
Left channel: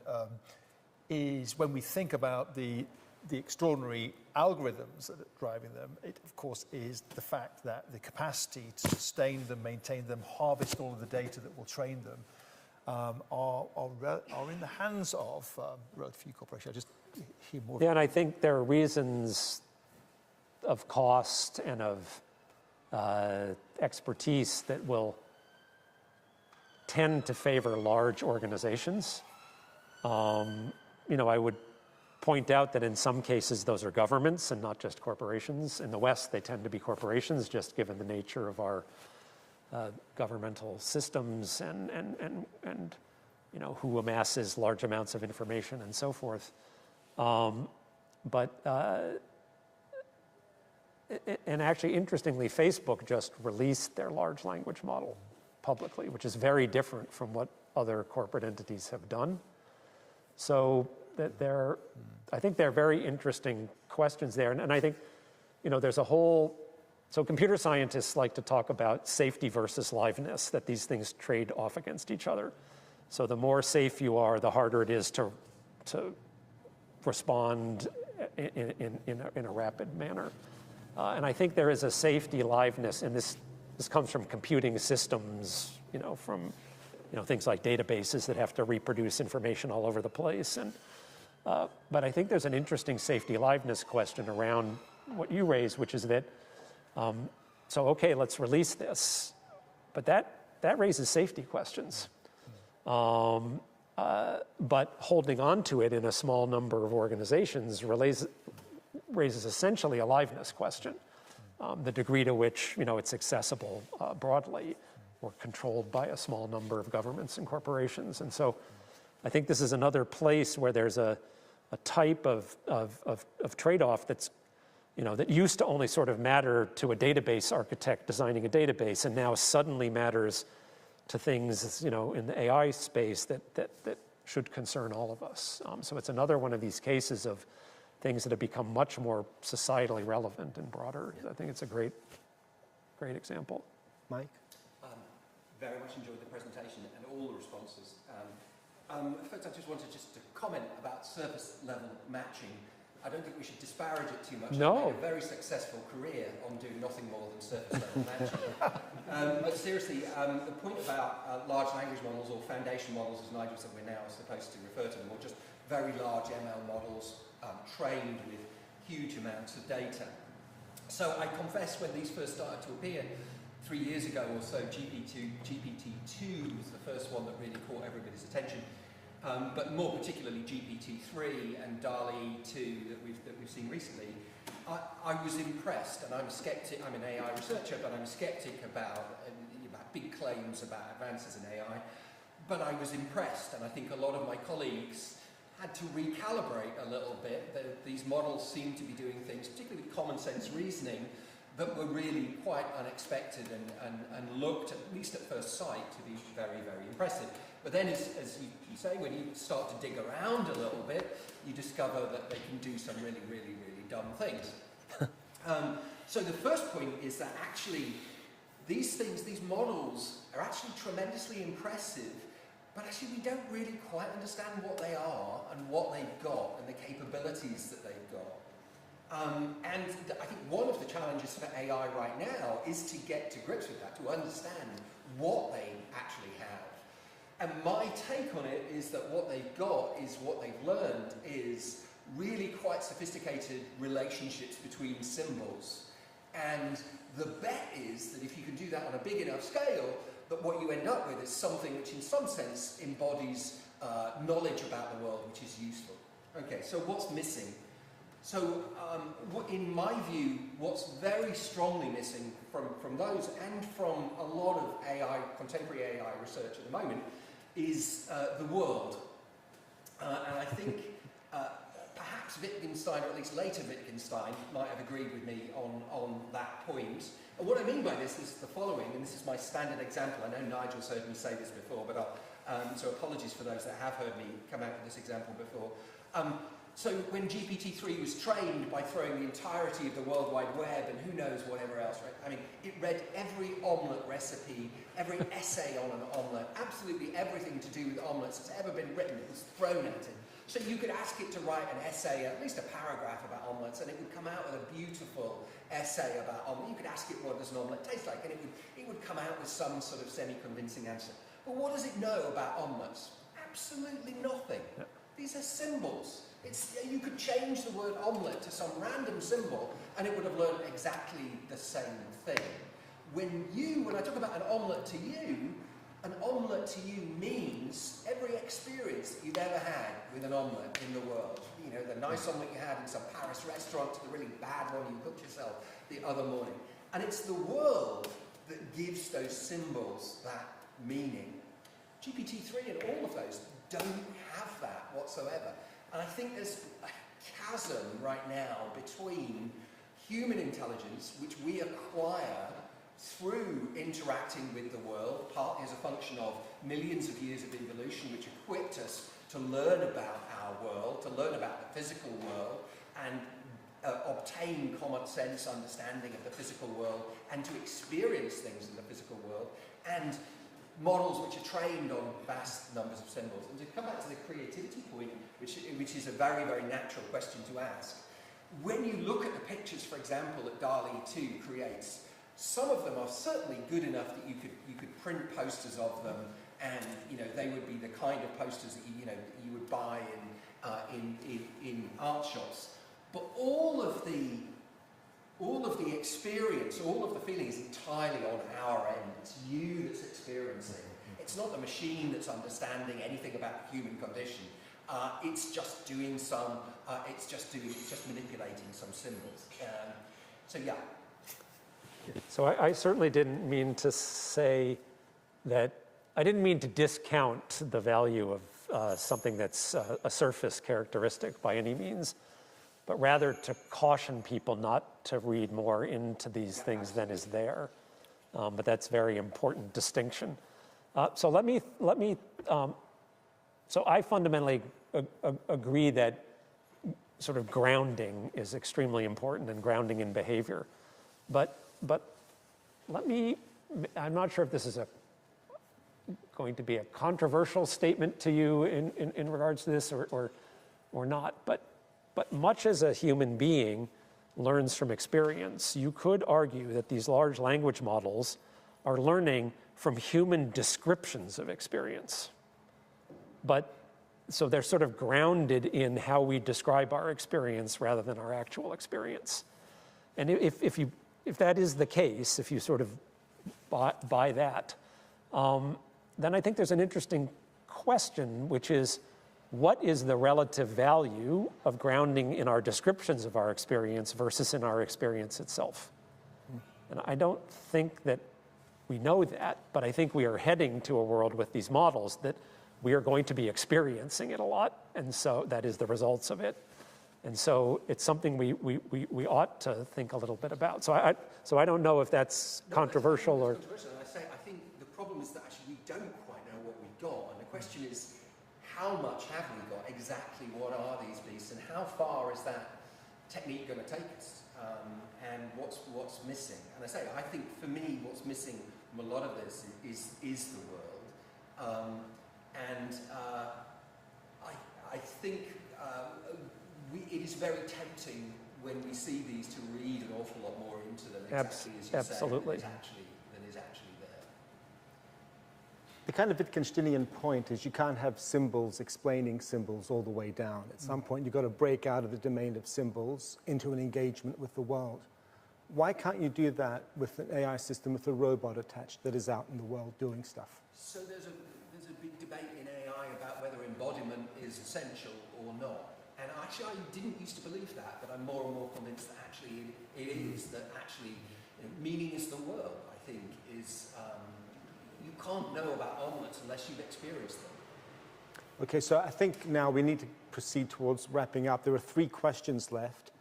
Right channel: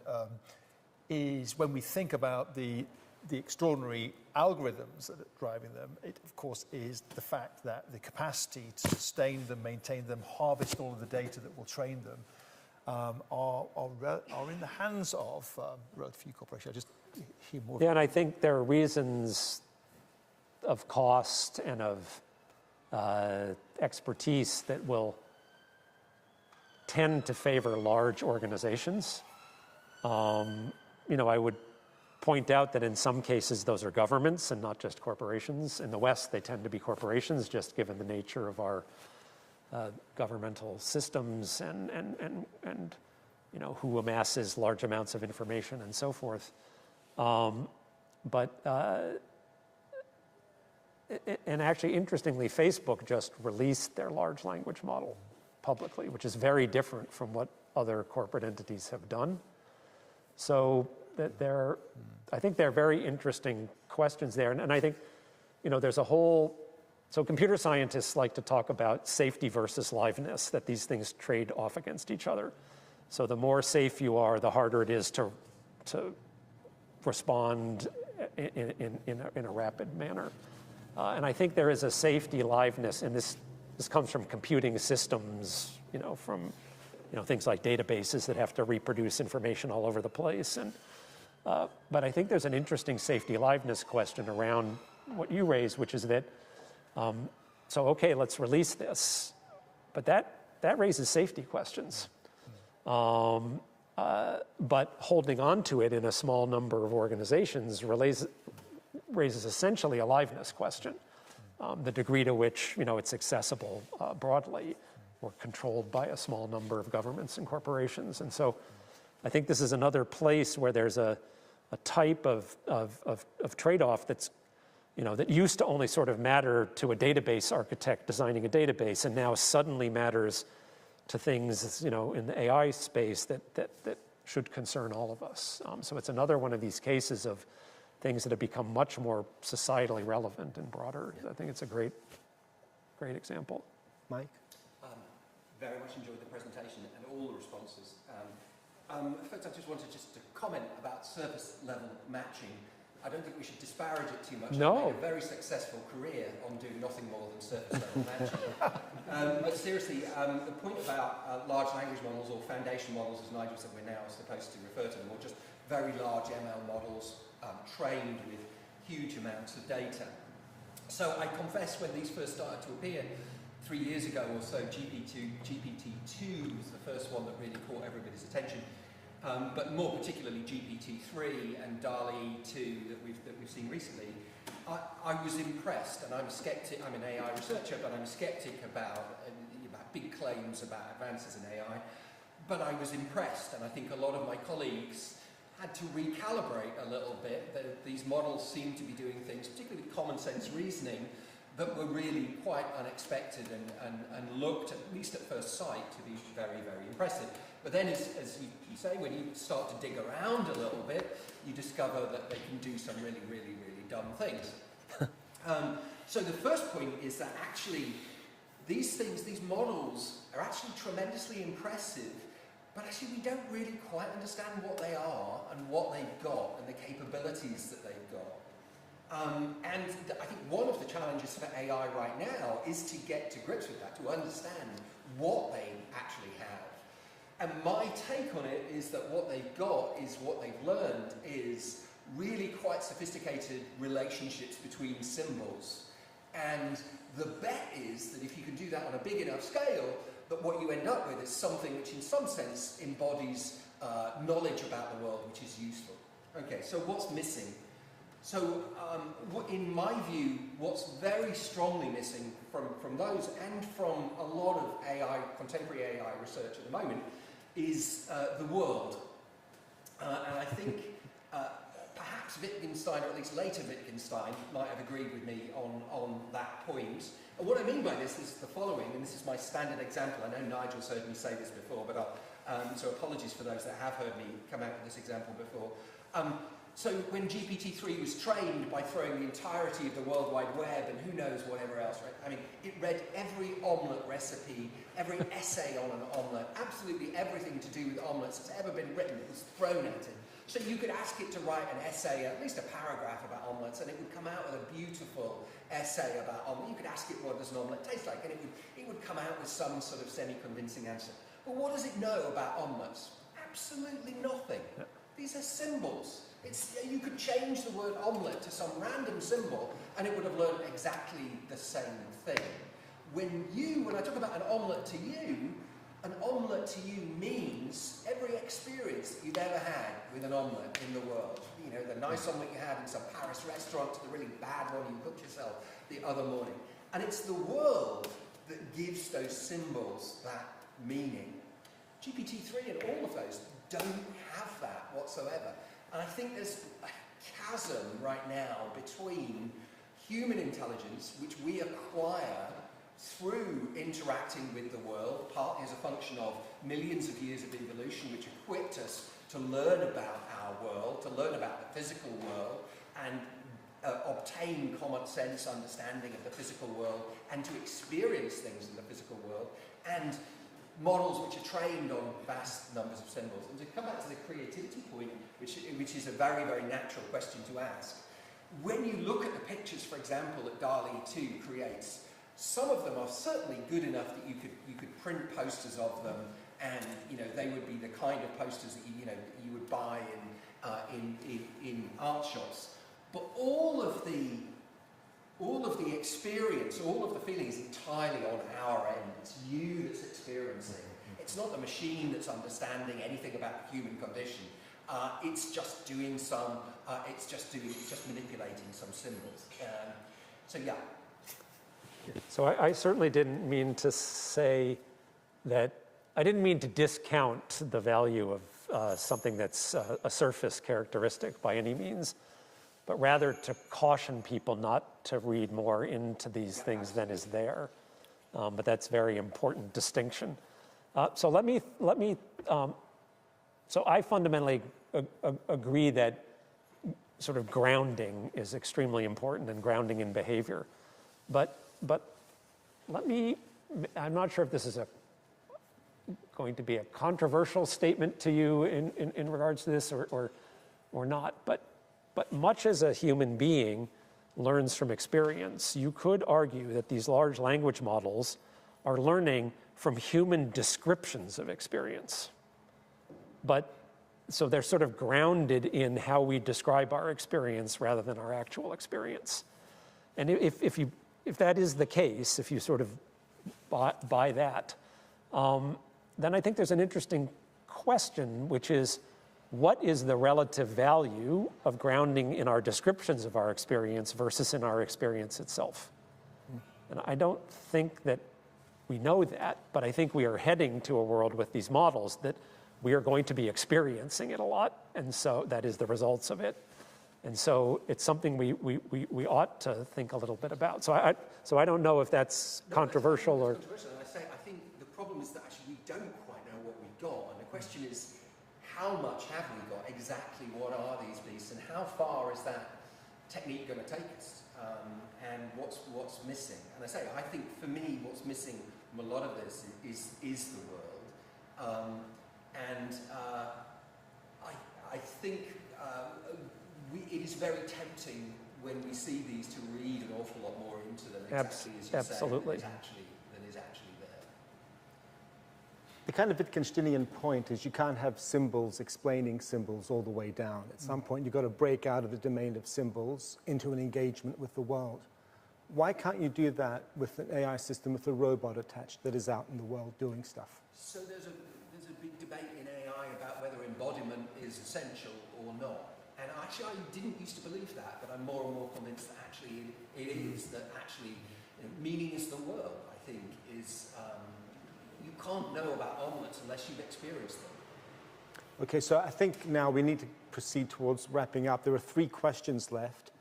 is when we think about the extraordinary algorithms that are driving them, it of course is the fact that the capacity to sustain them, maintain them, harvest all of the data that will train them are in the hands of relatively few corporations. I just hear more. Yeah, and I think there are reasons of cost and of expertise that will tend to favor large organizations. I would point out that in some cases those are governments and not just corporations. In the West, they tend to be corporations, just given the nature of our governmental systems and who amasses large amounts of information and so forth. And actually, interestingly, Facebook just released their large language model publicly, which is very different from what other corporate entities have done. So I think there are very interesting questions there. And I think, there's a whole, so computer scientists like to talk about safety versus liveness, that these things trade off against each other. So the more safe you are, the harder it is to respond in a rapid manner. And I think there is a safety liveness, and this comes from computing systems, from things like databases that have to reproduce information all over the place. But I think there's an interesting safety liveness question around what you raised, which is that, okay, let's release this, but that raises safety questions. But holding on to it in a small number of organizations raises essentially a liveness question, the degree to which it's accessible broadly or controlled by a small number of governments and corporations. And so I think this is another place where there's a type of trade-off that's, that used to only sort of matter to a database architect designing a database, and now suddenly matters to things, in the AI space that should concern all of us. So it's another one of these cases of things that have become much more societally relevant and broader. I think it's a great example. Mike? Very much enjoyed the presentation and all the responses. First, I just wanted to comment about surface level matching. I don't think we should disparage it too much. No. I've made a very successful career on doing nothing more than surface level matching. But seriously, the point about large language models, or foundation models, as Nigel said we're now supposed to refer to them, or just very large ML models trained with huge amounts of data. So I confess, when these first started to appear 3 years ago or so, GPT-2 was the first one that really caught everybody's attention. But more particularly GPT-3 and DALL-E 2 that we've seen recently, I was impressed, and I'm a skeptic. I'm an AI researcher, but I'm a skeptic about big claims about advances in AI. But I was impressed, and I think a lot of my colleagues had to recalibrate a little bit. These models seem to be doing things, particularly common sense reasoning, that were really quite unexpected and looked, at least at first sight, to be very, very impressive. But then, as you say, when you start to dig around a little bit, you discover that they can do some really, really, really dumb things. So the first point is that actually these models are actually tremendously impressive, but actually we don't really quite understand what they are and what they've got and the capabilities that they've got. And I think one of the challenges for AI right now is to get to grips with that, to understand what they actually have. And my take on it is that what they've got is, what they've learned is really quite sophisticated relationships between symbols. And the bet is that if you can do that on a big enough scale, that what you end up with is something which in some sense embodies knowledge about the world, which is useful. Okay, so what's missing? So in my view, what's very strongly missing from those and from a lot of contemporary AI research at the moment is the world. And I think perhaps Wittgenstein, or at least later Wittgenstein, might have agreed with me on that point. And what I mean by this is the following, and this is my standard example. I know Nigel's heard me say this before, but so apologies for those that have heard me come out with this example before. So when GPT-3 was trained by throwing the entirety of the World Wide Web and who knows whatever else, right? I mean, it read every omelette recipe, every essay on an omelette, absolutely everything to do with omelettes that's ever been written. It was thrown at it. So you could ask it to write an essay, at least a paragraph about omelettes, and it would come out with a beautiful essay about omelette. You could ask it what does an omelette taste like, and it would come out with some sort of semi-convincing answer. But what does it know about omelettes? Absolutely nothing. Yeah. These are symbols. You could change the word omelette to some random symbol and it would have learned exactly the same thing. When I talk about an omelette to you means every experience that you've ever had with an omelette in the world. You know, the nice omelette you had in some Paris restaurant to the really bad one you cooked yourself the other morning. And it's the world that gives those symbols that meaning. GPT-3 and all of those don't have that whatsoever. And I think there's a chasm right now between human intelligence, which we acquire through interacting with the world, partly as a function of millions of years of evolution, which equipped us to learn about our world, to learn about the physical world, and obtain common sense understanding of the physical world, and to experience things in the physical world, and models which are trained on vast numbers of symbols. And to come back to the creativity point, which is a very, very natural question to ask, when you look at the pictures, for example, that DALL-E 2 creates, some of them are certainly good enough that you could print posters of them, and they would be the kind of posters that you would buy in art shops. But all of the experience, all of the feeling is entirely on our end. It's you that's experiencing. It's not the machine that's understanding anything about the human condition. It's just doing it's just manipulating some symbols. So yeah. So I certainly didn't mean to say that. I didn't mean to discount the value of something that's a surface characteristic by any means, but rather to caution people not to read more into these things than is there. But that's a very important distinction. So let me. So I fundamentally agree that sort of grounding is extremely important, and grounding in behavior. But I'm not sure if this is going to be a controversial statement to you in regards to this or not. But much as a human being learns from experience, you could argue that these large language models are learning from human descriptions of experience. So they're sort of grounded in how we describe our experience rather than our actual experience. And if that is the case, if you sort of buy that, then I think there's an interesting question, which is, what is the relative value of grounding in our descriptions of our experience versus in our experience itself? And I don't think that we know that, but I think we are heading to a world with these models that we are going to be experiencing it a lot, and so that is the results of it. And so it's something we ought to think a little bit about. So I don't know if that's controversial or. I think the problem is that actually we don't quite know what we've got, and the question is, how much have we got? Exactly what are these beasts, and how far is that technique going to take us? And what's missing? And I think for me, what's missing from a lot of this is the world. I think it is very tempting when we see these to read an awful lot more into them. Exactly as you absolutely. Said, than is actually there. The kind of Wittgensteinian point is you can't have symbols explaining symbols all the way down. At some point, you've got to break out of the domain of symbols into an engagement with the world. Why can't you do that with an AI system with a robot attached that is out in the world doing stuff? So there's a big debate in AI about whether embodiment is essential or not. And actually, I didn't used to believe that, but I'm more and more convinced that actually it is, that actually meaning is the world, I think, is, you can't know about omelettes unless you've experienced them. Okay, so I think now we need to proceed towards wrapping up. There are 3 questions left.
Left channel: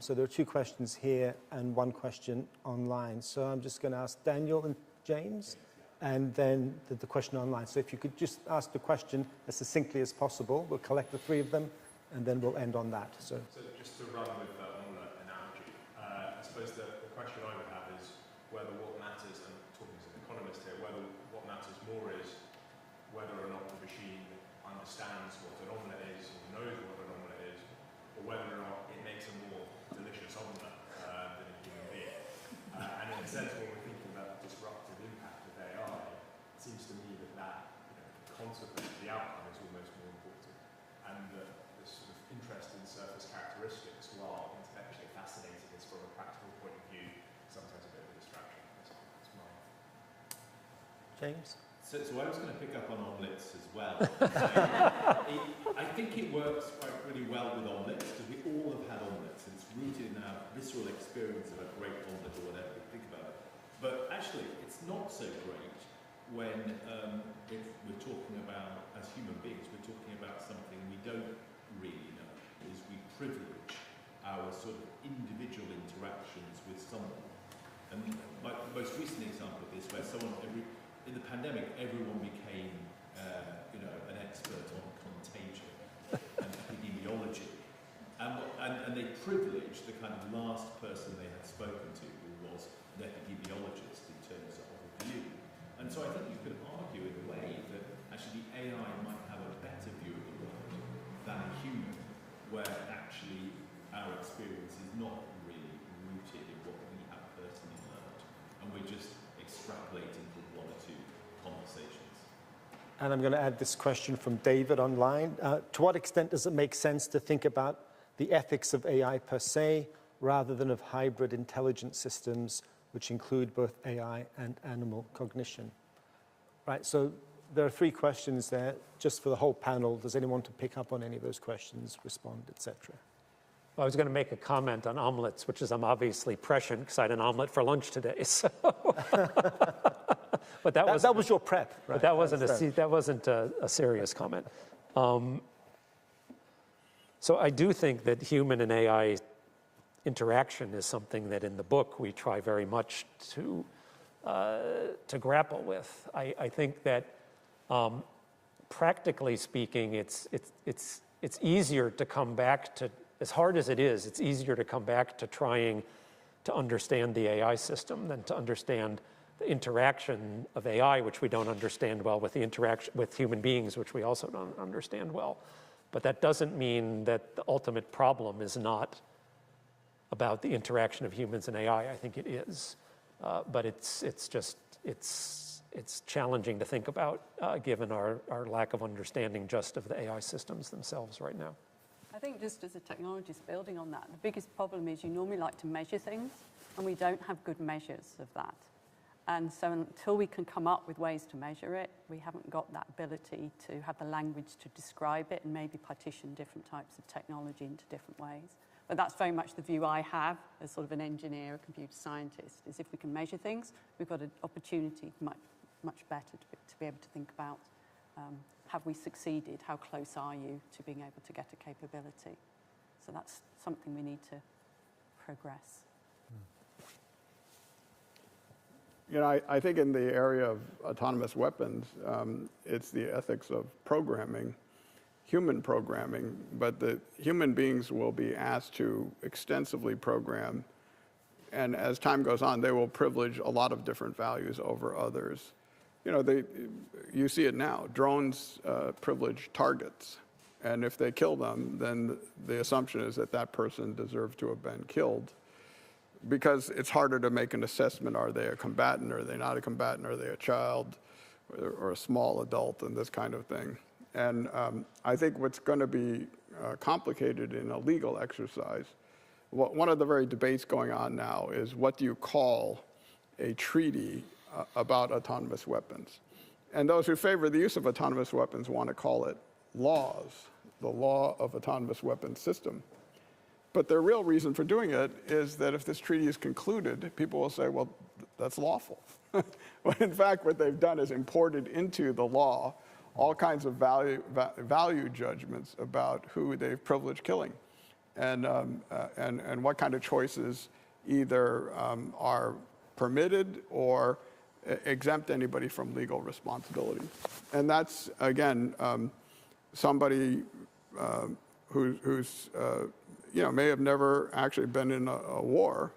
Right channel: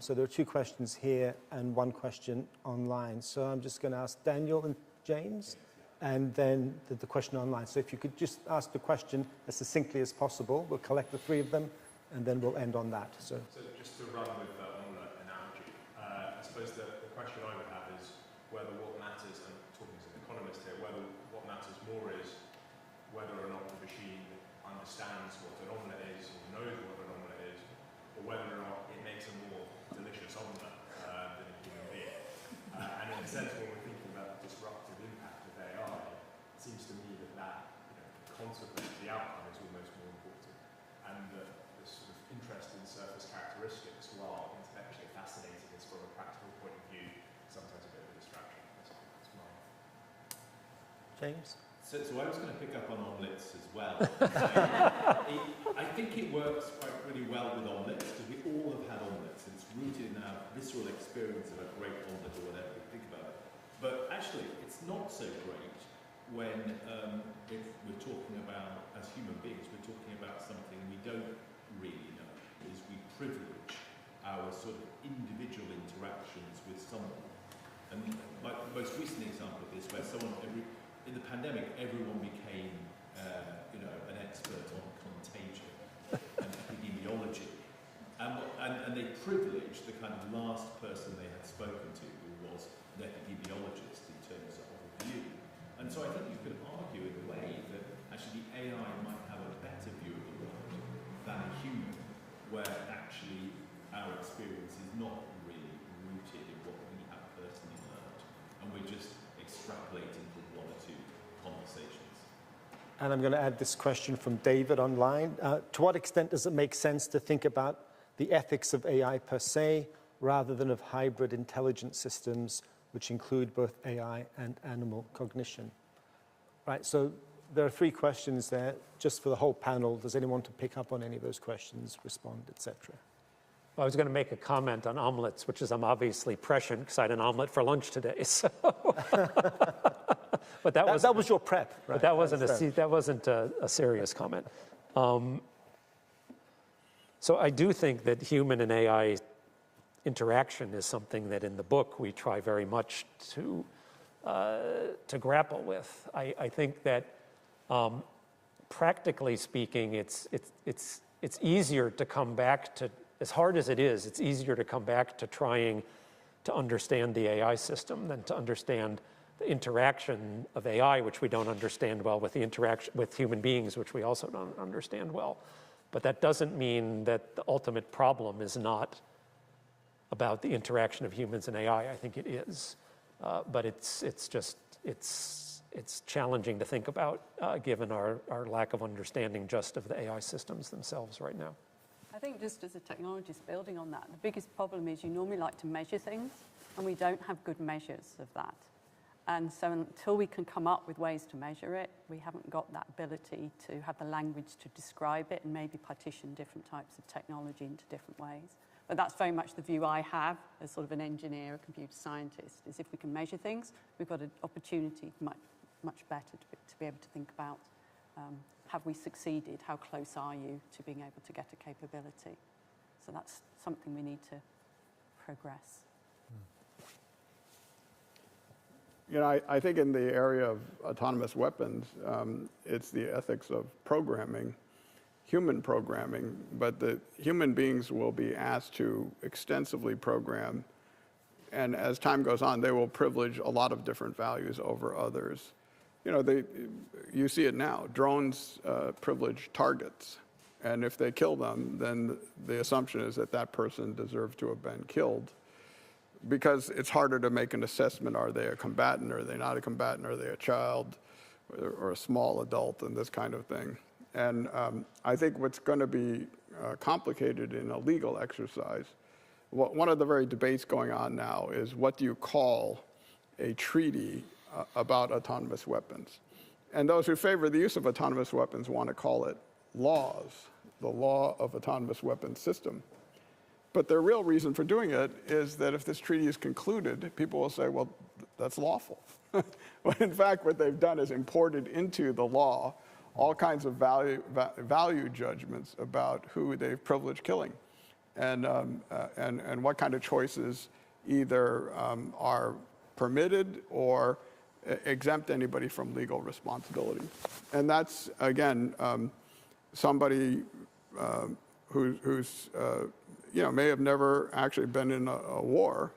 So there are 2 questions here and 1 question online. So I'm just going to ask Daniel and James, and then the question online. So if you could just ask the question as succinctly as possible, we'll collect the 3 of them, and then we'll end on that. So just to run with the omelette analogy, I suppose the question I would have is whether what matters, and talking as an economist here, whether what matters more is whether or not the machine understands what an omelette is or knows what an omelette is, or whether or not it makes a more delicious omelette than a human being. And in a sense, when we're thinking about the disruptive impact of AI, it seems to me that consequence, the outcome is almost more important. And the sort of interest in surface characteristics, while intellectually fascinating, is from a practical point of view sometimes a bit of a distraction. That's mine. James? So I was going to pick up on omelettes as well. I think it works quite really well with omelettes because we all have had omelettes. It's rooted in our visceral experience of a great omelette or whatever we think about it. But actually, it's not so great when if we're talking about, as human beings, we're talking about something we don't really know, is we privilege our sort of individual interactions with someone. And like the most recent example of this, where in the pandemic, everyone became, an expert on contagion and epidemiology, and they privileged the kind of last person they had spoken to, who was an epidemiologist in terms of a view. And so I think you could argue in a way that actually the AI might have a better view of the world than a human, where actually our experience is not really rooted in what we have personally learned, and we're just extrapolating from 1 or 2 conversations. And I'm going to add this question from David online. To what extent does it make sense to think about the ethics of AI per se, rather than of hybrid intelligence systems, which include both AI and animal cognition? Right, so there are 3 questions there, just for the whole panel. Does anyone want to pick up on any of those questions, respond, etc.? Well, I was going to make a comment on omelets, which is I'm obviously prescient because I had an omelet for lunch today. So, but that was your prep, right? But that wasn't a serious comment. So I do think that human and AI interaction is something that in the book we try very much to grapple with. I think that practically speaking, it's easier to come back to, as hard as it is, it's easier to come back to trying to understand the AI system than to understand the interaction of AI, which we don't understand well, with the interaction with human beings, which we also don't understand well. But that doesn't mean that the ultimate problem is not about the interaction of humans and AI. I think it is, but it's challenging to think about given our lack of understanding just of the AI systems themselves right now. I think just as a technologist, building on that, the biggest problem is you normally like to measure things, and we don't have good measures of that. And so until we can come up with ways to measure it, we haven't got that ability to have the language to describe it and maybe partition different types of technology into different ways. But that's very much the view I have as sort of an engineer, a computer scientist, is if we can measure things, we've got an opportunity much better to be able to think about, have we succeeded? How close are you to being able to get a capability? So that's something we need to progress. I think in the area of autonomous weapons, it's the ethics of programming, human programming, but the human beings will be asked to extensively program, and as time goes on, they will privilege a lot of different values over others. You see it now. Drones privilege targets, and if they kill them, then the assumption is that that person deserved to have been killed, because it's harder to make an assessment. Are they a combatant? Are they not a combatant? Are they a child or a small adult, and this kind of thing? And I think what's going to be complicated in a legal exercise, one of the very debates going on now is, what do you call a treaty about autonomous weapons? And those who favor the use of autonomous weapons want to call it laws, the law of autonomous weapons system. But the real reason for doing it is that if this treaty is concluded, people will say, well, that's lawful. When in fact, what they've done is imported into the law all kinds of value judgments about who they've privileged killing, and what kind of choices either are permitted or exempt anybody from legal responsibility. And that's, again, somebody who's may have never actually been in a war,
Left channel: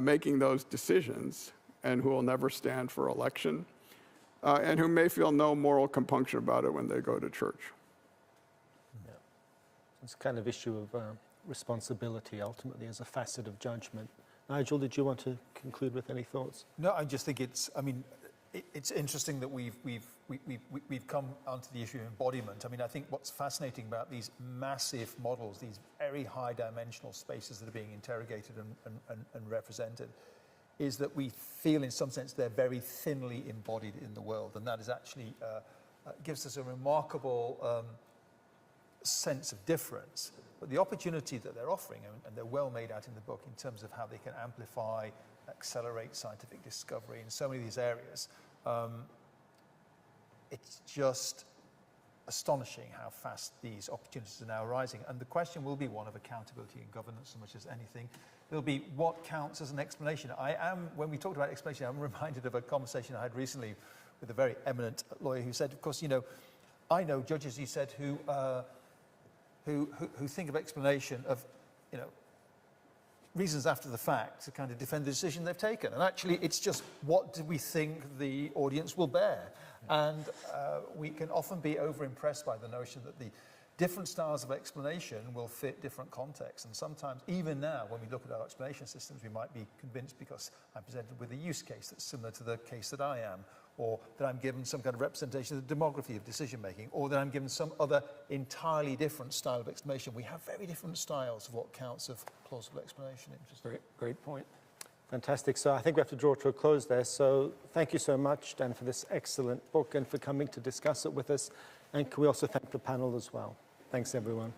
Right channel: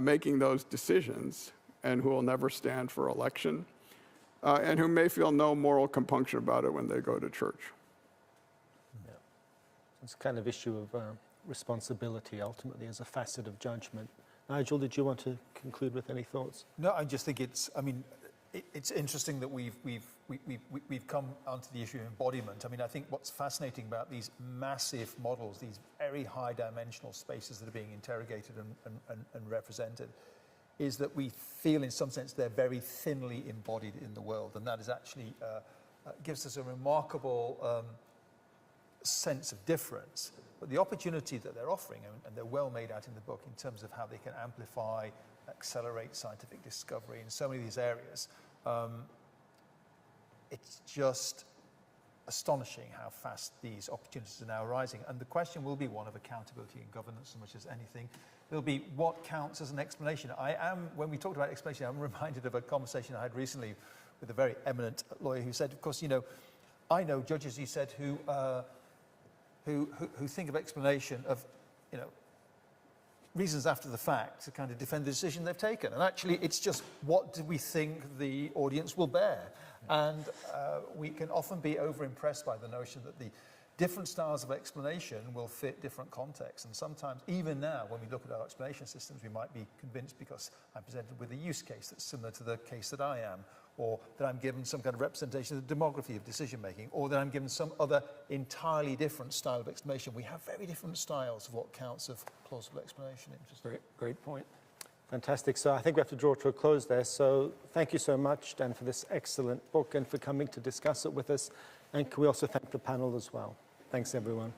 making those decisions, and who will never stand for election, and who may feel no moral compunction about it when they go to church. Yeah. It's kind of issue of responsibility ultimately as a facet of judgment. Nigel, did you want to conclude with any thoughts? No, I just think it's interesting that we've come onto the issue of embodiment. I mean, I think what's fascinating about these massive models, these very high dimensional spaces that are being interrogated and represented, is that we feel in some sense they're very thinly embodied in the world, and that is actually gives us a remarkable sense of difference. But the opportunity that they're offering, and they're well made out in the book in terms of how they can amplify, accelerate scientific discovery in so many of these areas, it's just astonishing how fast these opportunities are now arising. And the question will be one of accountability and governance as much as anything. There'll be what counts as an explanation. When we talked about explanation, I'm reminded of a conversation I had recently with a very eminent lawyer who said, of course, I know judges, you said, who think of explanation of, reasons after the fact to kind of defend the decision they've taken. And actually, it's just what do we think the audience will bear? And we can often be over-impressed by the notion that the different styles of explanation will fit different contexts. And sometimes, even now, when we look at our explanation systems, we might be convinced because I'm presented with a use case that's similar to the case that I am, or that I'm given some kind of representation of the demography of decision-making, or that I'm given some other entirely different style of explanation. We have very different styles of what counts of plausible explanation. Great point. Fantastic. So I think we have to draw to a close there. So thank you so much, Dan, for this excellent book and for coming to discuss it with us. And can we also thank the panel as well? Thanks, everyone.